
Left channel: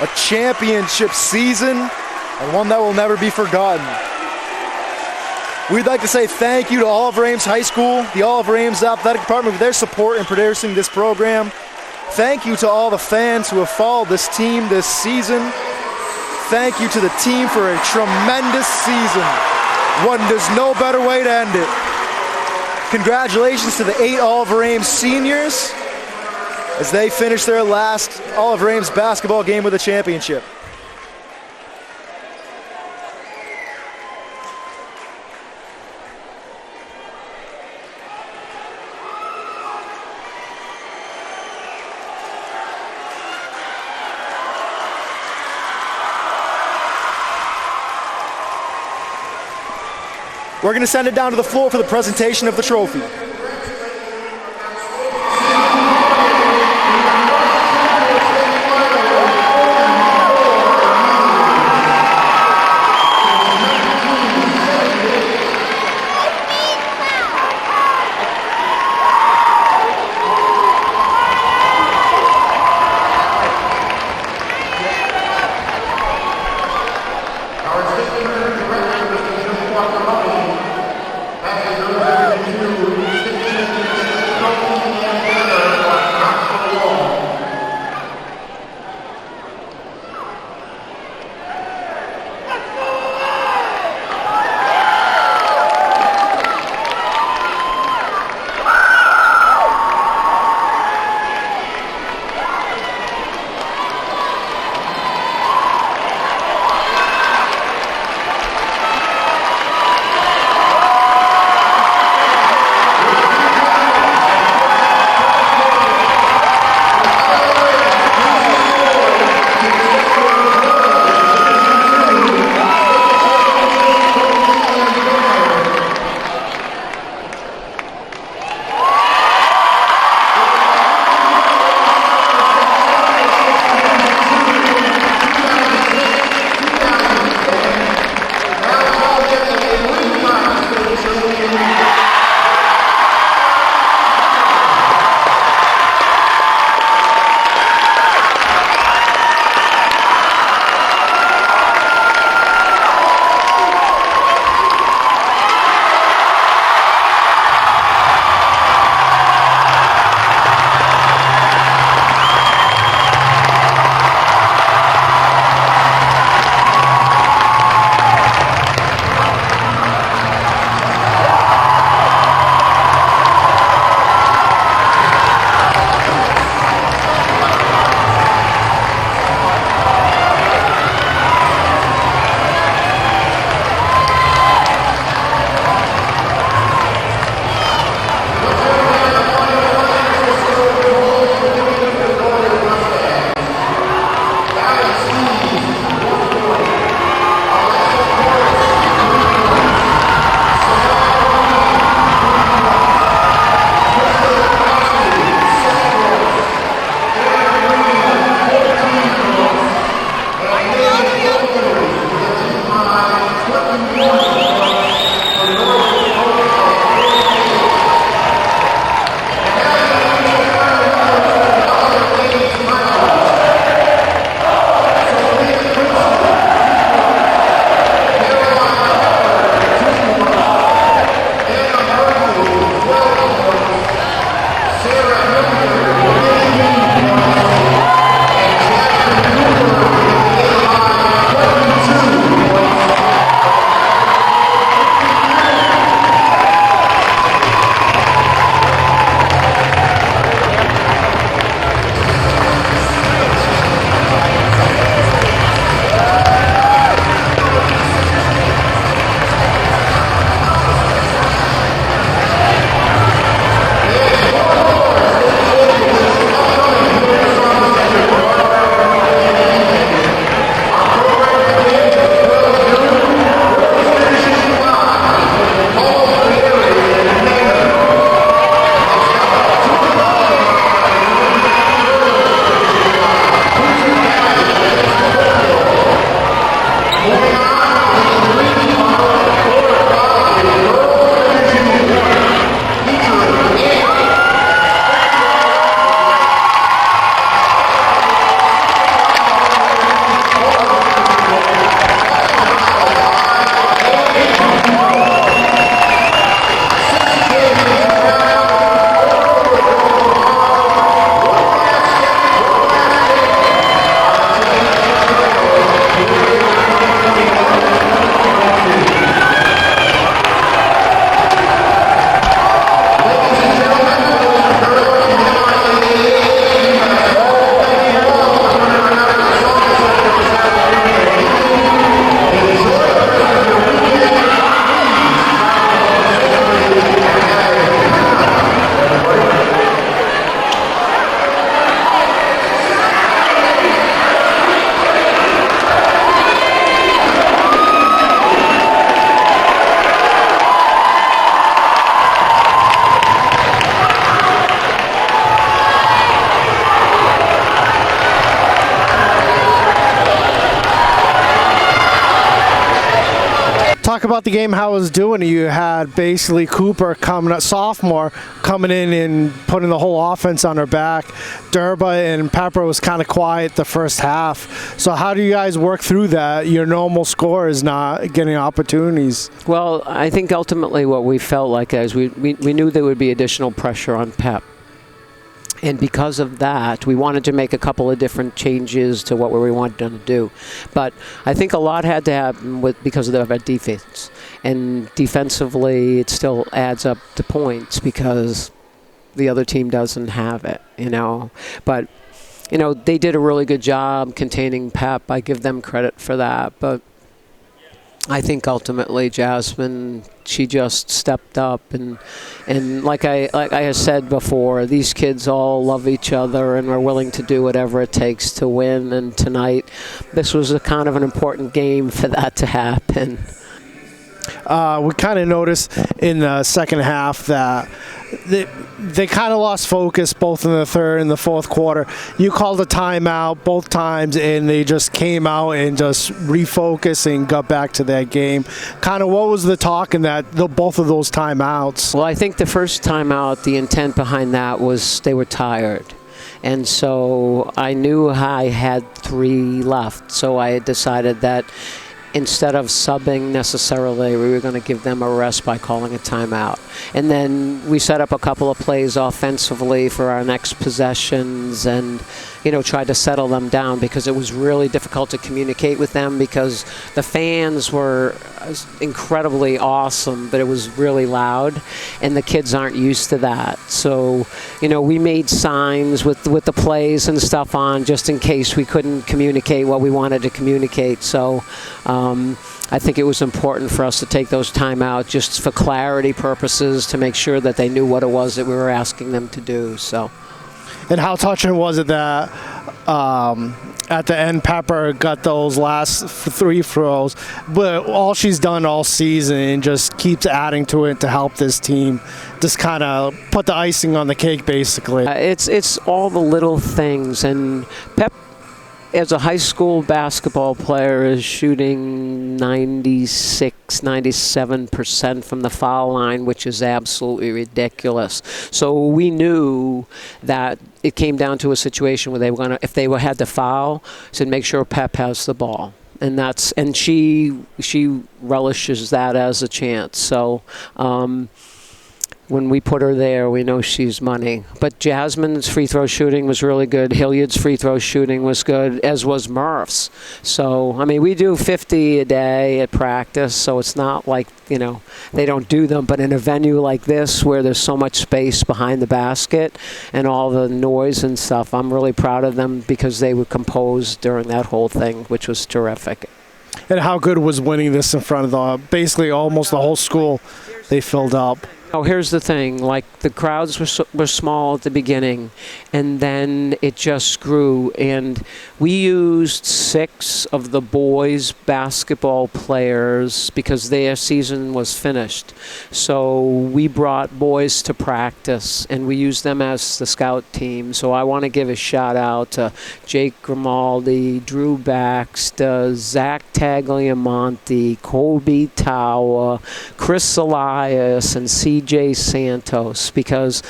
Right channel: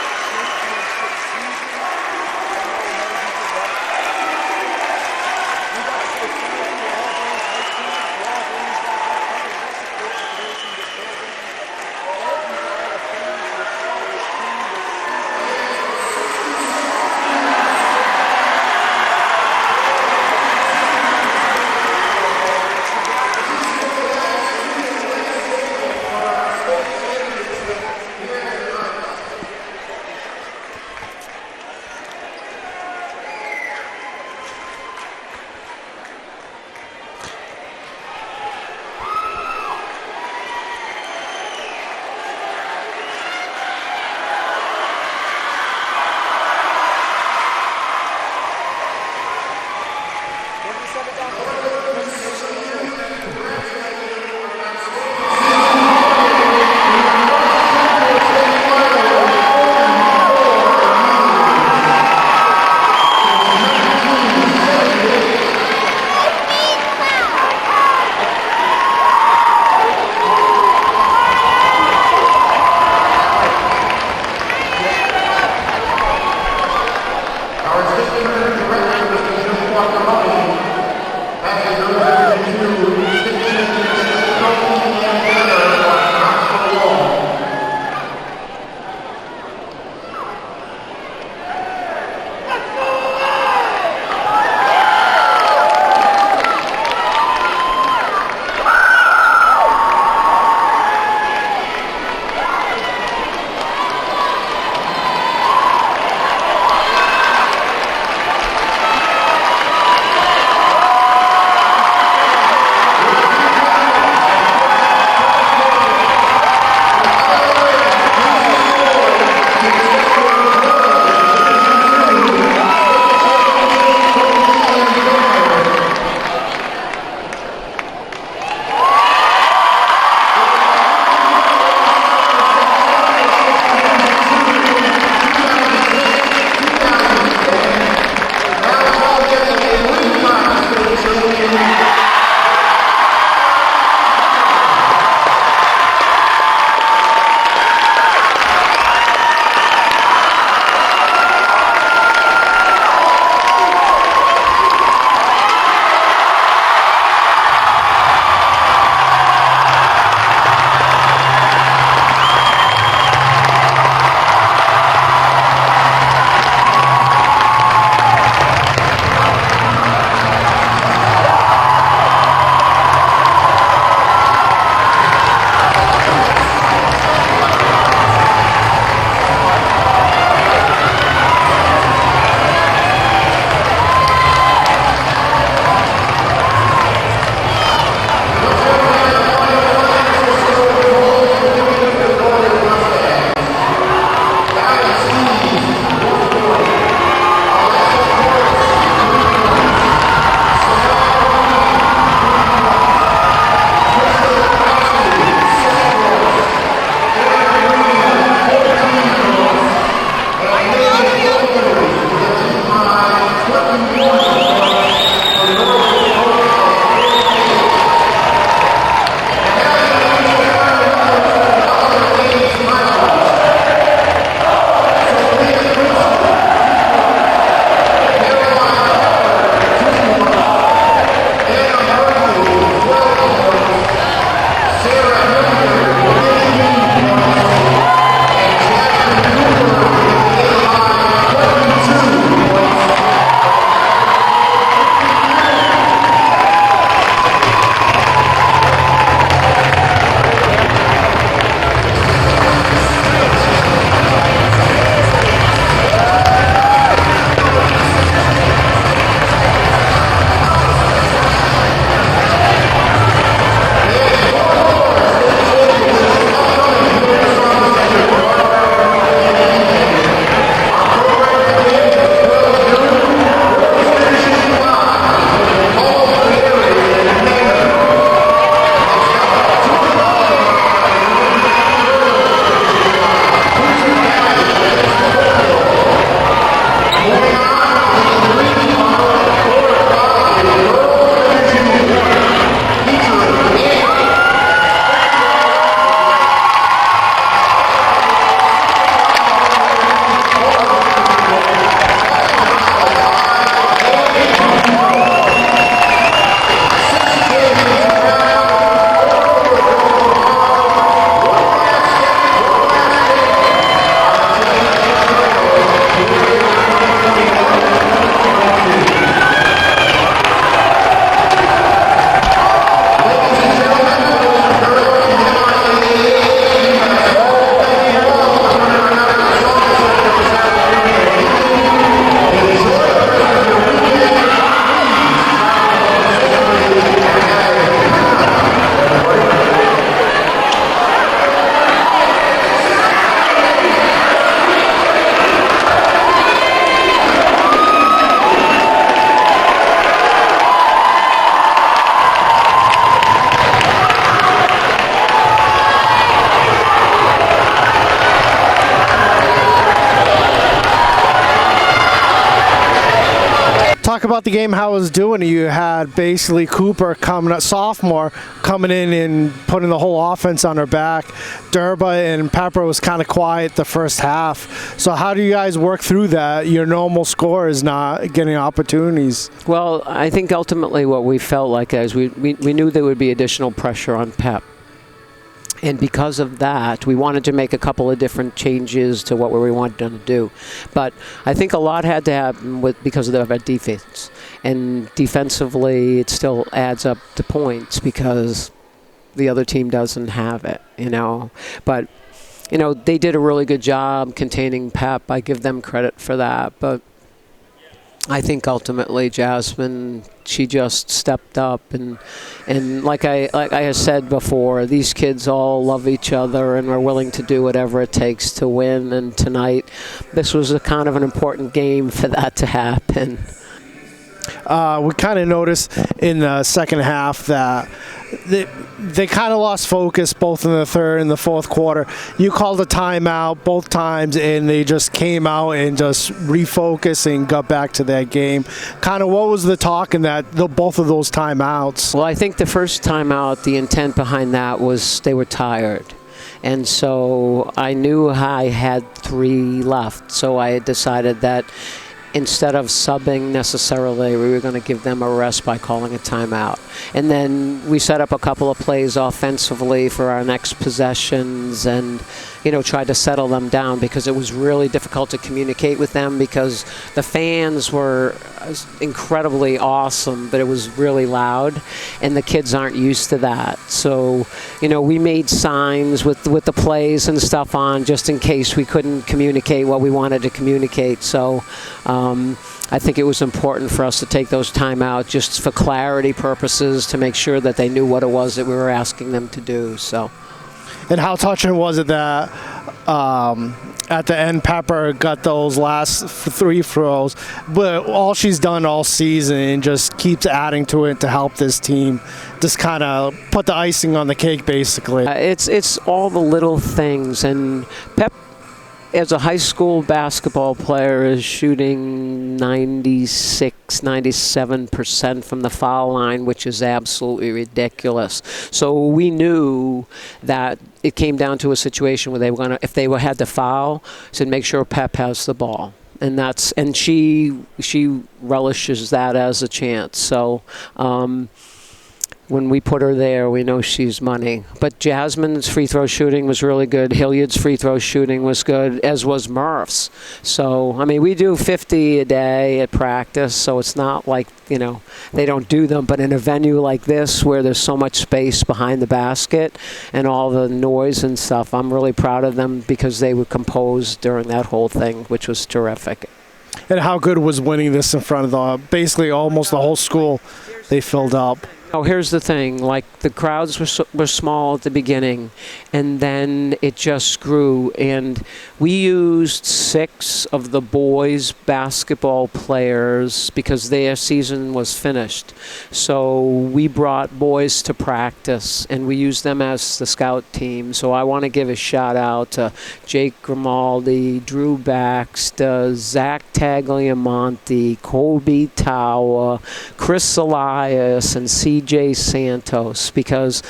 A championship season, and one that will never be forgotten. We'd like to say thank you to Oliver Ames High School, the Oliver Ames Athletic Department, for their support in producing this program. Thank you to all the fans who have followed this team this season. Thank you to the team for a tremendous season. There's no better way to end it. Congratulations to the 8 Oliver Ames seniors as they finish their last Oliver Ames basketball game with a championship. We're going to send it down to the floor for the presentation of the trophy. Our talk about the game, how it was doing. You had basically Cooper sophomore, coming in and putting the whole offense on her back. Durba and Pepper was kind of quiet the first half. So how do you guys work through that? Your normal score is not getting opportunities. Well, I think ultimately what we felt like is we knew there would be additional pressure on Pep. And because of that, we wanted to make a couple of different changes to what we wanted them to do. But I think a lot had to happen because of our defense. And defensively, it still adds up to points because the other team doesn't have it, you know. But, you know, they did a really good job containing Pep. I give them credit for that. But I think ultimately Jasmine, she just stepped up, and like I said before, these kids all love each other and are willing to do whatever it takes to win. And tonight, this was a kind of an important game for that to happen. We kind of noticed in the second half that they kind of lost focus both in the third and the fourth quarter. You called a timeout both times, and they just came out and just refocused and got back to that game. Kind of what was the talk in both of those timeouts? Well, I think the first timeout, the intent behind that was they were tired. And so I knew I had 3 left, so I had decided that instead of subbing necessarily, we were going to give them a rest by calling a timeout. And then we set up a couple of plays offensively for our next possessions and, you know, tried to settle them down because it was really difficult to communicate with them because the fans were incredibly awesome, but it was really loud, and the kids aren't used to that. So, you know, we made signs with the plays and stuff on just in case we couldn't communicate what we wanted to communicate. So I think it was important for us to take those timeouts just for clarity purposes to make sure that they knew what it was that we were asking them to do. So. And how touching was it that at the end Pepper got those last 3 throws, but all she's done all season and just keeps adding to it to help this team just kind of put the icing on the cake basically. It's all the little things, and Pep as a high school basketball player is shooting 97% from the foul line, which is absolutely ridiculous. So we knew that it came down to a situation where they were gonna, if they had to foul, said make sure Pep has the ball. And she relishes that as a chance. So when we put her there, we know she's money. But Jasmine's free throw shooting was really good. Hilliard's free throw shooting was good, as was Murph's. So, I mean, we do 50 a day at practice, so it's not like, you know, they don't do them. But in a venue like this where there's so much space behind the basket and all the noise and stuff, I'm really proud of them because they were composed during that whole thing, which was terrific. And how good was winning this in front of basically almost the whole school they filled up? Oh, here's the thing, like the crowds were small at the beginning, and then it just grew, and we used 6 of the boys' basketball players because their season was finished. So we brought boys to practice, and we used them as the scout team. So I want to give a shout out to Jake Grimaldi, Drew Baxter, Zach Tagliamonte, Colby Tower, Chris Elias, and CJ Santos, because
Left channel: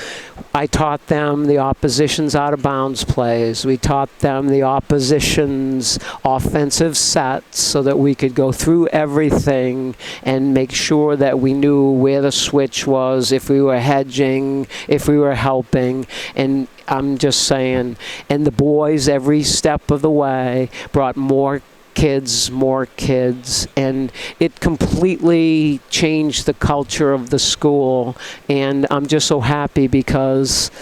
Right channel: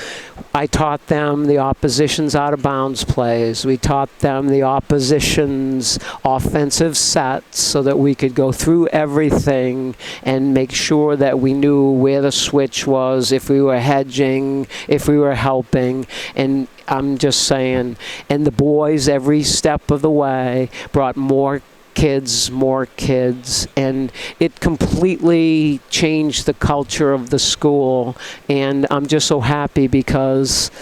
I taught them the opposition's out of bounds plays. We taught them the opposition's offensive sets so that we could go through everything and make sure that we knew where the switch was, if we were hedging, if we were helping. And I'm just saying, and the boys every step of the way brought more kids, and it completely changed the culture of the school. And I'm just so happy because,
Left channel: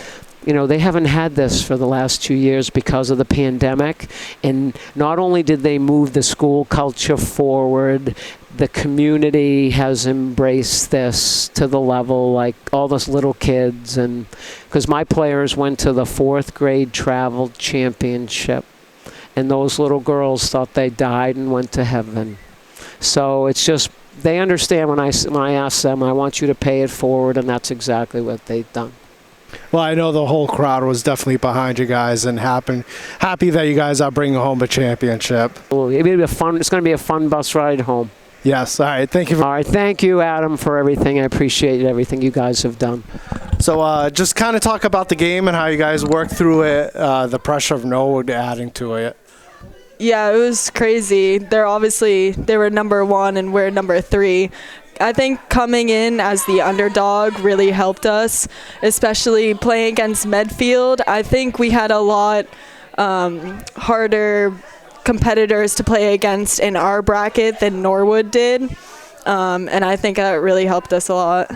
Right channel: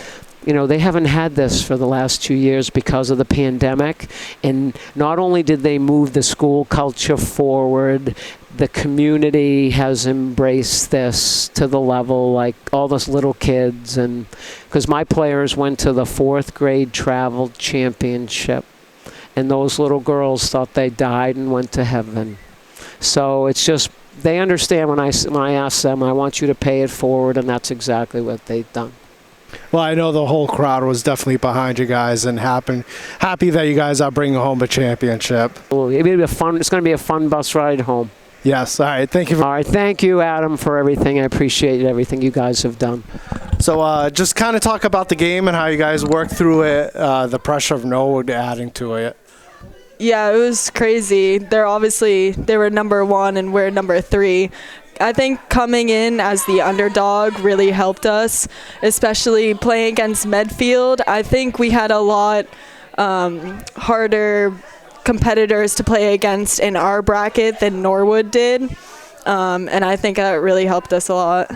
you know, they haven't had this for the last 2 years because of the pandemic. And not only did they move the school culture forward, the community has embraced this to the level, like all those little kids. And because my players went to the 4th grade travel championship, and those little girls thought they died and went to heaven. So it's just, they understand when I ask them, I want you to pay it forward, and that's exactly what they've done. Well, I know the whole crowd was definitely behind you guys and happy that you guys are bringing home a championship. It's going to be a fun bus ride home. Yes. All right. Thank you. All right, thank you, Adam, for everything. I appreciate everything you guys have done. So just kind of talk about the game and how you guys worked through it, the pressure of Norwood adding to it. Yeah, it was crazy. They were number 1 and we're number 3. I think coming in as the underdog really helped us, especially playing against Medfield. I think we had a lot harder competitors to play against in our bracket than Norwood did, and I think that really helped us a lot.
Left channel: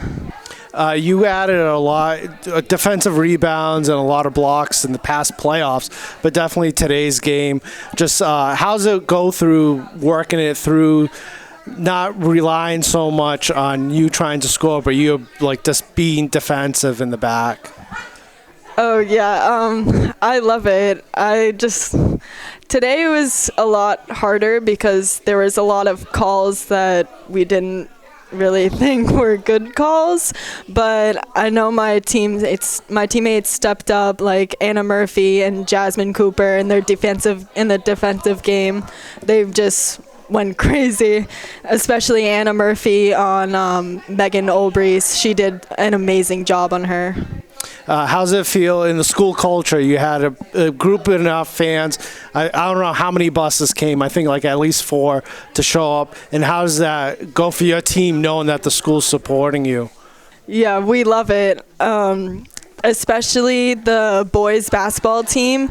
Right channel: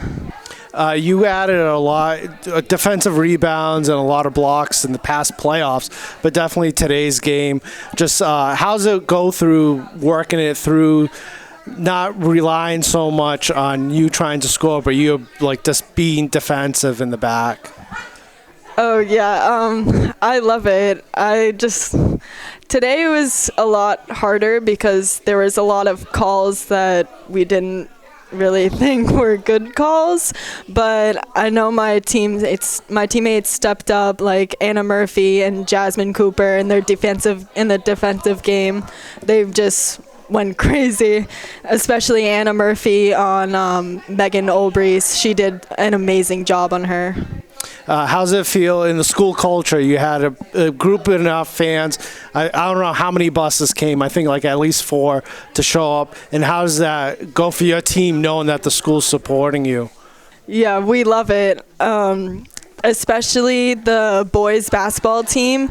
You added a lot defensive rebounds and a lot of blocks in the past playoffs, but definitely today's game. Just how's it go through working it through, not relying so much on you trying to score, but you like just being defensive in the back? Oh yeah, I love it. Today was a lot harder because there was a lot of calls that we didn't really think were good calls, but I know my teammates stepped up, like Anna Murphy and Jasmine Cooper in the defensive game. They've just went crazy, especially Anna Murphy on Megan Olbrys. She did an amazing job on her. How's it feel in the school culture? You had a group of enough fans. I don't know how many buses came. I think like at least 4 to show up. And how does that go for your team knowing that the school's supporting you? Yeah, we love it. Especially the boys basketball team.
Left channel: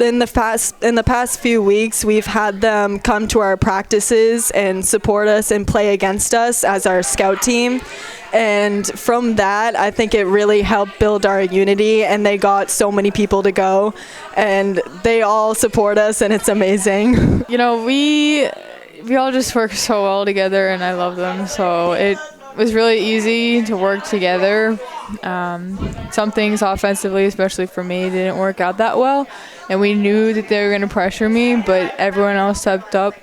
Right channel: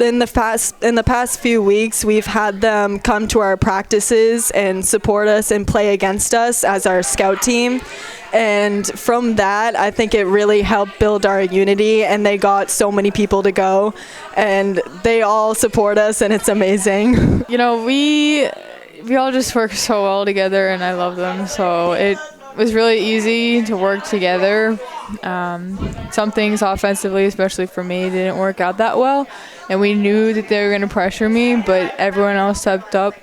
In the past few weeks, we've had them come to our practices and support us and play against us as our scout team. And from that, I think it really helped build our unity, and they got so many people to go, and they all support us, and it's amazing. You know, we all just work so well together, and I love them. So it was really easy to work together. Some things offensively, especially for me, didn't work out that well, and we knew that they were going to pressure me, but everyone else stepped up.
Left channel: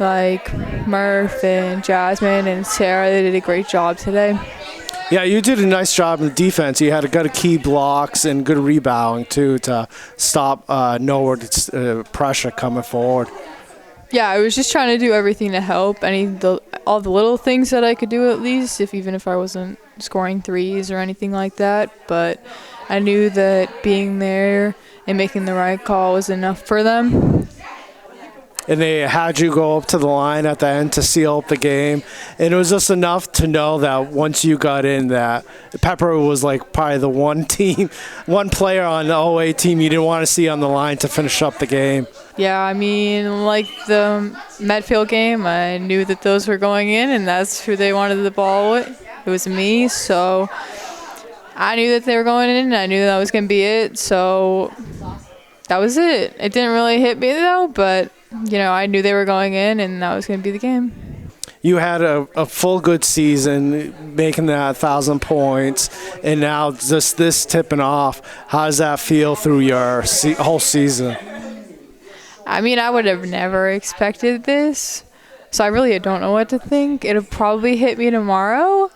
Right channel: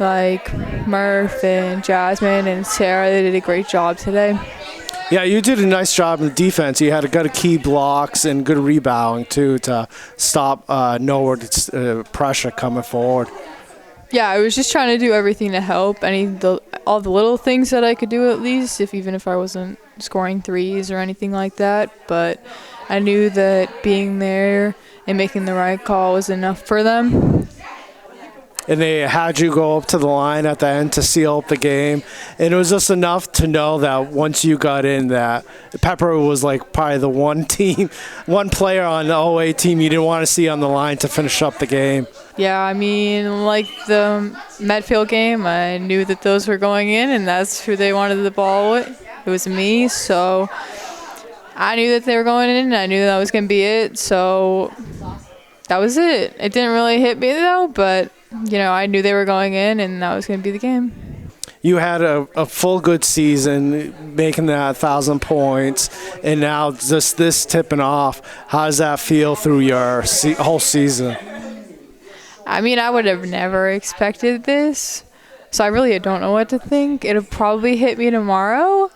Like Murph and Jasmine and Sarah, they did a great job today. Yeah, you did a nice job in the defense. You had good key blocks and good rebounding, too, to stop Norwood's pressure coming forward. Yeah, I was just trying to do everything to help. All the little things that I could do at least, even if I wasn't scoring threes or anything like that. But I knew that being there and making the right call was enough for them. And they had you go up to the line at the end to seal up the game. And it was just enough to know that once you got in, that Pepper was like probably the one player on the OA team you didn't want to see on the line to finish up the game. Yeah, I mean, like the Medfield game, I knew that those were going in, and that's who they wanted the ball with. It was me, so I knew that they were going in, and I knew that was going to be it. So that was it. It didn't really hit me, though, but I knew they were going in, and that was going to be the game. You had a full good season, making that 1,000 points, and now just this tipping off. How does that feel through your whole season? I mean, I would have never expected this, so I really don't know what to think. It'll probably hit me tomorrow.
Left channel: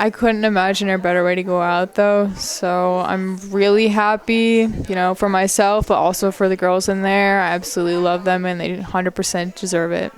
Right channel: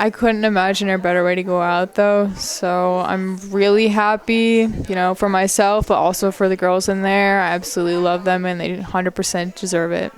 I couldn't imagine a better way to go out, though, so I'm really happy, for myself, but also for the girls in there. I absolutely love them, and they 100% deserve it.